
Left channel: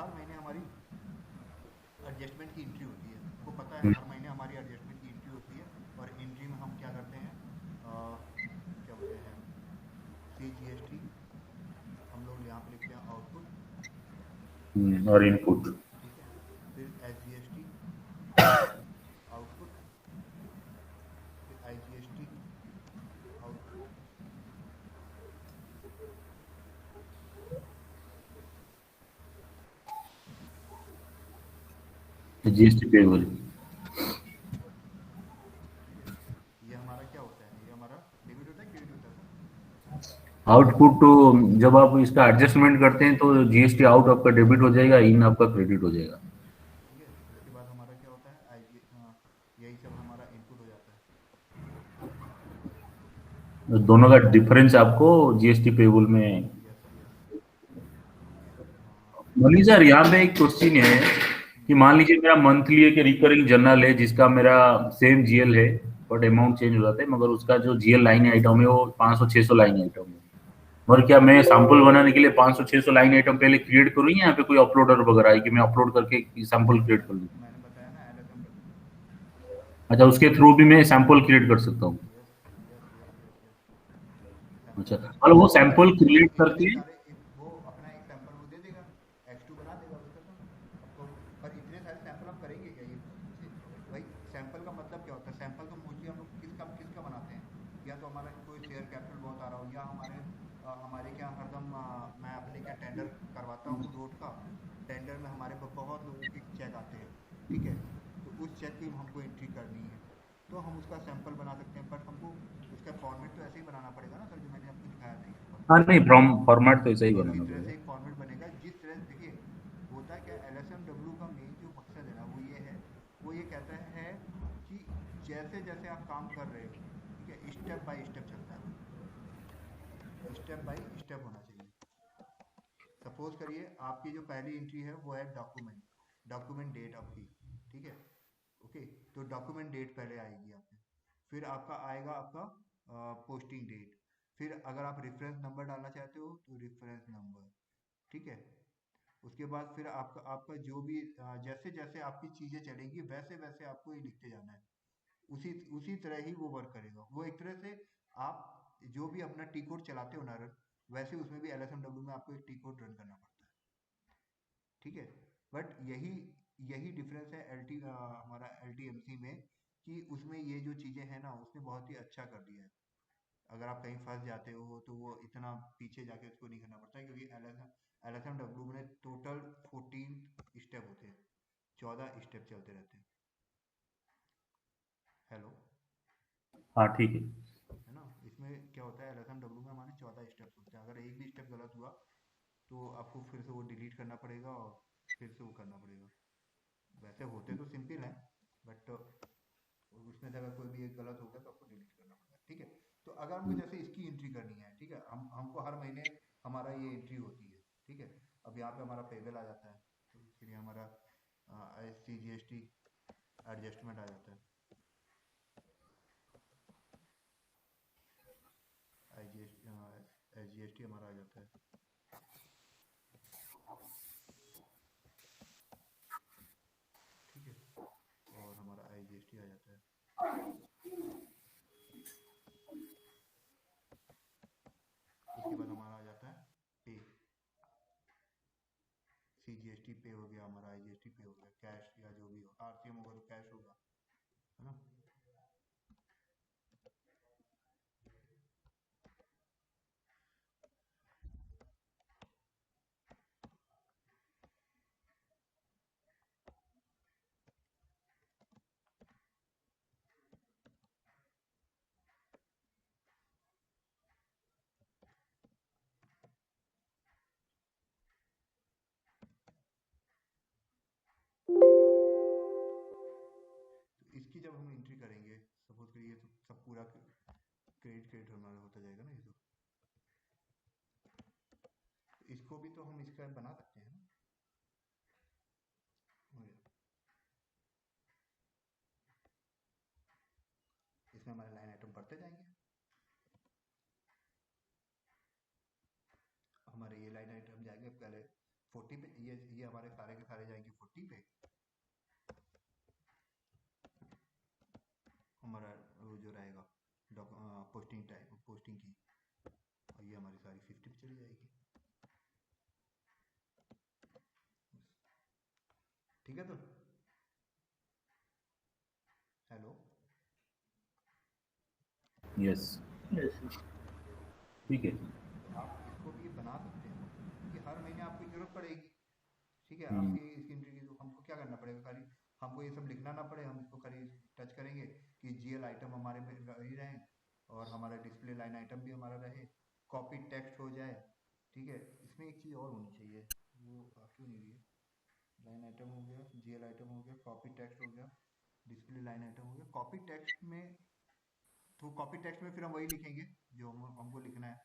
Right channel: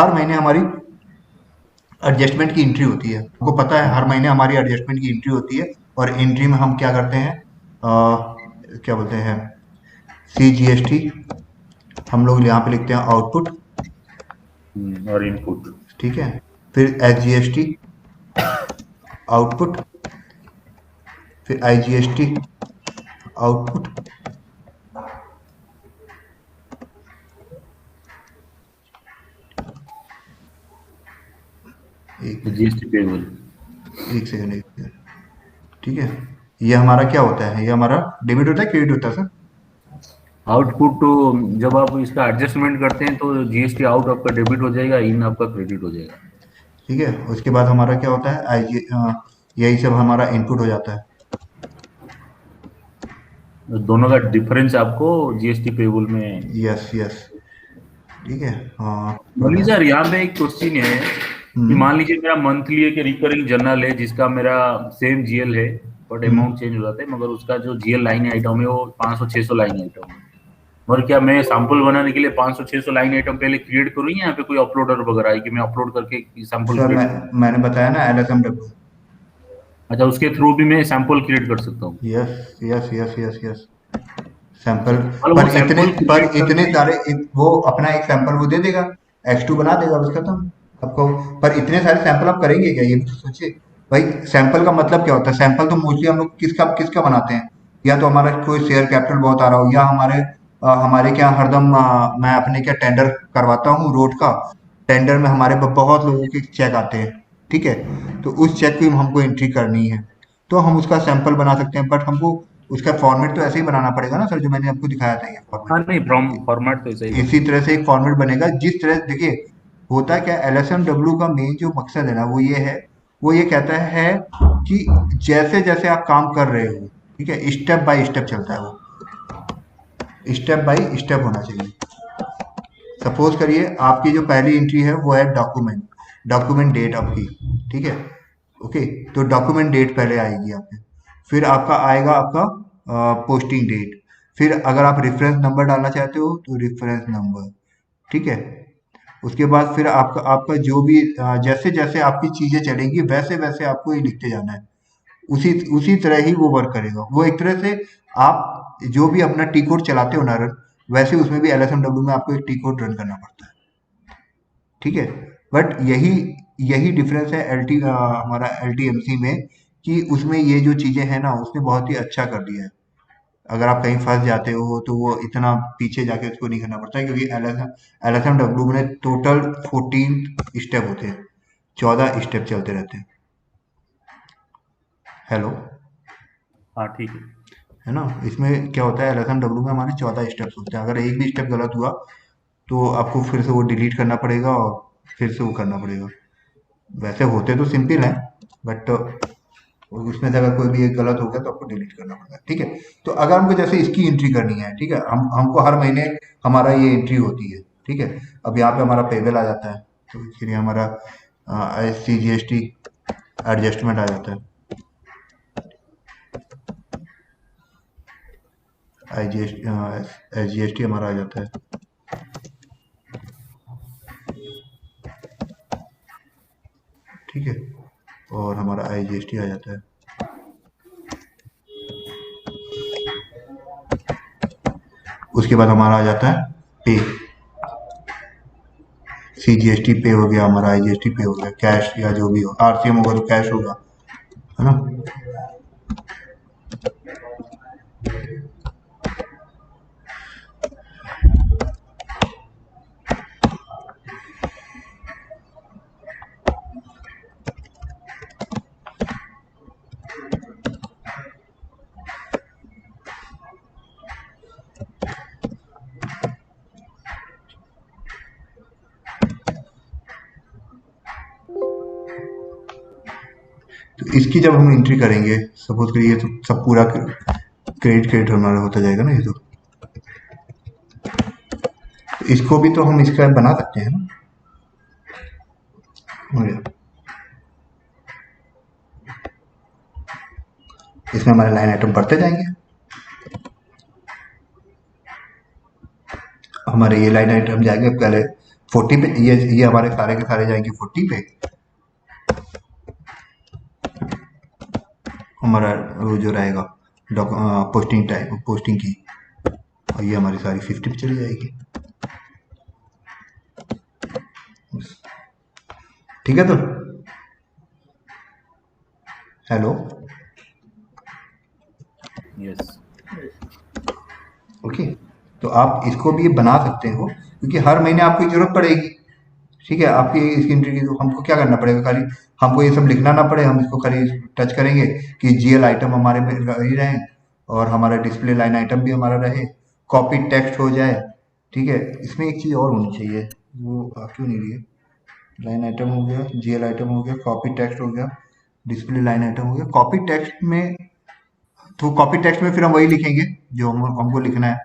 हर महीने हमारी एडजस्टमेंट की एंट्री होती है, आपको पता है हर महीने हमारी एडजस्टमेंट की एंट्री होती है। और एंट्री में हम क्या करते हैं, क्या बोलते हैं, CGST, हम लोग यहाँ पे लिखते हैं आउटपुट, और इनपुट। ठीक है, फिर SGST आउटपुट, फिर IGST आउटपुट, जीएसटी पेबल। एक सेकंड, ठीक है। ये हमारा क्या होता है, ये हमारा डेबिट होता है, क्रेडिट होता है सर? आउटपुट तो जब आप इसका एडजस्टमेंट करते हैं तो जीएसटी आउट आपका डेबिट हो जाएगा, इन आपका क्रेडिट हो जाएगा। ठीक है, उसके बाद हमारा क्या होता है, यही सब हमारा इनपुट हो जाता है। दोनों का डिफरेंस आपको जीएसटी पेबल में। यस यस, ठीक है। हाँ। मनी सर यहाँ पे एक क्वेश्चन है कि मान लीजिए मेरा मंथली एक रिकरिंग जर्नल है जिसका मेरा सेम जीएल है, बट अमाउंट चेंज हो जाता है, मगर उसका जो जीएल लाइन आइटम है वो 500-600 लाइन आइटम है। और क्या मैं सैंपल बनाने के लिए 500-600 लाइन आइटम पहले क्रिएट करूँ या यहाँ पे कोई अपलोडर वगैरह है कि मैं अपलोड करके सैंपल सर क्रिएट करूँ? मैंने बताया ना LSMW। अच्छा, उसके थ्रू भी मैं सैंपल क्रिएट कर सकता हूँ? Yes yes yes yes yes, अच्छा, सैंपल। मतलब वो सैंपल क्रिएट इतने करके। सारे वो अपना एक सैंपल वो दे देगा, X2 बना देगा, बस खत्म आपको। पर इतने सारे सैंपल आप करेंगे क्या, ये भी तो सोचिए भाई। सैंपल का मतलब क्या होता है, सैंपल तो मोस्टली हम लोग किसका किसका बनाते हैं, या तो हमारा कोई शेयर कैपिटल बहुत आ रहा हो, या हमारे क्या हरदम मैं अपने क्या टेंडर करवाता हूँ रोड का, टेंडर में हमारे बहुत लोगों के चेक आते हैं, ठीक है, तो उस चेक की हमको एंट्री करनी है, तो हम उसका सैंपल बना सकते हैं। बट हमको उसका फॉर्मेट तो ऐसे ही बनाना पड़ेगा ना सर, जो मैंने आपको दिखाया था ये हाँ फॉर्मेट। नहीं, फॉर्मेट तो ऐसा ही इसी बनेगा। तरह से एक फॉर्मेट बनेगा, जिस तरह देखिए होता है क्या, LSMW का मेन जो मकसद है ना वो ये है, वो ये कहता है कि जैसे जैसे आप काम कर रहे हो, ठीक है, स्टेप बाय स्टेप चलता है वो, स्टेप बाय स्टेप होना चाहिए। सपोज करिए आपकी जो पहली एंट्री है वो है डॉक्यूमेंट डेट आपकी, ठीक है, ओके, तो डॉक्यूमेंट डेट पहले आएगी आपके, फिर आपका आएगा आपका पोस्टिंग डेट, फिर अगर आप रेफरेंस नंबर डालना चाहते हो तो रेफरेंस नंबर, ठीक है, उसके बाद फिर आपका आपका जो भी जैसे जैसे आपकी चीजें चलेंगी वैसे वैसे आपको ये लिखते जाना है, उसी उसी तरह ही वो वर्क करेगा। वो एक तरह से आप जो भी अपना टी कोड चलाते हो ना रन, वैसे उसमें भी LSMW में आपको एक टी कोड रन करना पड़ता है, ठीक है। बट यही यही डिफरेंस है हमारा LTMC में, कि उसमें ये जो चीजें हैं ना उसने बहुत ही अच्छा कर दिया है। अगर आप कहीं फंस जाते हो तो वो इतना पीछे जाके उसको नहीं करना पड़ता है, क्योंकि LSMW में टोटल 14 स्टेप होते हैं, 14 स्टेप चलते रहते हैं। हेलो, हाँ ठीक है। है ना, इसमें क्या होता है, LSMW में हमारे 14 स्टेप्स होते हैं। अगर एक भी स्टेप गलत हुआ तो आपको फिर से वो डिलीट करना पड़ेगा और फिर से वो करना पड़ेगा। वैसे होते तो सिंपल है, बट उसमें से अगर कोई भी एक गलत हो गया तो आपको डिलीट करना पड़ेगा, ठीक है। तो अगर हमको जैसे इसकी एंट्री करनी है, ठीक है, हमको हर महीने हमारा ये एंट्री होती है, ठीक है। अब यहाँ पे हमारा पेबल आ जाता है, तो फिर हमारा CGST एडजस्टमेंट आ जाता है, SGST हमारा आ जाता है, ठीक है, और हमारा IGST आ जाता है। उसके बाद हमारा आ जाता है पे, CGST पे हो गया हमारा, IGST पे हो गया, कैश या जो भी हो, RCM होगा तो कैश होगा, है ना। तो इसकी जब हम एंट्री करेंगे, सपोज करिए तो सब पूरा क्रेडिट हमारा होता जाएगा ना, ये तो इसको भी तो हम इसका बना सकते हैं ना। हो गया। इसमें हमारे लाइन आइटम बढ़ते जाएंगे, हमारे ये लाइन आइटम जाएंगे पहले 40 पे, ये हमारे सारे के सारे जाएंगे 40 पे, हमारा वो जो रहेगा पोस्टिंग टाइम पोस्टिंग की, और ये हमारी सारी 50 पे चली जाएगी। ठीक है, तो हेलो, यस ओके। तो आप इसको भी बना सकते हो, क्योंकि हर महीने आपको जरूरत पड़ेगी। ठीक है, आपकी इसकी एंट्री की, तो हमको क्या करना पड़ेगा, खाली हमको ये सब लिखना ना पड़े, हम इसको खाली टच करेंगे कि जीएल आइटम हमारे में ही रहे, और हमारा डिस्प्ले लाइन आइटम भी हमारा रहे, कॉपी टेक्स्ट हो जाए। ठीक है, इसमें एक चीज़ और होनी चाहिए, वो आप क्यों नहीं लिए, लाइन आइटम हो गया, जीएल आइटम हो गया, कॉपी टेक्स्ट हो गया, डिस्प्ले लाइन आइटम हो गया। कॉपी टेक्स्ट में, तो कॉपी टेक्स्ट में फिर हम वही लिखेंगे जो हमको लिखना है,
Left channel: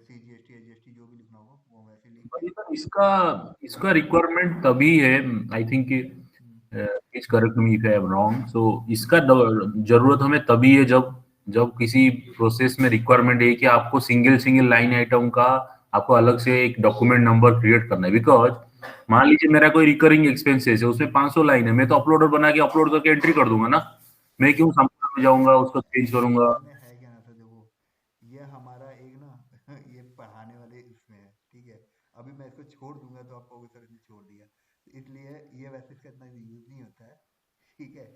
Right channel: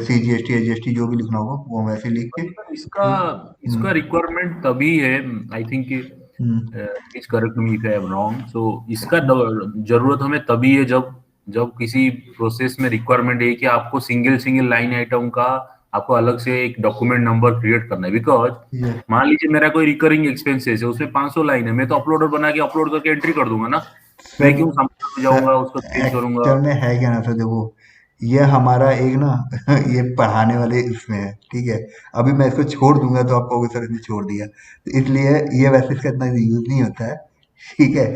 CGST AGST जो भी लिखना होगा वो हम वैसे लिख के। इसका इसका रिक्वायरमेंट तभी है, I think, hmm, please correct me if I am wrong. So इसका जरूरत हमें तभी है जब जब किसी प्रोसेस में रिक्वायरमेंट है कि आपको सिंगल सिंगल लाइन आइटम का आपको अलग से एक डॉक्यूमेंट नंबर क्रिएट करना है। बिकॉज ये मान लीजिए मेरा कोई रिकरिंग एक्सपेंसेस है, उसमें 500 लाइन है, मैं तो अपलोडर बना के अपलोड करके एंट्री कर दूंगा ना। मैं क्यों सर, सामान में जाऊंगा, उसको चेंज करूंगा। एक्चुअल में है क्या ना सर, देखो ये हमारा एक ना ये पढ़ाने वाले इसमें है, ठीक है। अभी मैं इसको छोड़ दूंगा तो आप कहोगे सर इसने छोड़ दिया, तो इसलिए ये वैसे इसका इतना यूज नहीं होता है। ठीक है,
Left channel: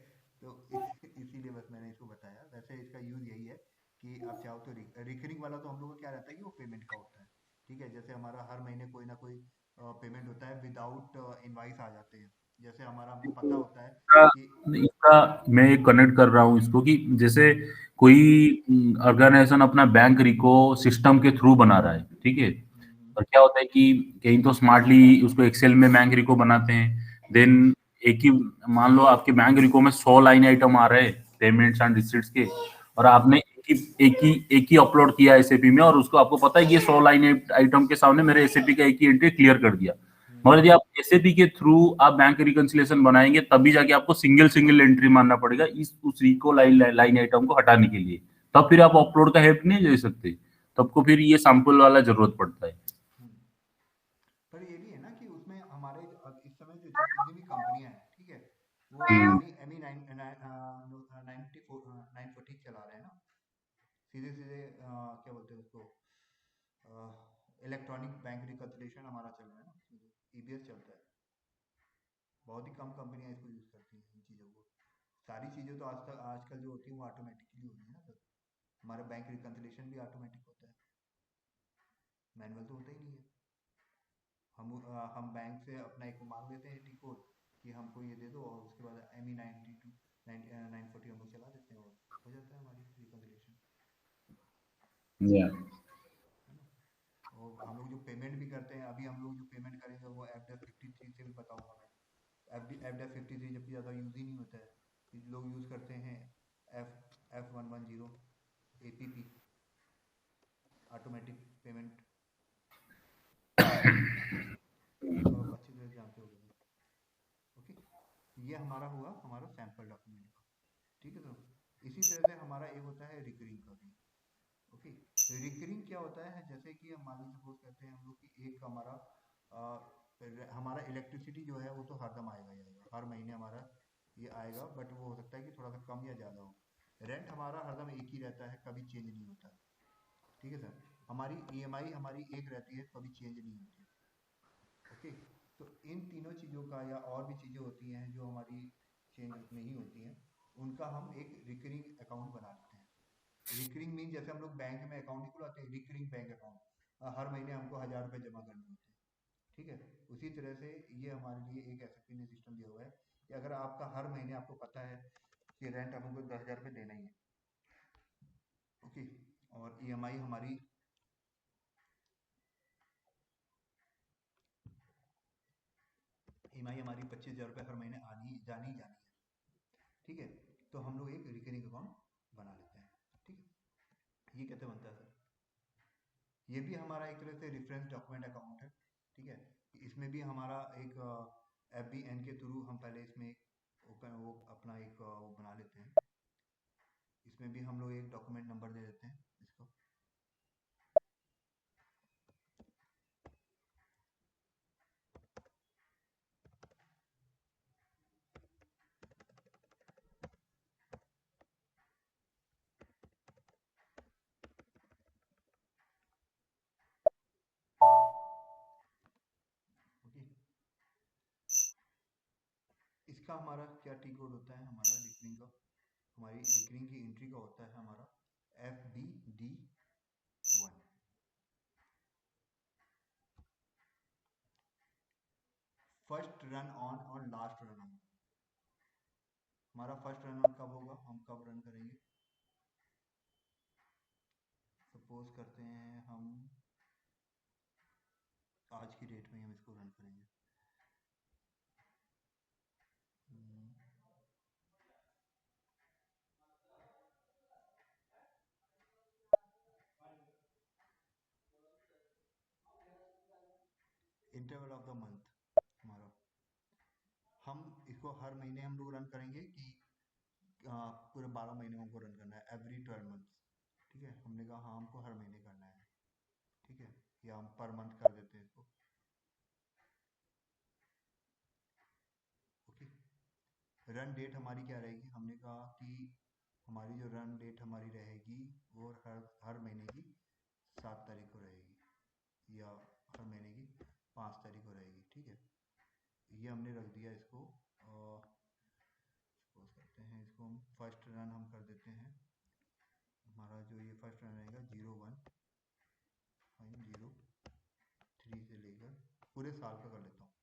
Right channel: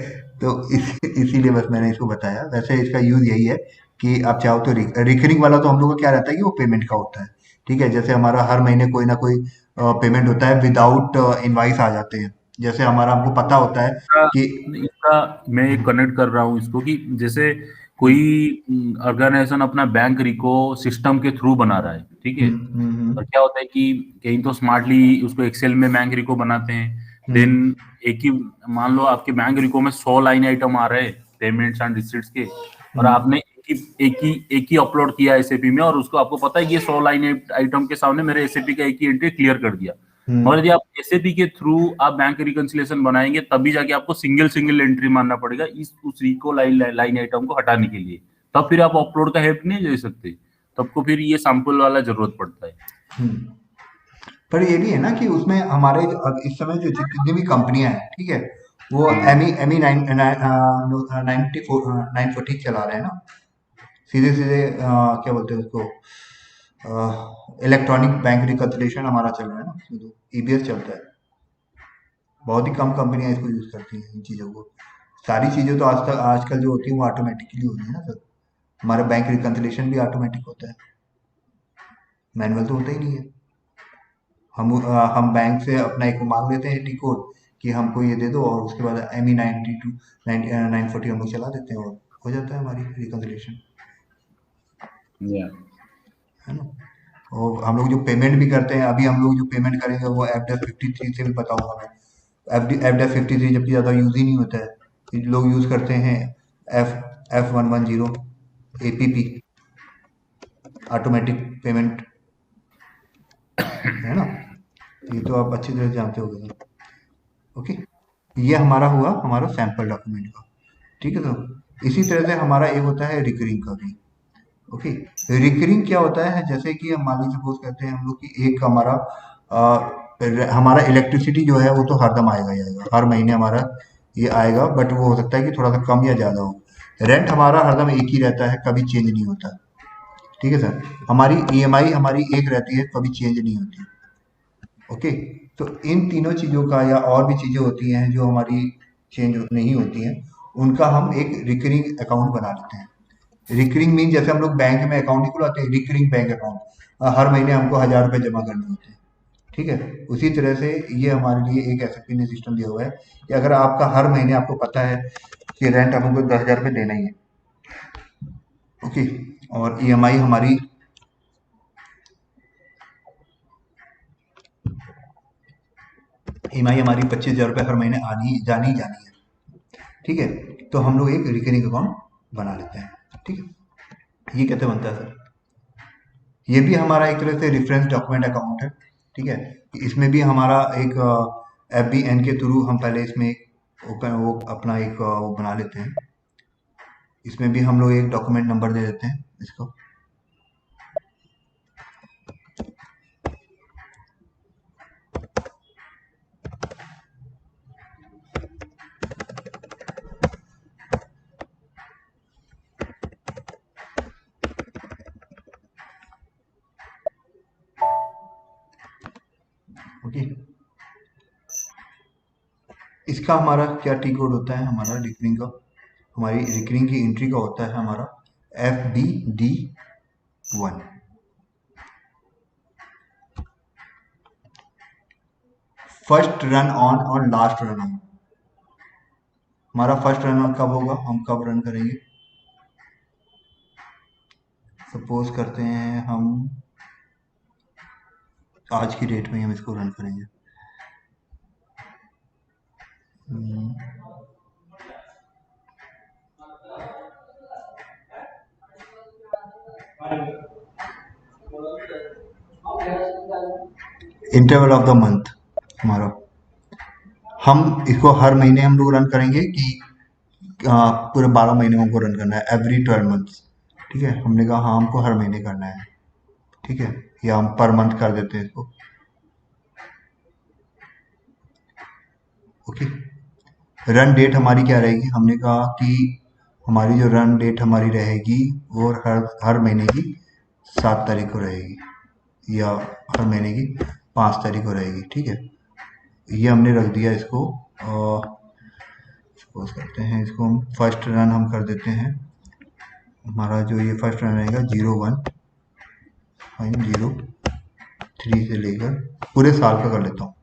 तो इसीलिए बस मैंने इसको बताया। वैसे इसका यूज यही है कि आप चाहो तो रिकरिंग वाला तो हम लोग का क्या रहता है कि वो पेमेंट का होता है। ठीक है, जैसे हमारा हर महीने कोई ना कोई पेमेंट होता है, विदाउट इनवाइस आ जाते हैं, जैसे हमारा हमको पता होता है इसका कि इसका मैं कनेक्ट कर रहा हूँ इसको कि जैसे कोई ऑर्गेनाइजेशन अपना बैंक रिको सिस्टम के थ्रू बना रहा है, ठीक है। और क्या होता है कि कहीं तो स्मार्टली उसको एक्सेल में बैंक रिको बनाते हैं, देन हम्म, एक ही, मान लो आपके बैंक रिको में 100 लाइन आइटम आ रहे हैं पेमेंट्स एंड रिसीट्स के, और हम्म, आपने एक ही अपलोड किया एसएपी में, और उसको आपको पता है कि ये 100 लाइन आइटम के सामने मेरे एसएपी का एक ही एंट्री क्लियर कर दिया। हम्म, मगर यदि आप एसएपी के थ्रू आप बैंक रिकंसिलिएशन बनाएंगे, तभी जाके आपको सिंगल सिंगल एंट्री मानना पड़ेगा इस उस रिको लाइन आइटम को हटाने के लिए। तब फिर आप अपलोड का हेल्प नहीं ले सकते, तब को फिर ये सैंपल वाला जरूरत पड़ता है। हम्म। पर ये भी है ना कि उसमें हमारे अब इस समय जो जितनी भी कंपनियां हैं, ठीक है, वो एमई 940 चला रहे हैं ना, सीधे सीधे क्या बोलते हैं उसको, इलेक्ट्रॉनिक बैंक रिकन्सिलिएशन हमारा चल रहा है ना, उसमें तो ईबीएस चलता है। बहुत ही कम कंपनियां इसको यूज करती हैं इन चीज़ों को। सारी चीज़ें तो आजकल जो होती है वो ऑटोमेटिकली होती है ना सर। हमारा बैंक रिकन्सिलिएशन भी ऑटोमेटिक होता है, मैनुअल तो होता ही नहीं है। हम बैंक से अपना एक मांग लेते हैं टी कोड कि हमको ये दे दो, और उसके बाद एम ई 940 हम लोग चला देते हैं, और हो जाता है हमारी रिकन्सिलिएशन, या है ना। और हम लोग जो पेमेंट भी करते हैं, अभी हम लोग जो पेमेंट करेंगे वो FDAS 53 से भी बताऊंगा मैं। FDAS 53 जबकि ज़्यादा यूज ही नहीं होता है, लोग यूज करते हैं F110 APP, ऑटोमेटिक पेमेंट, है ना। ये तो आप अच्छी तरह से जानते होगे सर। ओके, ये हमारा हुआ हमारा सैंपल डॉक्यूमेंट का। ठीक है, तो इसी तरह से हमारा एक होता है रिकरिंग का भी। ओके, रिकरिंग क्या होता है, जैसे कि हम मान लीजिए सपोज करते हैं हम लोग कि एक हमारा इलेक्ट्रिसिटी जो है वो तो हरदम आएगा ही आएगा, हर महीने हमारा ये आएगा, बट वो हो सकता है कि थोड़ा सा कम या ज़्यादा हो। रेंट हमारा हरदम एक ही रहता है, कभी चेंज नहीं होता। ठीक है सर, हमारी ईएमआई हमारी एक रहती है, कभी चेंज नहीं होती। ओके, तो इन तीनों चीज़ों का या और भी चीज़ें होती हैं जो हमारी चेंज नहीं होती हैं, उनका हम एक रिकरिंग अकाउंट बना लेते हैं। रिकरिंग मीन जैसे हम लोग बैंक में अकाउंट नहीं खुलाते हैं, रिकरिंग बैंक अकाउंट, हर महीने हमको 1000 रुपये जमा करने होते हैं। ठीक है, उसी तरह से ये हमारे लिए एक एसएपी ने सिस्टम दिया हुआ है कि अगर आपका हर महीने आपको पता है कि रेंट हमको 10,000 रुपये देना ही है। ओके, और ईएमआई हमारी ईएमआई हमारी 25,000 रुपये हर महीने आनी जानी ही जानी है। ठीक है, तो हम लोग एक रिकरिंग अकाउंट बना लेते हैं। ठीक है, ये कैसे बनता है सर? ये भी हमारा एक तरह से रेफरेंस डॉक्यूमेंट अकाउंट है। ठीक है, इसमें भी हमारा एक FBN के थ्रू हम पहले इसमें वो अपना एक वो बना लेते हैं। इसमें भी हम लोग एक डॉक्यूमेंट नंबर दे देते हैं इसको। ओके, इसका हमारा क्या टी कोड होता है? हमारा रिकरिंग का, हमारी रिकरिंग की एंट्री का होता है हमारा FBD1। फर्स्ट रन ऑन और लास्ट रन ऑन। हमारा फर्स्ट रन ऑन कब होगा, हम कब रन करेंगे? सपोज करते हैं हम आज की डेट में हम इसको रन करेंगे। इंटरवल ऑफ द मंथ हमारा, हम इसको हर महीने हम लोग रन करेंगे कि पूरे 12 महीने हमको रन करना है, एवरी 12 मंथ्स। ठीक है, हमने कहा हाँ हमको हर महीने करना है। ठीक है, या हम पर मंथ कर देते हैं इसको। ओके, रन डेट हमारी क्या रहेगी? हमने कहा कि हमारी जो रन डेट हमारी रहेगी वो हर महीने की 7 तारीख को रहेगी या हर महीने की 5 तारीख को रहेगी। ठीक है, ये हमने रख दिया इसको। सपोज करते हैं इसको हम फर्स्ट रन हम कर देते हैं। हमारा जो ये फर्स्ट रन रहेगा 01.03 से लेकर पूरे साल का कर लेता हूँ।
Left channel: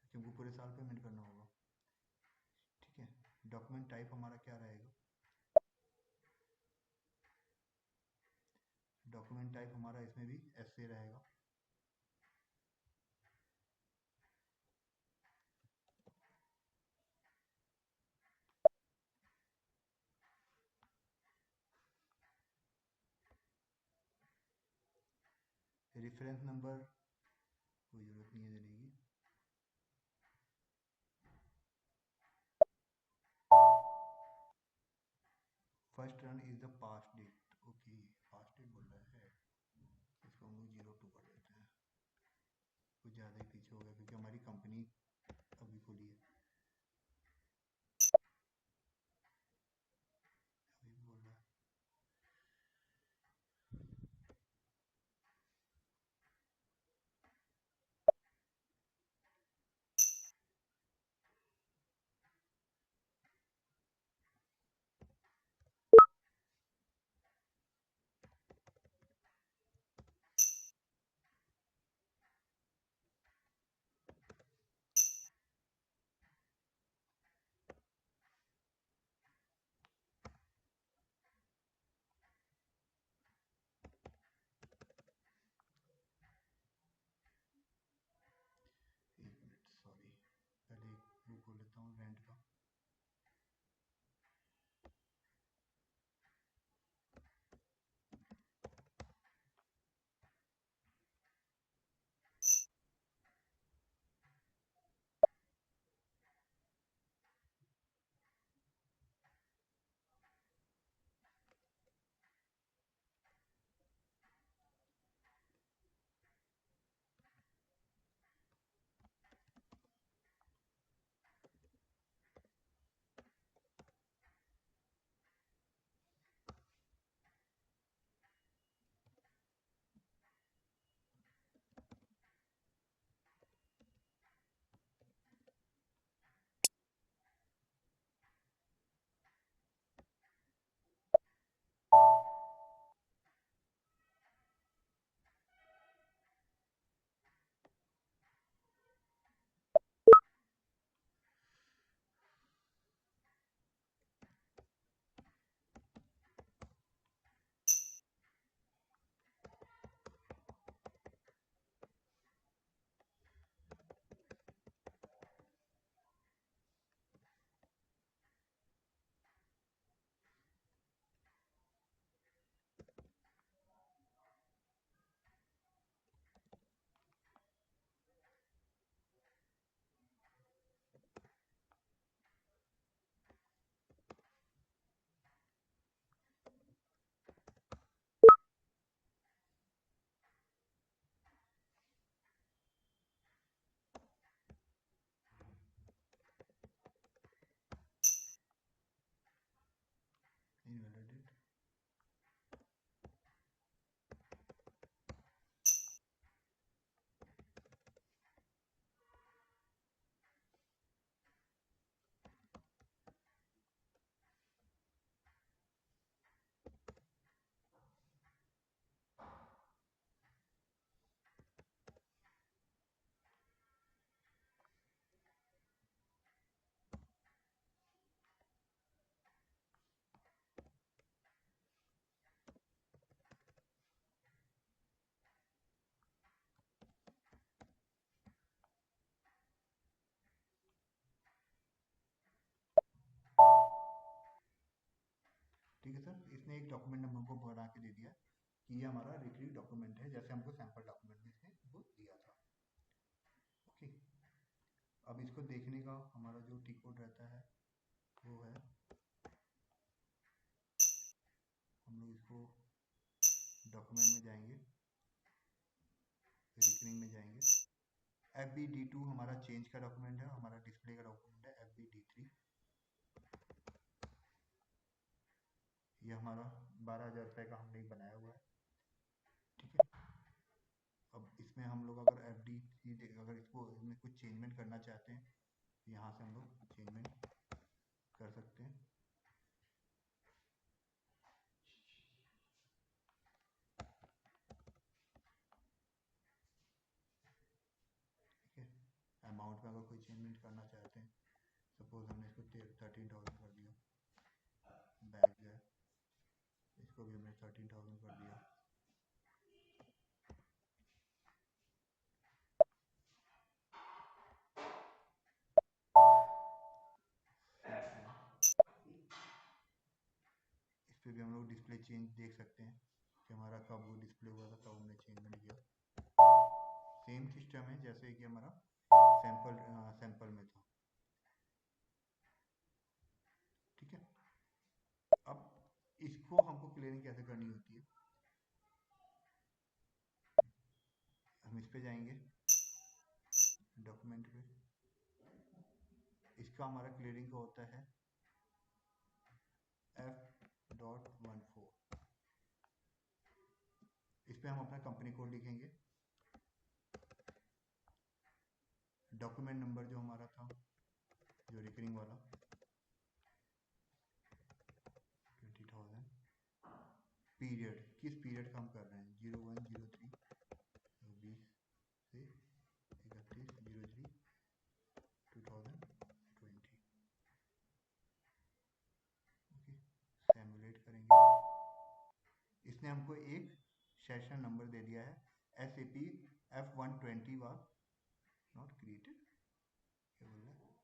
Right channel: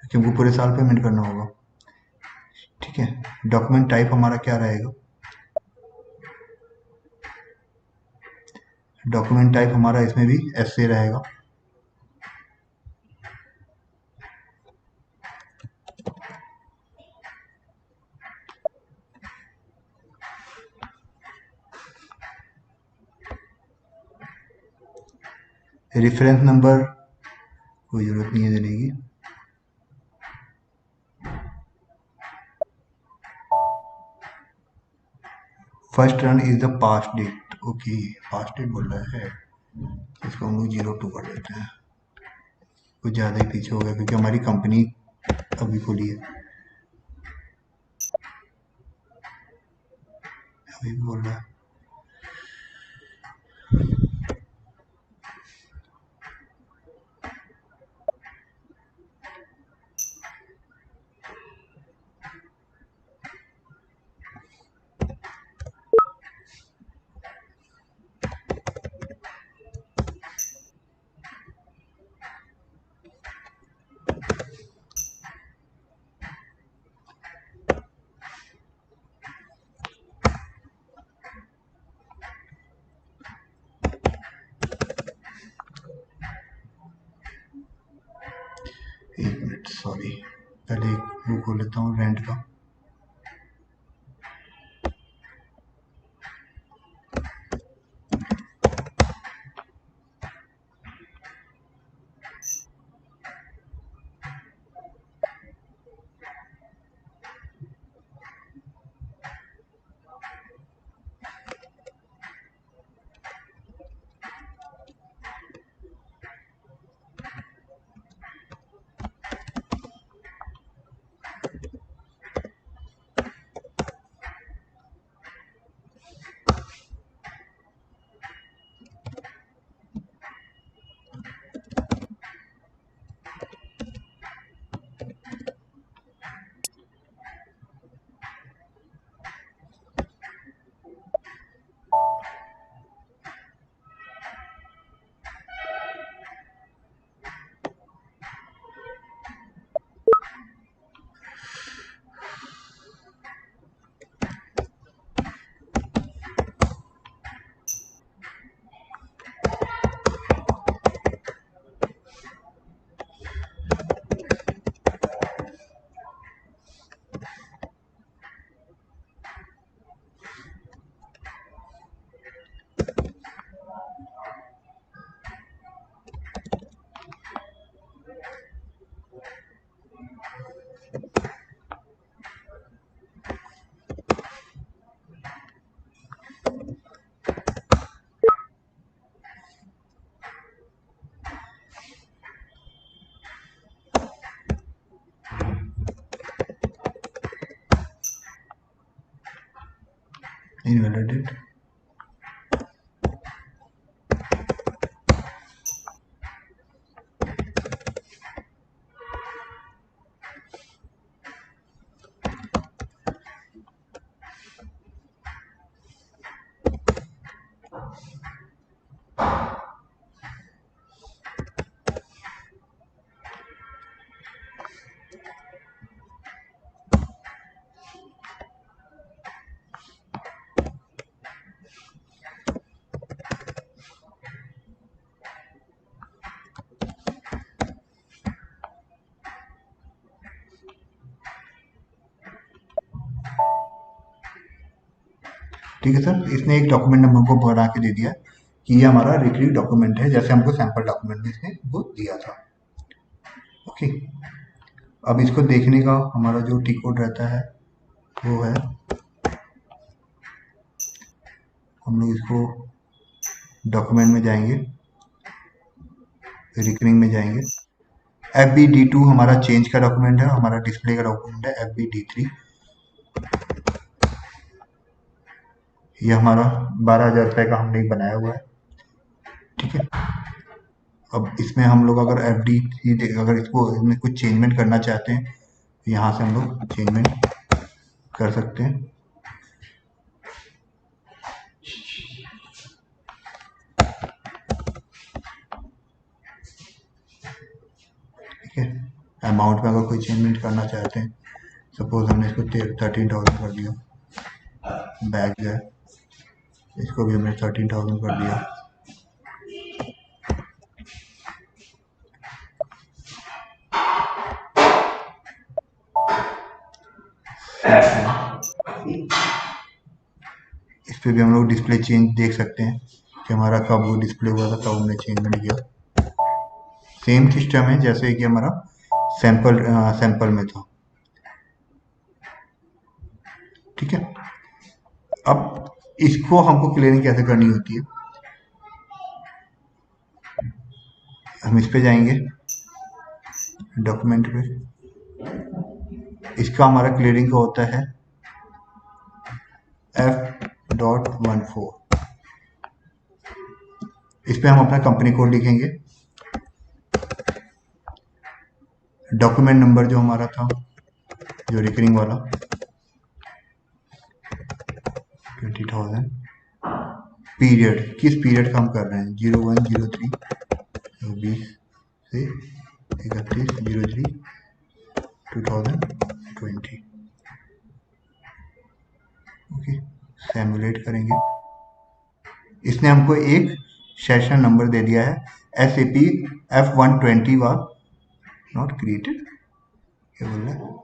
क्योंकि हमको पूरे साल पेमेंट करना होगा। ठीक है, डॉक्यूमेंट टाइप हमारा क्या रहेगा? डॉक्यूमेंट टाइप हमारा इसमें भी ऐसे रहेगा। रेफरेंस नंबर कोई जरूरत नहीं है देने की। First run is the past date. Okay, past date बोल रहा है, इसको हम लोग 02 कर देते हैं। कुछ ज़्यादा ही पीछे हो गया क्योंकि हमारी कंपनी अभी खुली है। अभी भी बोल रहा है। एक मिनट, सॉरी, पहले एक वो खोल लेता हूँ रेंट का। इनवैलिडेट। ठीक है सर, इसने एक डॉक्यूमेंट नंबर को बना के दे दिया कि ये हमारा रिक्रीव डॉक्यूमेंट है, जैसे हमको सैंपल डॉक्यूमेंट में इसने वो दिया था। ओके, अब इसको देखने का हमारा जो टी कोड रहता है वो है, हम लोग इसको डॉक्यूमेंट में जाएंगे, रिकरिंग में जाएंगे। FBD2 हमारा चेंज का डॉक्यूमेंट है, हमारा डिस्प्ले का डॉक्यूमेंट है FBD3। ये हमारा 12,000 रुपये का हमने एक बनाया हुआ है। ठीक है, अब इसमें हम लोग अगर अगर इसको इसमें कुछ चेंजमेंट करना चाहते हैं तो यहाँ से हम लोग चेंजमेंट कर सकते हैं। ठीक है, अमाउंट में अगर कोई चेंजमेंट करना चाहते हैं, सपोज हमने इसको 13,000 कर दिया, बैग है इसको भी हमने 13,000 कर दिया। इस पे भी हम लोग डिस्प्ले चेंज देख सकते हैं कि हमारा कब वो डिस्प्ले हुआ था, कब हमने चेंजमेंट किया। सेम सिस्टम है जैसे कि हमारा सैंपल में था। ठीक है, अब इसको हमको क्लियरिंग कैसे करनी होती है, हम इस पे जाएंगे डॉक्यूमेंट पे, इसका हमारा क्लियरिंग का होता है F.14। इस पे हम अपना कंपनी कोड लिखेंगे, डॉक्यूमेंट नंबर जो हमारा था जो रिकरिंग वाला 20,000, पीरियड किस पीरियड का हम कर रहे हैं 0103 20 से 31/03 2020। ओके, सिमुलेट करेंगे। इसने हमको एक सेशन नंबर दे दिया है, SAP F120 was not created। क्या बोल रहा है,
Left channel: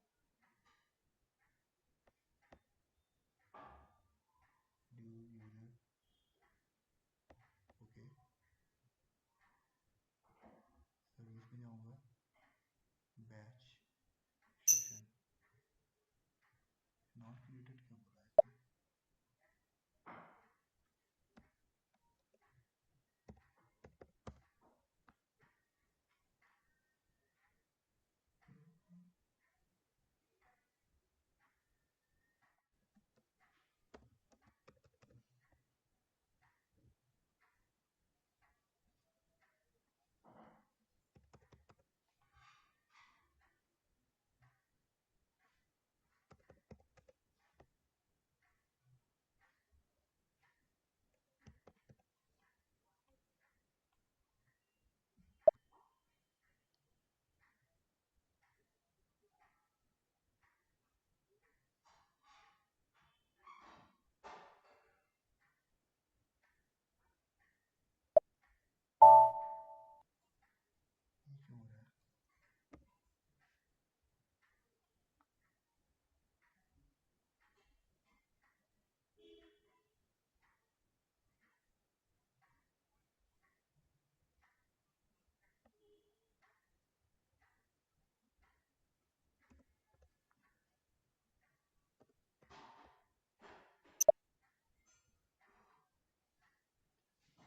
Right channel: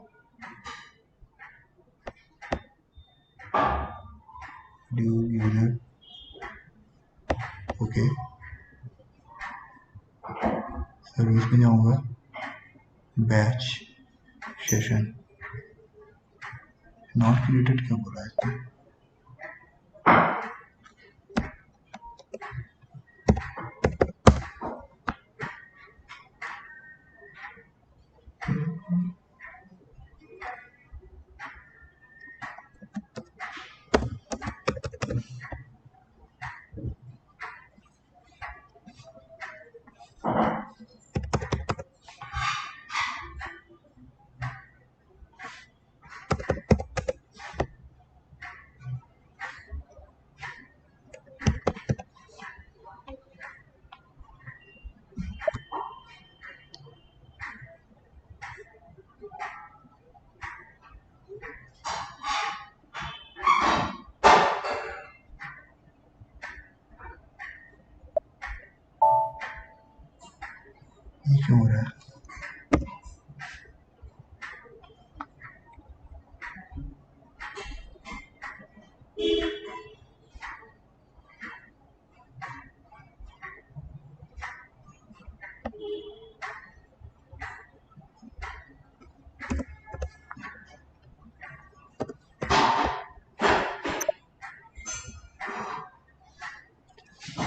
यूजर। ओके, सर्विस में जाऊंगा, बैच सेशन नॉट क्रिएटेड क्यों बोला है इसने। ये क्यों हो रहा है,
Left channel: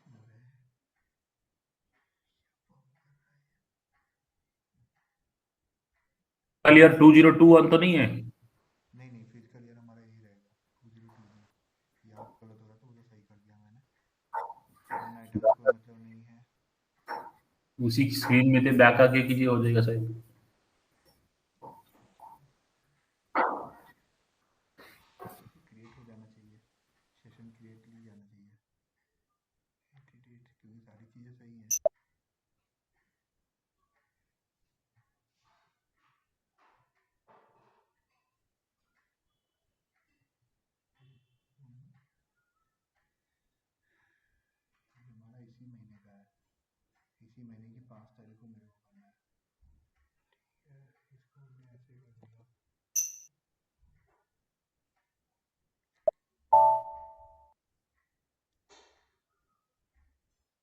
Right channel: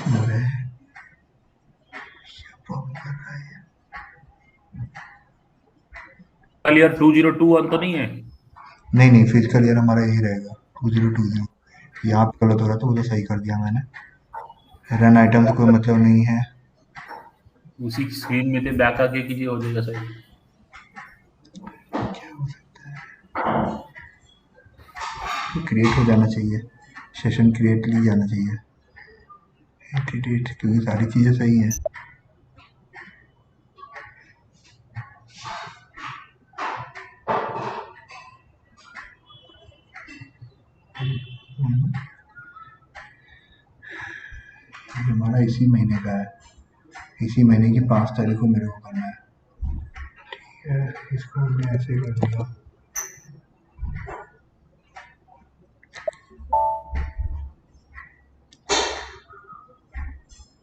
हो रहा है, क्या प्रॉब्लम कर रहा है ये? ईयर 2021 तो नहीं है? नहीं फिजिकल ईयर हमारा यही रहेगा 2020। यहाँ पे गलत हो रहा था, वो तो सही कर दिया मैंने। रन आइटम से कोई मतलब नहीं है। उसी स्क्रीन में थे, बैक आके कीजिए, हो जाएगा सही। क्रिएट हो जाना चाहिए, सेशन क्रिएट ली जाना चाहिए, क्योंकि सारी चीज़ें सही हैं। हमारा इसी महीने का है, इसी महीने की 5 तारीख को मेरे को करना है। ठीक है, इसको हमने ऐसे कर दिया।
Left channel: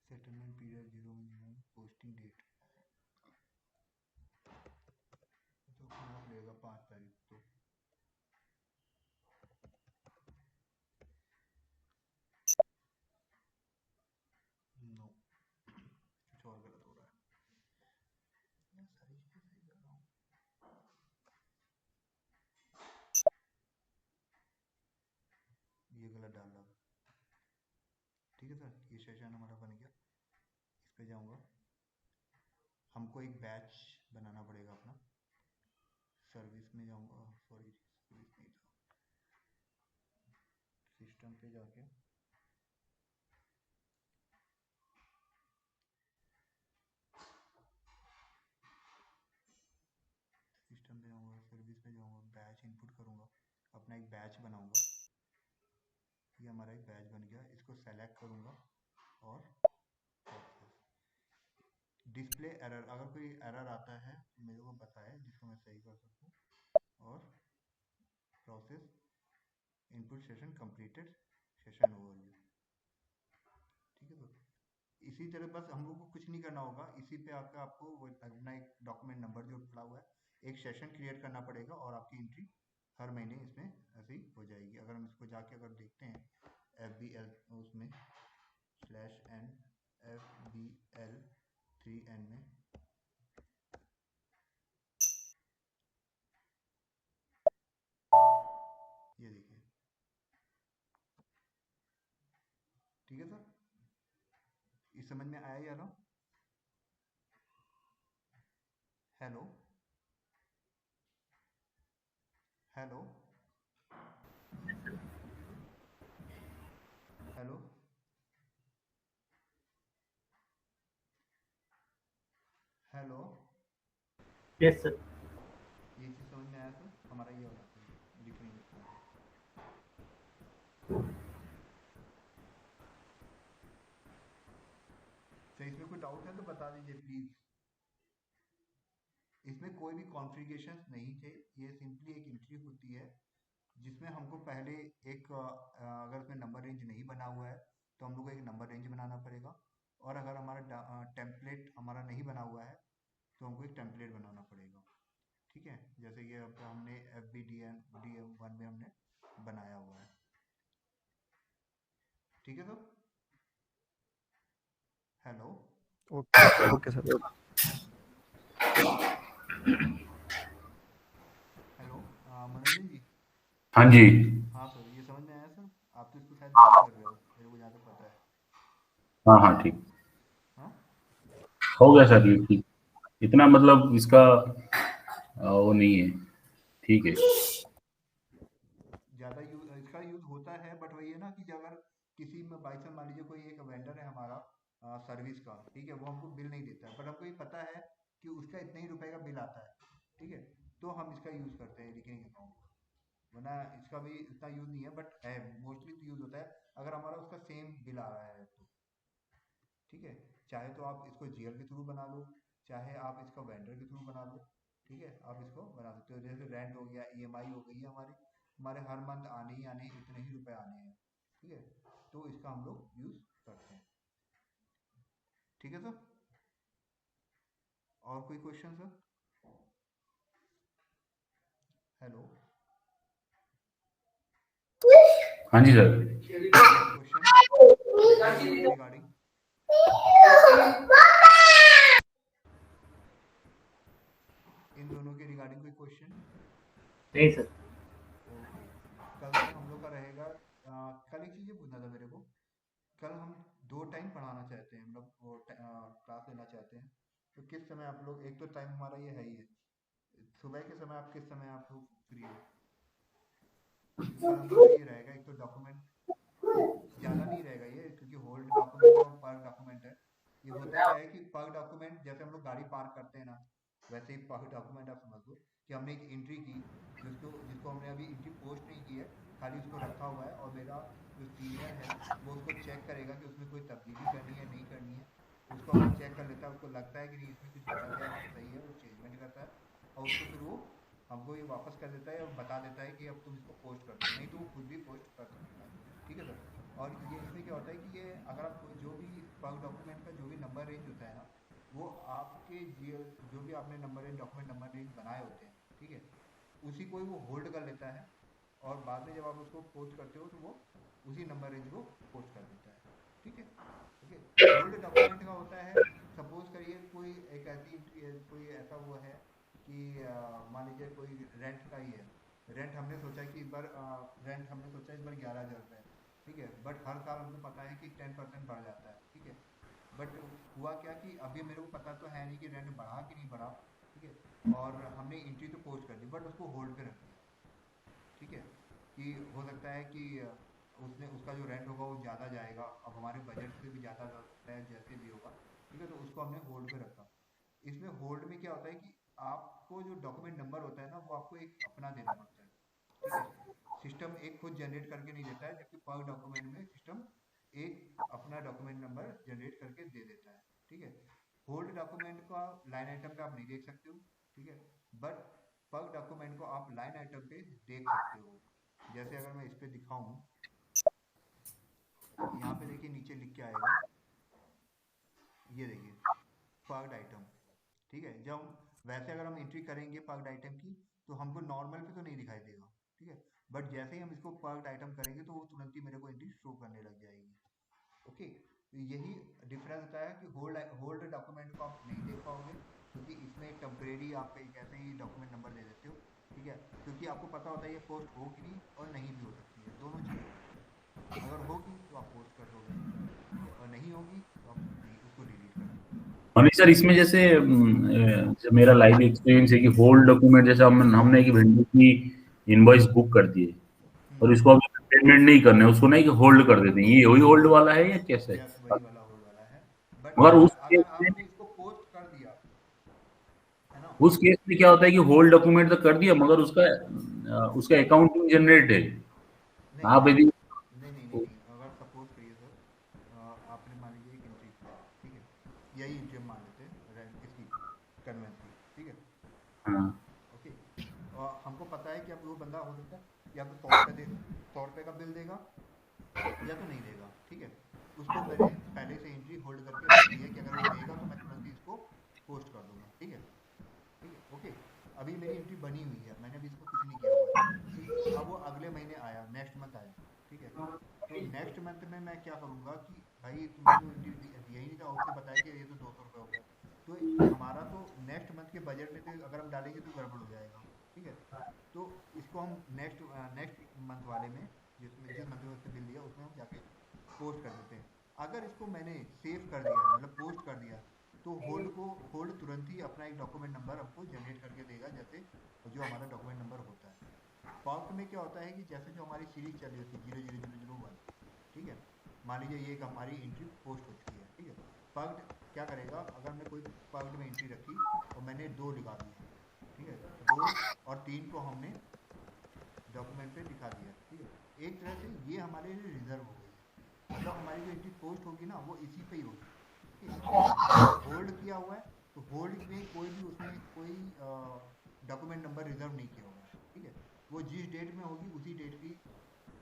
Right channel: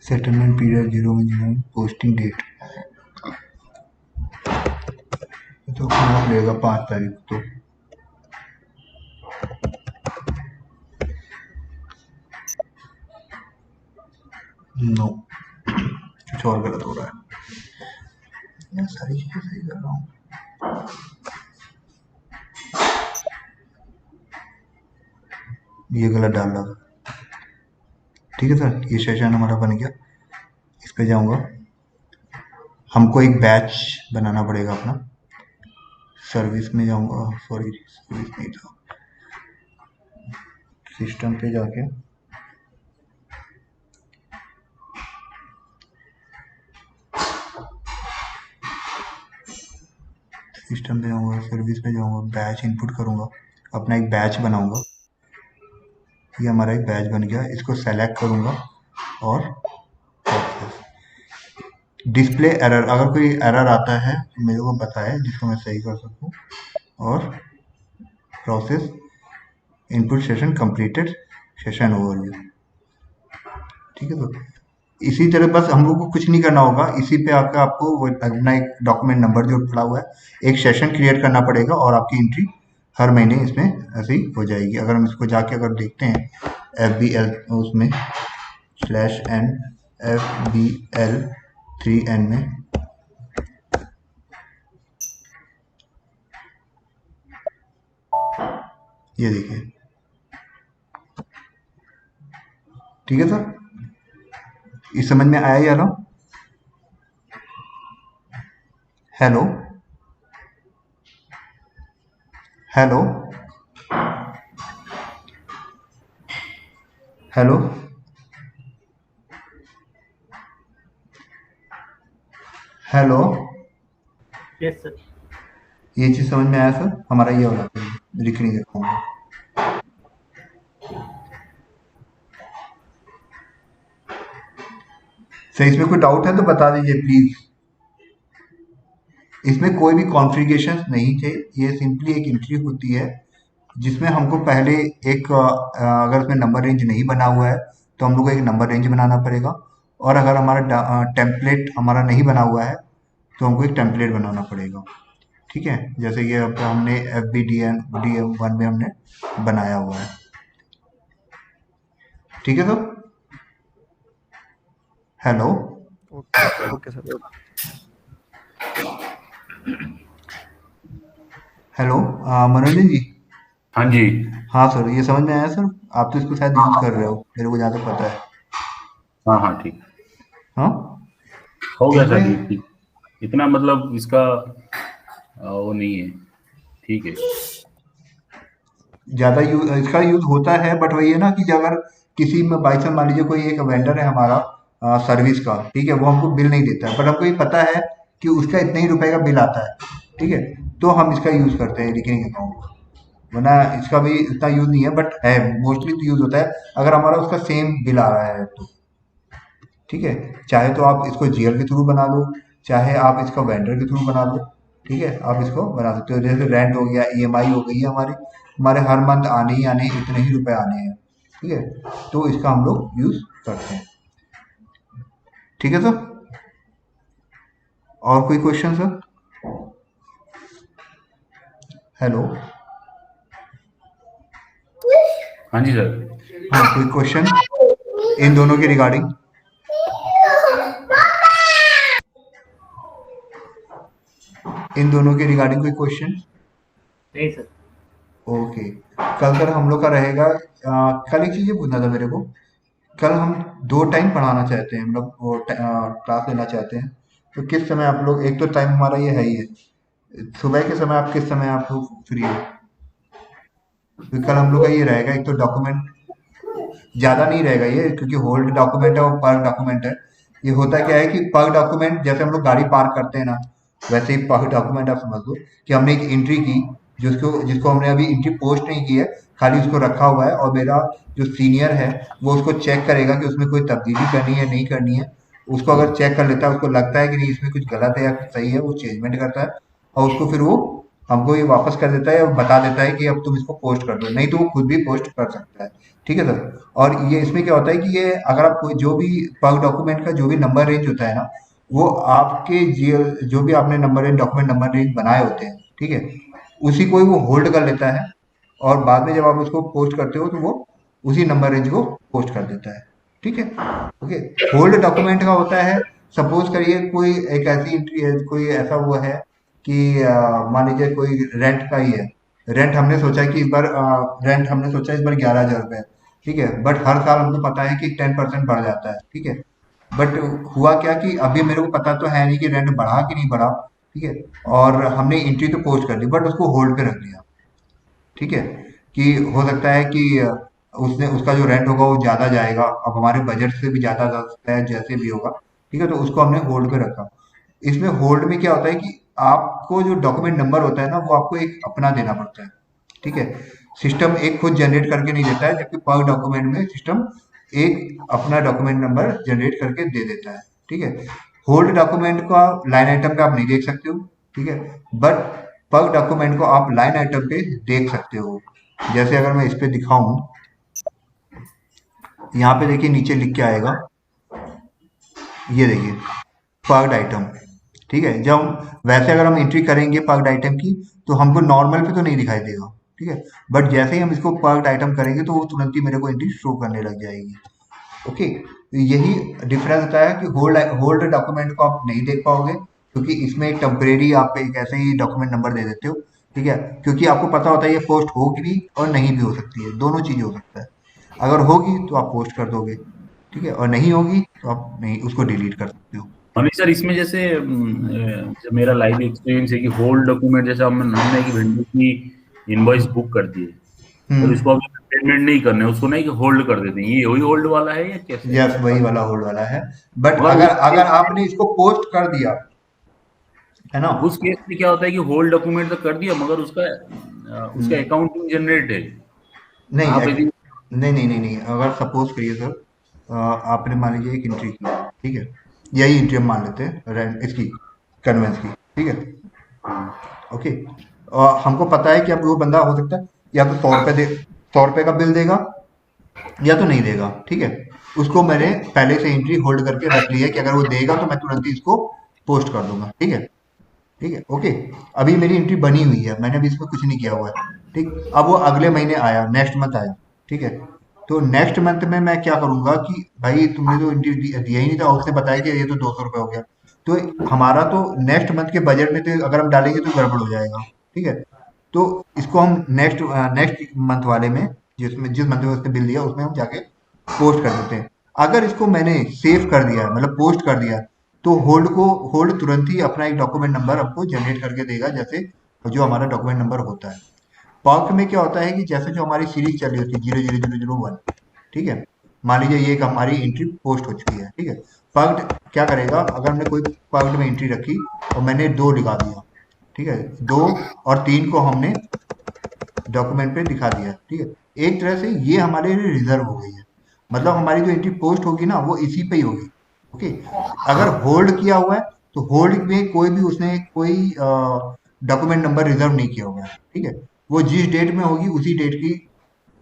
सेटलमेंट पीरियड 0 पोस्टिंग डेट तो कहाँ लगेगा 5 तारीख तो। नो, कुछ और गलत हो रहा है। यार सारी चीजें सही कर रहा हूँ। ये गलत डाल रहा था। ठीक है सर, ये सेशन हमारा बन गया। इस पे जाऊंगा, हमको एक बैच बनाना पड़ेगा अपना। सर्विस में जाऊंगा, सॉरी सर्विस नहीं था, सिस्टम पे जाके सिस्टम पे जाऊंगा, सर्विस पे जाऊंगा, बैच इनपुट करूंगा, अपना एक बैच बनाऊंगा। ये हमारा एक बैच बन गया, इसको सेलेक्ट करूंगा और डिस्प्ले एरर, अगर कोई एरर आता है तो मेरे को बताए जिसको मैं सही कर सकूं। और process input session completed, session overview. ठीक है, तो इसी तरह बस हम लोग को कुछ नहीं करना होगा, इसी पे आकर आपको वो अपना एक डॉक्यूमेंट नंबर जो पड़ा हुआ है, एक सेशन क्रिएट करना पड़ेगा और आपकी एंट्री हर महीने इसमें ऐसे ही हो जाएगी। अगर हम इसको जाके अगर देखते हैं FBL उसमें /n FBL 3n में, ये देखिए। ठीक है सर, इस समझ में आया या ना? Hello hello hello hello, yes sir. ये चीज समझ में आया सर? हमारा ये वाला रिकरिंग अकाउंट। सर इसमें कोई डाउट है तो बता दीजिए प्लीज। इसमें कोई भी कॉन्फ़िगरेशन नहीं थे, ये सिंपली एक एंट्री होती है जिसमें हमको पहले एक अगर उसमें नंबर रेंज नहीं बना हुआ है तो हम लोग को एक नंबर रेंज बनाना पड़ेगा, और अगर हमारा टेम्पलेट हमारा नहीं बना हुआ है तो हमको एक टेम्पलेट बनाना पड़ेगा। ठीक है, जैसे ये अब हमने FBDM1 में हमने बनाया हुआ है। ठीक है sir, hello okay sir. Hello मनोरंजन जी। हाँ जी। हाँ सर, ये समझ में आया सर? आप तो इसको शायद यूज कर रहे हो, मेरे को जहाँ तक पता है। हाँ हाँ ठीक, हाँ हो गया सर ये ठीक। इतना मतलब इसका वो नहीं है, ठीक है। ज़्यादा यूज इसका यूज होता है, बट वही है ना कि अगर किसी में बाई चांस मान लीजिए कोई एक वेंडर है हमारा सर्विस का, ठीक है, वो हमको बिल नहीं देता है, बट हमको ये पता है कि उसका इतने ही रुपए का बिल आता है, ठीक है, तो हम इसका यूज करते हैं रिकरिंग अकाउंट का। वरना इसका भी इतना यूज नहीं है, बट है मोस्टली तो यूज होता है अगर हमारा उसका सेम बिल आ रहा है तो। ठीक है, चाहे तो आप इसको GL के थ्रू बना लो, चाहे आप इसका वेंडर के थ्रू बना लो। ठीक है, आप इसको बना सकते हो, जैसे रेंट हो गया, EMI हो गई है हमारी, हमारे हर मंथ आने ही आने इतने ही रुपए आने हैं। ठीक है, तो इसका हम लोग यूज करते हैं। ठीक है सर, और कोई क्वेश्चन सर? हेलो, हाँ जी सर। कोई क्वेश्चन इन दोनों के रिगार्डिंग? इन दोनों के रिगार्डिंग कोई क्वेश्चन? नहीं सर। ओके, कल सर हम लोग का रहेगा कल एक चीज़ ये पूछना था मेरे को। कल हम 2 टाइम पढ़ाना चाहते हैं, मतलब वो क्लास लेना चाहते हैं। तो किस समय आप लोग, एक तो टाइम हमारा ये है ही है, सुबह के समय आप किस समय आप लोग फ्री हो? तो कल हम लोग का ये रहेगा, एक तो डॉक्यूमेंट ज़्यादा नहीं रहेगा ये, क्योंकि होल्ड डॉक्यूमेंट है और पर डॉक्यूमेंट है। ये होता क्या है कि पर डॉक्यूमेंट, जैसे हम लोग गाड़ी पार्क करते हैं ना, वैसे ही पर डॉक्यूमेंट आप समझ लो कि हमने एक एंट्री की, जिसको जिसको हमने अभी एंट्री पोस्ट नहीं की है, खाली उसको रखा हुआ है, और मेरा जो सीनियर है वो उसको चेक करेगा कि उसमें कोई तब्दीली करनी है नहीं करनी है। उसको अगर चेक कर लेता है, उसको लगता है कि नहीं इसमें कुछ गलत है या कुछ सही है, वो चेंजमेंट करता है, और उसको फिर वो हमको ये वापस कर देता है और बता देता है कि अब तुम इसको पोस्ट कर दो, नहीं तो वो खुद भी पोस्ट कर सकता है। ठीक है सर। और ये इसमें क्या होता है कि ये अगर आप कोई जो भी पग डॉक्यूमेंट का जो भी नंबर रेंज होता है ना, वो आपके जो भी आपने number range document number range बनाए होते हैं, ठीक है, उसी को ही वो होल्ड कर लेता है, और बाद में जब आप उसको पोस्ट करते हो तो वो उसी नंबर रेंज को पोस्ट कर देता है। ठीक है। ओके। होल्ड डॉक्यूमेंट का होता है, सपोज करिए कोई एक ऐसी एंट्री है, कोई ऐसा वो है कि मान लीजिए कोई रेंट का ही है। रेंट हमने सोचा कि इस बार रेंट हमने सोचा इस बार 11,000 रुपये है। ठीक है, बट हर साल हमको पता है कि 10% बढ़ जाता है। ठीक है, बट हुआ क्या कि अभी मेरे को पता तो है नहीं कि रेंट बढ़ा कि नहीं बढ़ा। ठीक है, और हमने एंट्री तो पोस्ट कर दी, बट उसको होल्ड पे रख दिया। ठीक है, कि हो सकता है कि उसने उसका जो रेंट होगा वो ज़्यादा जाएगा, अब हमारे बजट से भी ज़्यादा जा सकता है, जैसे भी होगा। ठीक है, तो उसको हमने होल्ड पे रखा। इसमें होल्ड में क्या होता है कि आपको जो डॉक्यूमेंट नंबर होता है ना, वो आपको एक अपना देना पड़ता है। ठीक है, सिस्टम एक खुद जनरेट करके नहीं देता है, जबकि पर डॉक्यूमेंट में सिस्टम एक अपना डॉक्यूमेंट नंबर जनरेट करके दे देता है। ठीक है, होल्ड डॉक्यूमेंट का लाइन आइटम पे आप नहीं देख सकते हो। ठीक है, बट पर डॉक्यूमेंट को आप लाइन आइटम पे देख सकते हो। जैसे अगर मैं इस पे दिखाऊं, यहाँ पे देखिए नीचे लिख के आएगा, ये देखिए पर्क्ड आइटम। ठीक है, जब वैसे अगर हम एंट्री करेंगे पर्क्ड आइटम की, तो हमको नॉर्मल पे तो नहीं दिखाई देगा। ठीक है, बट जैसे ही हम इसको पर्क्ड आइटम करेंगे तो वो तुरंत ही मेरे को एंट्री शो करने लग जाएगी। ओके, तो यही डिफरेंस होता है कि होल्ड होल्ड डॉक्यूमेंट को आप नहीं देख पाओगे, क्योंकि इसमें एक टेम्परेरी आप एक ऐसे ही डॉक्यूमेंट नंबर दे देते हो। ठीक है, क्योंकि आपको पता होता है ये पोस्ट होगी भी और नहीं भी हो सकती है, दोनों चीज़ें हो सकता है। अगर होगी तो आप पोस्ट कर दोगे, ठीक है, और नहीं होगी तो आप नहीं उसको डिलीट कर सकते हो। मनीष सर, इसमें जैसे जब मेरा लाइव एक्सपीरियंस है कि होल्ड डॉक्यूमेंट, जैसे हमने एक वेंडर की इनवॉइस बुक कर दी है और उसको अभी पेमेंट नहीं करने, उसको नहीं कि होल्ड कर देते हैं, ये वही होल्ड वाला है या कैसे है? यस, वही वाला होल्ड वाला है। बट मगर अगर उस अगर केस में आपने इसको पोस्ट कर दिया है ना, उस केस में क्या होता है कि होल्ड डॉक्यूमेंट तो कर दिया मगर उसका उसका अकाउंटिंग जनरेट है। नहीं आप यदि नहीं नहीं नहीं नहीं, अगर सपोज करिए सर, आपने मान लीजिए एक एंट्री की, ठीक है, यही एंट्री हम मान लेते हैं रेंट इसकी, कन्वेंस की। ठीक है, ओके, और हमको पता है कि अब वो बंदा हो सकता है या तो 100 रुपये दे, 100 रुपये का बिल देगा या तो नहीं देगा। ठीक है, उसको मैंने पहले से एंट्री होल्ड करके रख ली है कि अगर वो देगा तो मैं तुरंत ही इसको पोस्ट कर दूंगा। ठीक है, ठीक है, ओके। अभी मेरी एंट्री बनी हुई है, मैंने अभी इसमें कुछ नहीं किया हुआ है। ठीक, अब वो अगले महीने आया, नेक्स्ट मंथ आया। ठीक है, तो नेक्स्ट मंथ में मैं क्या करूंगा कि भाई तुमने तो एंट्री दिया ही नहीं था, उसने बताया कि ये तो 200 रुपये हो गया। तो हमारा तो नेक्स्ट मंथ के बजट में तो अगर हम डालेंगे तो गड़बड़ हो जाएगा। ठीक है, तो इसको हम नेक्स्ट नेक्स्ट मंथ वाले में, जिसमें जिस मंथ में उसने बिल दिया उसमें हम जाके पोस्ट कर देते हैं। अगर इसको मैंने सेव कर दिया, मतलब पोस्ट कर दिया, तो होल्ड तुरंत ही अपना एक डॉक्यूमेंट नंबर हमको जनरेट करके देगा, जैसे जो हमारा डॉक्यूमेंट नंबर होता है। पर्क में क्या होता है कि जैसे जो हमारी सीरीज चल रही होती है 00001, ठीक है, मान लीजिए ये एक हमारी एंट्री पोस्ट हो चुकी है। ठीक है, पर्क क्या करेगा, अगर हमने कोई पर्क में एंट्री रखी और मैंने 2 लिखा दिया, ठीक है, 2 और 3 को हमने डॉक्यूमेंट पे दिखा दिया। ठीक है, एक तरह से ये हमारे लिए रिजर्व हो गई है, मतलब हमारी जो एंट्री पोस्ट होगी ना वो इसी पे ही होगी। ओके, अगर होल्ड किया हुआ है तो होल्ड में कोई भी उसने कोई डॉक्यूमेंट नंबर रिजर्व नहीं किया हुआ है। ठीक है, वो जिस डेट में होगी उसी डेट की,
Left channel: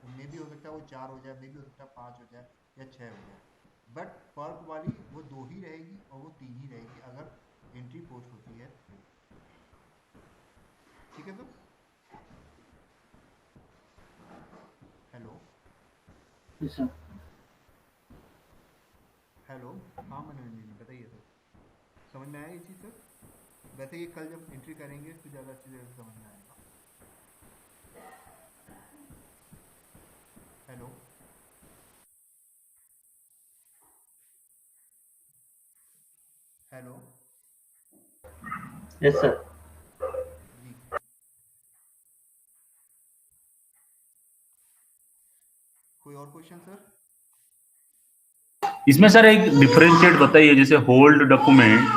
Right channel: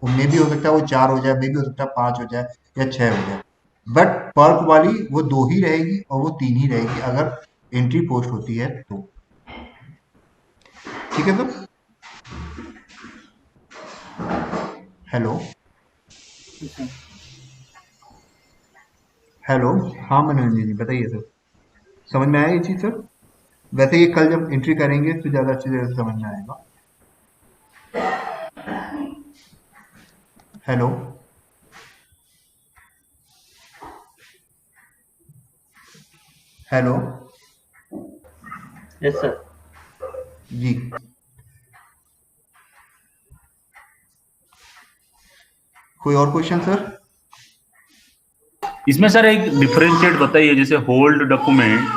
मे भी हो सकता है वो 4 हो जाए, मे भी हो सकता है 5 हो जाए या 6 हो जाए, बट पर्क वाली वो 2 ही रहेगी और वो 3 ही रहेगी अगर एंट्री पोस्ट होती है तो। ठीक है सर। हेलो हेलो, हाँ मनोरंजन जी बताइए सर, समझ में आया ये चीज़ सर? वैसे ये कल जब एंट्री करेंगे तो ज़्यादा अच्छी तरह से समझ में आएगा। Hello, hello yes sir. जी। कोई और क्वेश्चन सर? इसमें सर एक डिफरेंशिएट बताइए, जैसे होल्ड डॉक्यूमेंट,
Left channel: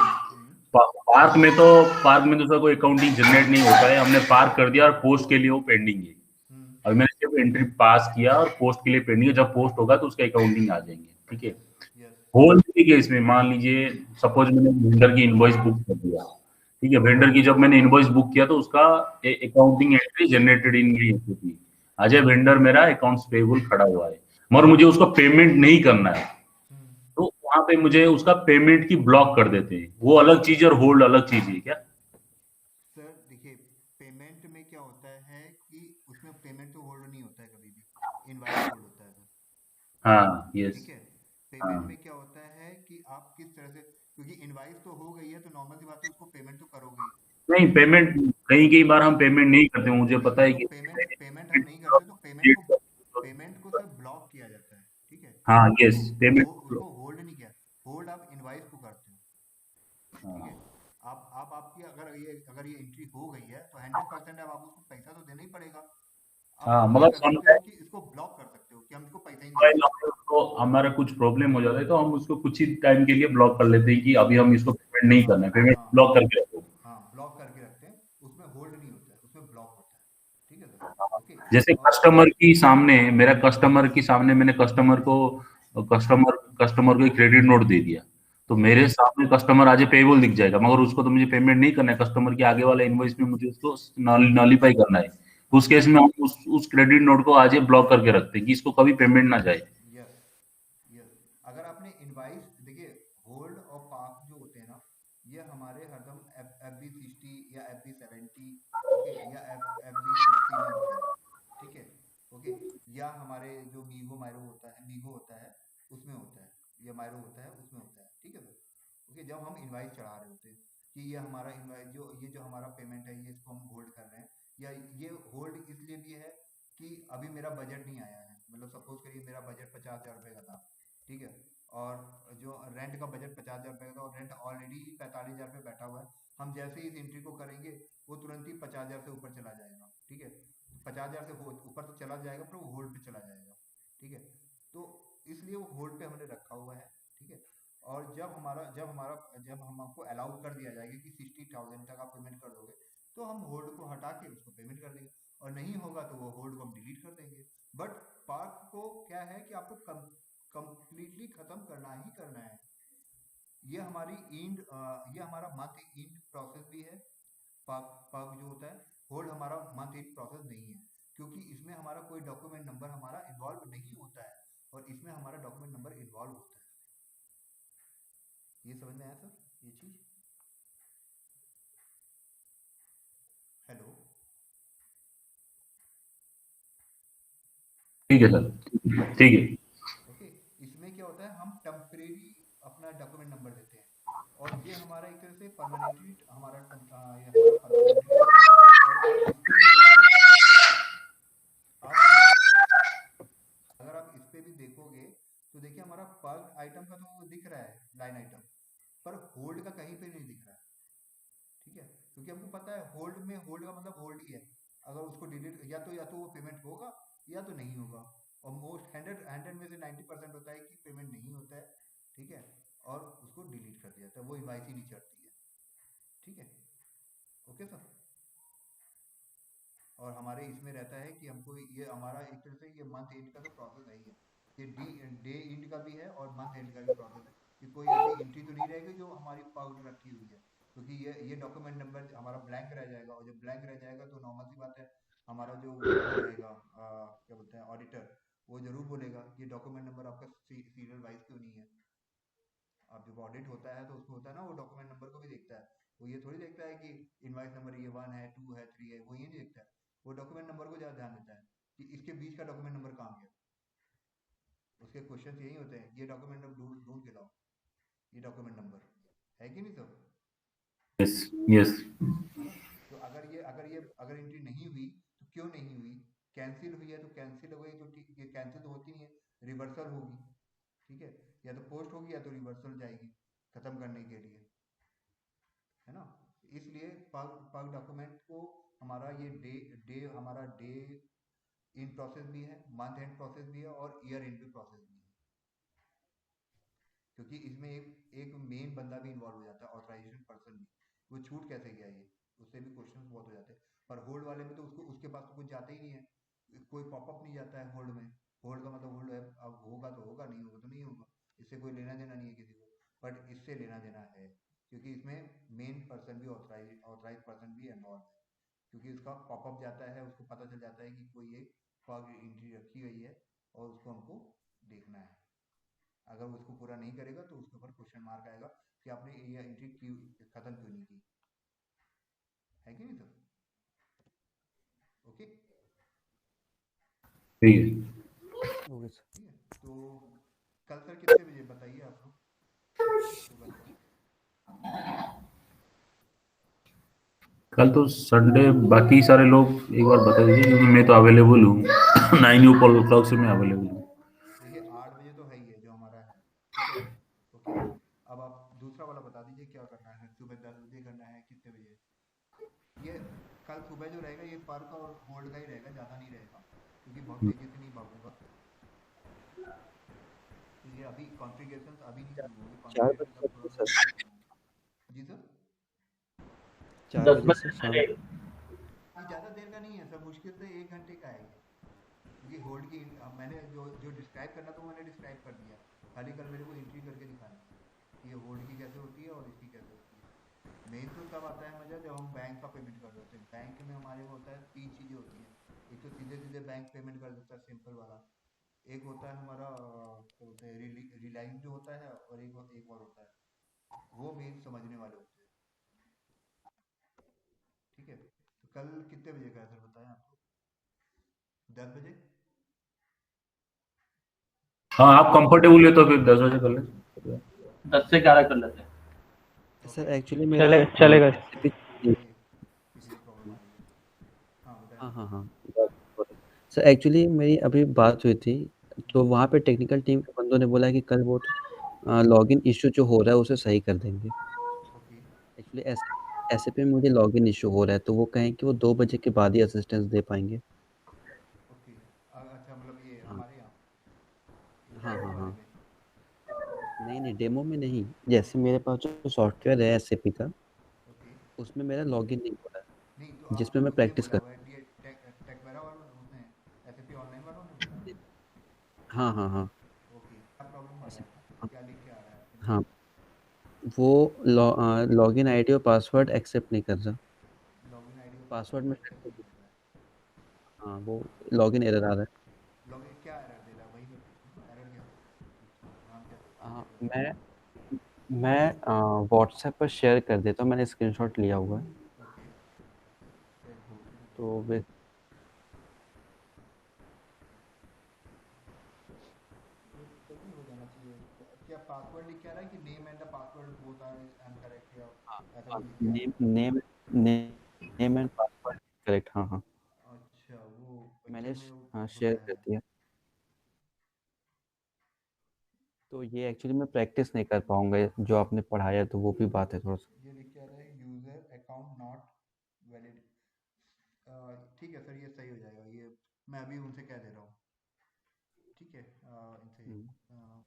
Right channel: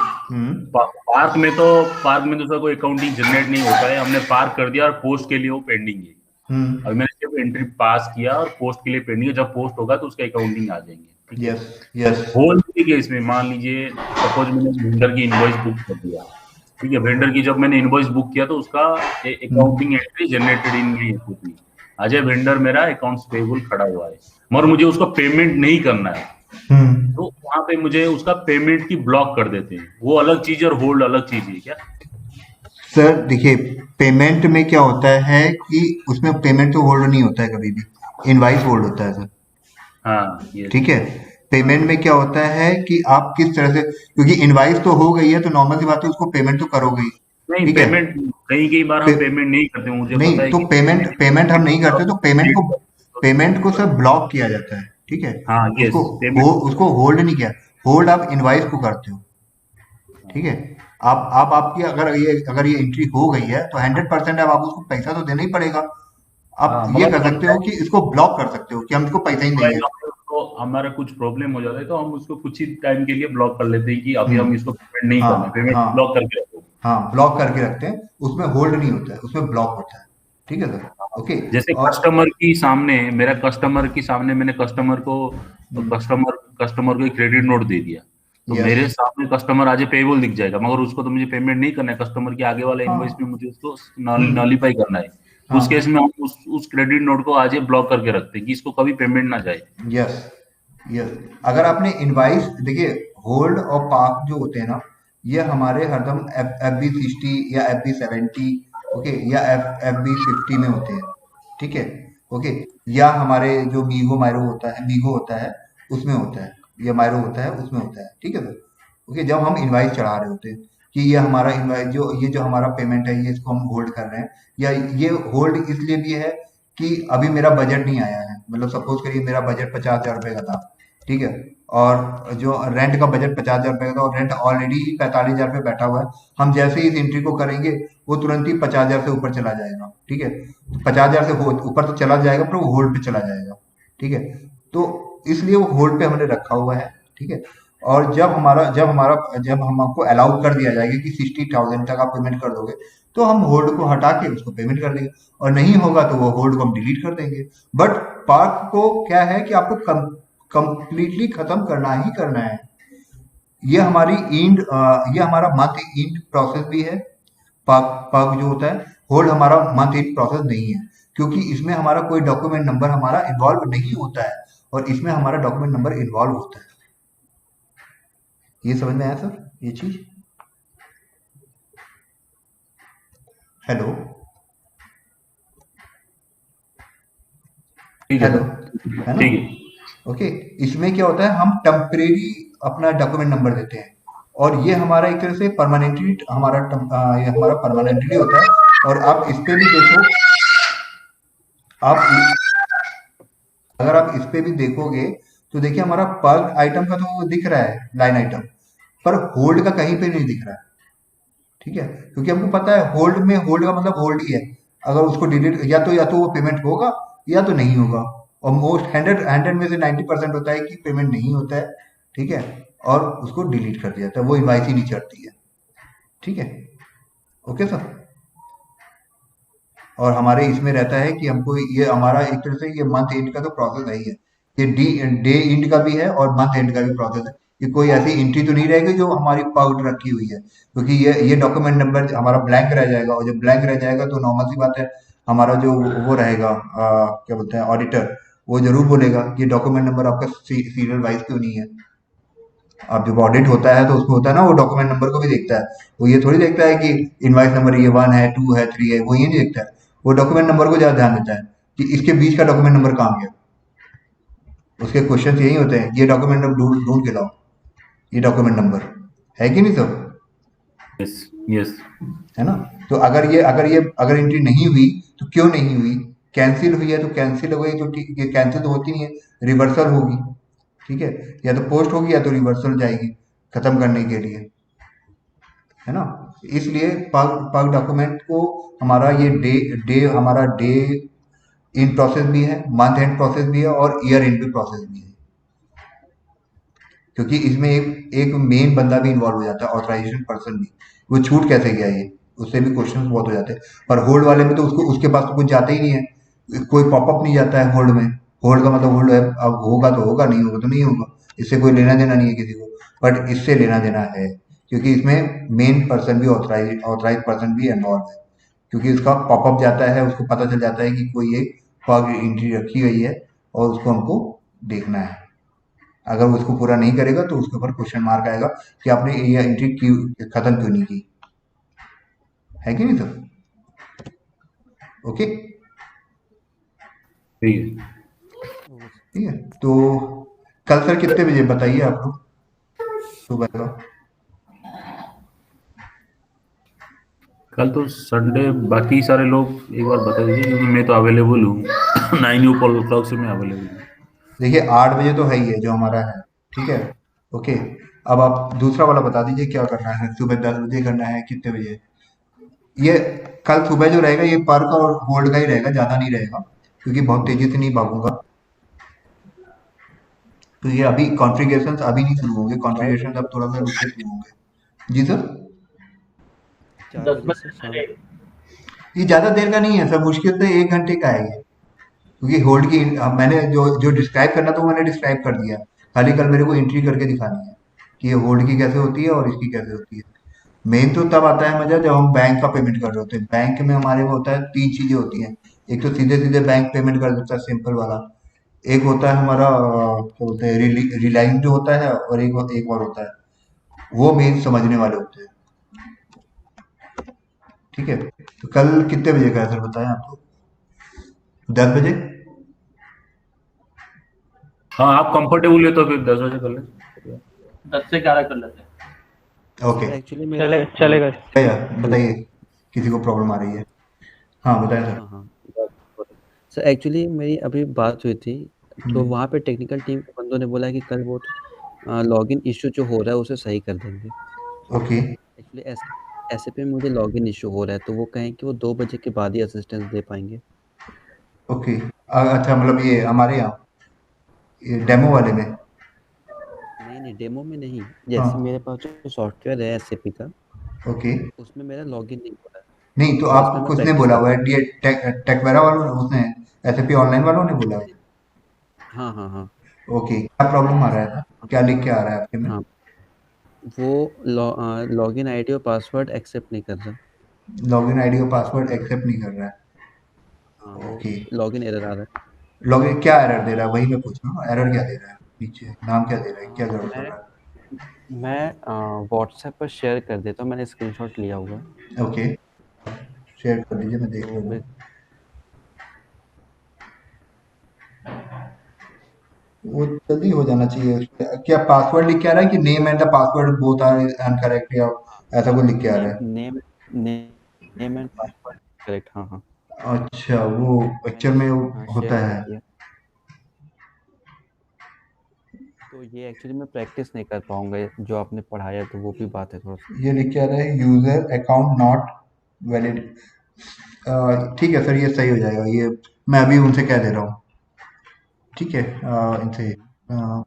पार्क में तो सर कोई अकाउंटिंग जनरेट नहीं होता है, हमने पार्क कर दिया और पोस्ट के लिए वो पेंडिंग है। अभी मैंने सिर्फ एंट्री पास किया और पोस्ट के लिए पेंडिंग है, जब पोस्ट होगा तो उसका अकाउंटिंग आ जाएंगे, ठीक है। यस यस होल्ड ठीक है, इसमें मान लीजिए सपोज मैंने वेंडर की इनवॉइस बुक कर दिया, ठीक है, वेंडर की जब मैंने इनवॉइस बुक किया तो उसका अकाउंटिंग एंट्री जनरेटेड इन नहीं होती। आज वेंडर मेरा अकाउंट्स पेबल खड़ा हुआ है, मगर मुझे उसको पेमेंट नहीं करना है, तो वहां पे मुझे उसका पेमेंट की ब्लॉक कर देते हैं। वो अलग चीज और होल्ड अलग चीज है क्या? सर देखिए, पेमेंट में क्या होता है कि उसमें पेमेंट तो होल्ड नहीं होता है कभी भी, इनवाइस होल्ड होता है सर। हाँ, ये ठीक है, पेमेंट में क्या होता है कि आप किस तरह से, क्योंकि इनवाइस तो हो गई है तो नॉर्मल सी बात है उसको पेमेंट तो करोगे ही। नहीं, ठीक है, पेमेंट कई बार हम पेमेंट नहीं करते, मुझे नहीं पता है तो कि पेमेंट हम नहीं करते तो पेमेंट को सर ब्लॉक किया जाता है। ठीक है, हाँ, यस, पेमेंट उसको होल्ड नहीं किया, होल्ड आप इनवाइस को करते हो। ठीक है, आप आपकी अगर ये एंट्री हो गई है तो 100% अब आप उसको पैसा तो देना ही पड़ेगा। आप हाँ, ये मगर कर सकते हो कि इसको ब्लॉक कर सकते हो कि हम इसको पैसा ही नहीं देंगे। तो हमारा कुछ प्रॉब्लम हो जाता है तो हम उसको कुछ ही टाइम के लिए ब्लॉक कर लेते हैं कि अभी हम हम्म, इसको पेमेंट नहीं करना है, हाँ पेमेंट हाँ ब्लॉक करके रखो। हाँ, ब्लॉक करके रखते हैं, उसमें होल्ड नहीं होता है, उसमें ब्लॉक होता है। ठीक है सर, ओके। जैसे और कस्टमर के सामने मैंने कस्टमर को एक क्रेडिट नोट दे दिया, तो यस, मेरे सामने कस्टमर आज पेबल दिख जाएगा, मगर उसको तो मुझे पेमेंट नहीं करना है, कस्टमर के आगे वाला इनवॉइस हाँ में मुझे उसको हम्म, नॉलिफाई करना है। उस केस हाँ में हम उस क्रेडिट नोट को आज ब्लॉक करके रखते हैं कि इसको कभी पेमेंट ना जाए। Yes yes. अगर आपने इनवाइस देखिए, होल्ड और पार्क जो होते हैं ना, ये हमारे हरदम FB60 या FB70, ओके, या FB50 में होते हैं। ठीक है, ओके, या हमारे जो मीगो होता है उसमें होता है, या मायरो होता है उसमें होता है। ठीक है सर, ओके, जब हम इनवाइस चढ़ा रहे होते हैं कि ये हमारा इनवाइस ये जो हमारा पेमेंट है ये इसको हम होल्ड कर रहे हैं, या ये होल्ड इसलिए भी है कि अभी मेरा बजट नहीं आया है। मतलब सपोज करिए मेरा बजट 50,000 रुपये का था, ठीक है, और जो रेंट का बजट 50,000 रुपये का था और रेंट ऑलरेडी 45,000 पे बैठा हुआ है। हम जैसे ही इस एंट्री को करेंगे वो तुरंत ही 50,000 से ऊपर चला जाएगा। ठीक है, 50,000 से ऊपर तो चला जाएगा पर वो होल्ड पे चला जाएगा। ठीक है, तो इसलिए वो होल्ड पे हमने रखा हुआ है। ठीक है, और जब हमको अलाउ कर दिया जाएगा कि 60,000 तक आप पेमेंट कर दोगे, तो हम होल्ड को हटा के उसको पेमेंट कर देंगे, और नहीं होगा तो वो होल्ड को हम डिलीट कर देंगे। बट पार्क को क्या है कि आपको कंप्लीटली खत्म करना ही करना है। ये ये हमारा मंथ एंड प्रोसेस भी है। पार्क पार्क जो होता है, होल्ड हमारा मंथ एंड प्रोसेस नहीं है, क्योंकि इसमें हमारा कोई डॉक्यूमेंट नंबर हमारा इन्वॉल्व नहीं होता है, और इसमें हमारा डॉक्यूमेंट नंबर इन्वॉल्व होता है। ये समझ में आया सर, ये चीज? हेलो, ठीक है हेलो, सर, है ना? ठीक है। ओके, इसमें क्या होता है, हम टेम्परेरी अपना डॉक्यूमेंट नंबर देते हैं, और ये हमारा एक तरह से परमानेंटली ये हमारा परमानेंटली होता है। और आप इस पे भी देखो, आप अगर आप इस पे भी देखोगे तो देखिए हमारा पर आइटम का तो दिख रहा है लाइन आइटम, पर होल्ड का कहीं पे नहीं दिख रहा है। ठीक है, क्योंकि हमको पता है होल्ड का मतलब होल्ड ही है। अगर उसको डिलीट, या तो वो पेमेंट होगा या तो नहीं होगा, और मोस्ट 100 में से 90% होता है कि पेमेंट नहीं होता है। ठीक है, और उसको डिलीट कर दिया जाता है, वो इनवाइस ही नहीं चढ़ती है। ठीक है, ओके सर। और हमारे इसमें रहता है कि हमको ये हमारा एक तरह से ये मंथ एंड का तो प्रोसेस है ही है, ये डे एंड का भी है और मंथ एंड का भी प्रोसेस है, कि कोई ऐसी एंट्री तो नहीं रहेगी जो हमारी पाउट रखी हुई है, क्योंकि ये डॉक्यूमेंट नंबर हमारा ब्लैंक रह जाएगा, और जब ब्लैंक रह जाएगा तो नॉर्मल सी बात है, हमारा जो वो रहेगा क्या बोलते हैं ऑडिटर, वो जरूर बोलेगा कि डॉक्यूमेंट नंबर आपका सीरियल वाइज क्यों नहीं है। अब जब ऑडिट होता है तो उसमें होता है ना, वो डॉक्यूमेंट नंबर को भी देखता है, वो ये थोड़ी देखता है कि इनवाइस नंबर ये 1 है, 2 है, 3 है, वो ये नहीं देखता है, वो डॉक्यूमेंट नंबर को ज्यादा ध्यान देता है कि इसके बीच का डॉक्यूमेंट नंबर कहाँ गया। उसके क्वेश्चन यही होते हैं, ये डॉक्यूमेंट नंबर ढूंढ ढूंढ के लाओ, ये डॉक्यूमेंट नंबर है कि नहीं सर? Yes, yes. है ना? तो अगर एंट्री नहीं हुई तो क्यों नहीं हुई, कैंसिल हुई है तो कैंसिल हो गई, तो ठीक है, कैंसिल तो होती नहीं है, रिवर्सल होगी, ठीक है, या तो पोस्ट होगी या तो रिवर्सल जाएगी खत्म करने के लिए, है ना। इसलिए पग डॉक्यूमेंट को हमारा ये हमारा डे इन प्रोसेस भी है, मंथ एंड प्रोसेस भी है और ईयर एंड भी प्रोसेस भी है, क्योंकि इसमें एक मेन बंदा भी इन्वॉल्व हो जाता है, ऑथराइजेशन पर्सन भी। वो छूट कैसे गया ये, उससे भी क्वेश्चन बहुत हो जाते हैं। पर होल्ड वाले में तो उसको उसके पास तो कुछ जाता ही नहीं है, कोई पॉपअप नहीं जाता है होल्ड में। होल्ड का मतलब होल्ड है, अब होगा तो होगा, नहीं होगा तो नहीं होगा, इससे कोई लेना देना नहीं है किसी को। बट इससे लेना देना है, क्योंकि इसमें मेन पर्सन भी ऑथराइज पर्सन भी इन्वॉल्व है, क्योंकि उसका पॉपअप जाता है, उसको पता चल जाता है कि कोई एक फॉग एंट्री रखी गई है और उसको हमको देखना है। अगर वो उसको पूरा नहीं करेगा तो उसके ऊपर क्वेश्चन मार्क आएगा कि आपने ये एंट्री क्यों खत्म क्यों नहीं की, है कि नहीं सर? ओके, ठीक है। ठीक है। तो कल सर कितने बजे बताइए आप लोग सुबह का? कल तो संडे, बाकी सारे लोग एक बार बता दीजिए, क्योंकि मैं तो अवेलेबल हूँ 9 o'clock से मैं अवेलेबल हूँ। देखिए 8 बजे तो है ही है जो हमारा है, ठीक है। ओके, अब आप दूसरा वाला बता दीजिए क्या करना है, सुबह 10 बजे करना है कितने बजे? ये कल सुबह जो रहेगा ये पर का और होल्ड का ही रहेगा, ज़्यादा नहीं रहेगा, क्योंकि बहुत तेज़ी से नहीं भागूंगा। तो ये अभी कॉन्फ़िगरेशंस अभी नहीं शुरू होंगे, कॉन्फ़िगरेशंस अब थोड़ा सा रुक के शुरू होंगे। जी सर? 4 10 बजे से बजे शाम। से ये ज़्यादा देर का नहीं है सर, मुश्किल से 1 घंटे का है ये, क्योंकि होल्ड की मैंने जो जो डिस्क्राइब करना था वो मैंने डिस्क्राइब कर दिया। खाली कल मेरे को एंट्री करके दिखानी है कि ये होल्ड की कैसे होती है और इसकी कैसे होती है। मेन तो तब आता है मज़ा जब हम बैंक का पेमेंट कर रहे होते हैं। बैंक में हमारे वो होता है, 3 चीज़ें होती हैं। एक तो सीधे सीधे बैंक पेमेंट कर देता है, सिंपल वाला। एक होता है हमारा क्या बोलते हैं, रिलाइंग जो होता है, और एक और होता है, वो मेन समझने वाले होते हैं, ठीक है। तो कल कितने बजे का है सर बताएं आप लोग? 10 बजे? हाँ, आप कंफर्टेबल है तो फिर 10 बजे कर लें। 10 से 11 कर लेते हैं। ओके, सर एक्चुअली मेरा चलेगा। बताइए, किसी को प्रॉब्लम आ रही है? हाँ बताएं सर। हाँ, हाँ। सर एक्चुअली मेरी अभी बात हुई थी, तो वहाँ पे टेक्निकल टीम के बंदों ने बोला कि कल वो लॉगिन इश्यू जो हो रहा है उसे सही कर देंगे। ओके, एक्चुअली ऐसे पे मुझे लॉगिन इश्यू हो रहा है, तो वो कहें कि वो 2 बजे के बाद ही असिस्टेंस दे पाएँगे। ओके। अच्छा, मतलब ये हमारे यहाँ ये डेमो वाले में? नहीं, नहीं, डेमो में नहीं। हाँ, जैसे मेरे पास जो सॉफ्टवेयर है एसएपी का, ओके। उसमें मेरा लॉगिन नहीं हो रहा नहीं तो है, जिसमें आप मैं किसने प्रैक्टिस बोला कर हुआ रहा है, ये टेकवेरा वालों ने, उसने एसएपी ऑनलाइन वालों ने बोला है? हूँ। हाँ, हाँ, हाँ। ओके, क्या प्रॉब्लम आ रहा है, क्या लिख के आ रहा है आपके में? हाँ, वो लॉगिन आईडी और पासवर्ड एक्सेप्ट नहीं कर रहा। लॉगिन आईडी और पासवर्ड एक्सेप्ट नहीं कर रहा हाँ, है, वो ओके। लॉगिन एरर आ रहा है। लॉगिन क्या एरर दे रहा है, वही मैं पूछ रहा हूँ, एरर क्या दे रहा है नीचे, नाम क्या दे रहा है, क्या गड़बड़ कर मैं रहा व्हाट्सएप पर शेयर कर देता हूँ, मैंने स्क्रीनशॉट लिया हुआ है। है? ओके, शेयर कर दीजिए, मैं देख तो लूँगा। वे वो जल्दी हो जाना चाहिए। क्या पासवर्ड लिख के आ रहा है कि name and the password both are incorrect, या ऐसा कुछ लिख के आ रहा नेम है? नेम ने नेम एंड पासवर्ड करेक्ट। हाँ, हाँ। अच्छा, वो मैंने एक्चुअल में हाँ, शेयर होता कर है। दिया। तो ये एक्चुअली मैं प्रैक्टिस नहीं कर पाऊँगा, जो आपने पढ़ाया तो वो भी बात है थोड़ा-सा। ये लिख के आ रहा है यूजर अकाउंट नॉट वैलिड। ठीक है सर, ये सही हो जाएगा, ये मैं अभी उनसे कह दे रहा हूँ, ठीक है। इनसे हुँ,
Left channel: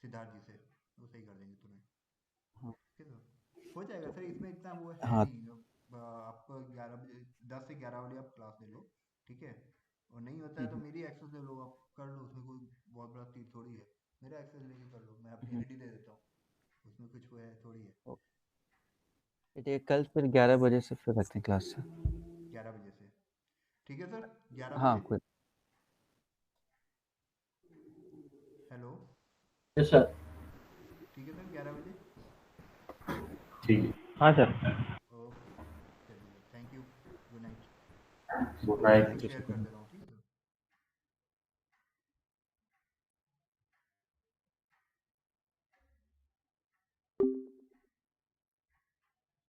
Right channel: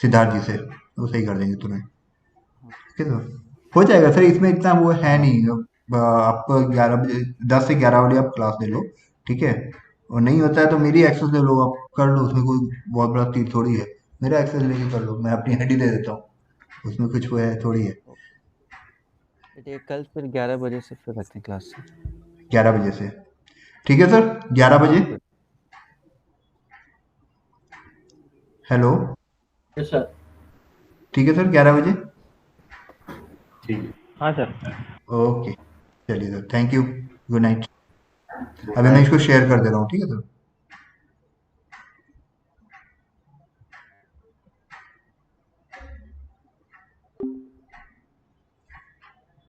सिद्धार्थ जी से, वो सही कर देंगे तुम्हें, हाँ, ठीक है सर। हो जाएगा सर, इसमें इतना वो है हाँ, नहीं। आपको 11 बजे, 10 से 11 बजे आप क्लास ले लो, ठीक है। और नहीं होता है तो मेरी एक्सेस ले लो, आप कर लो, उसमें कोई बहुत बड़ा तीर थोड़ी है। मेरा एक्सेस लेके कर लो, मैं अपनी आईडी दे देता हूँ, उसमें कुछ वो है थोड़ी है। ओ ठीक है, कल फिर 11 बजे से फिर रखते हैं क्लास से। 11 बजे से, ठीक है सर, 11 बजे। हाँ, फिर हेलो, यस सर। ठीक है सर, 11 बजे। ठीक है। हाँ सर। ओके, चलिए sir, thank you, good night. Good अभी मैं नाइट। इसको शेयर कर दे रहा हूँ, ठीक है सर।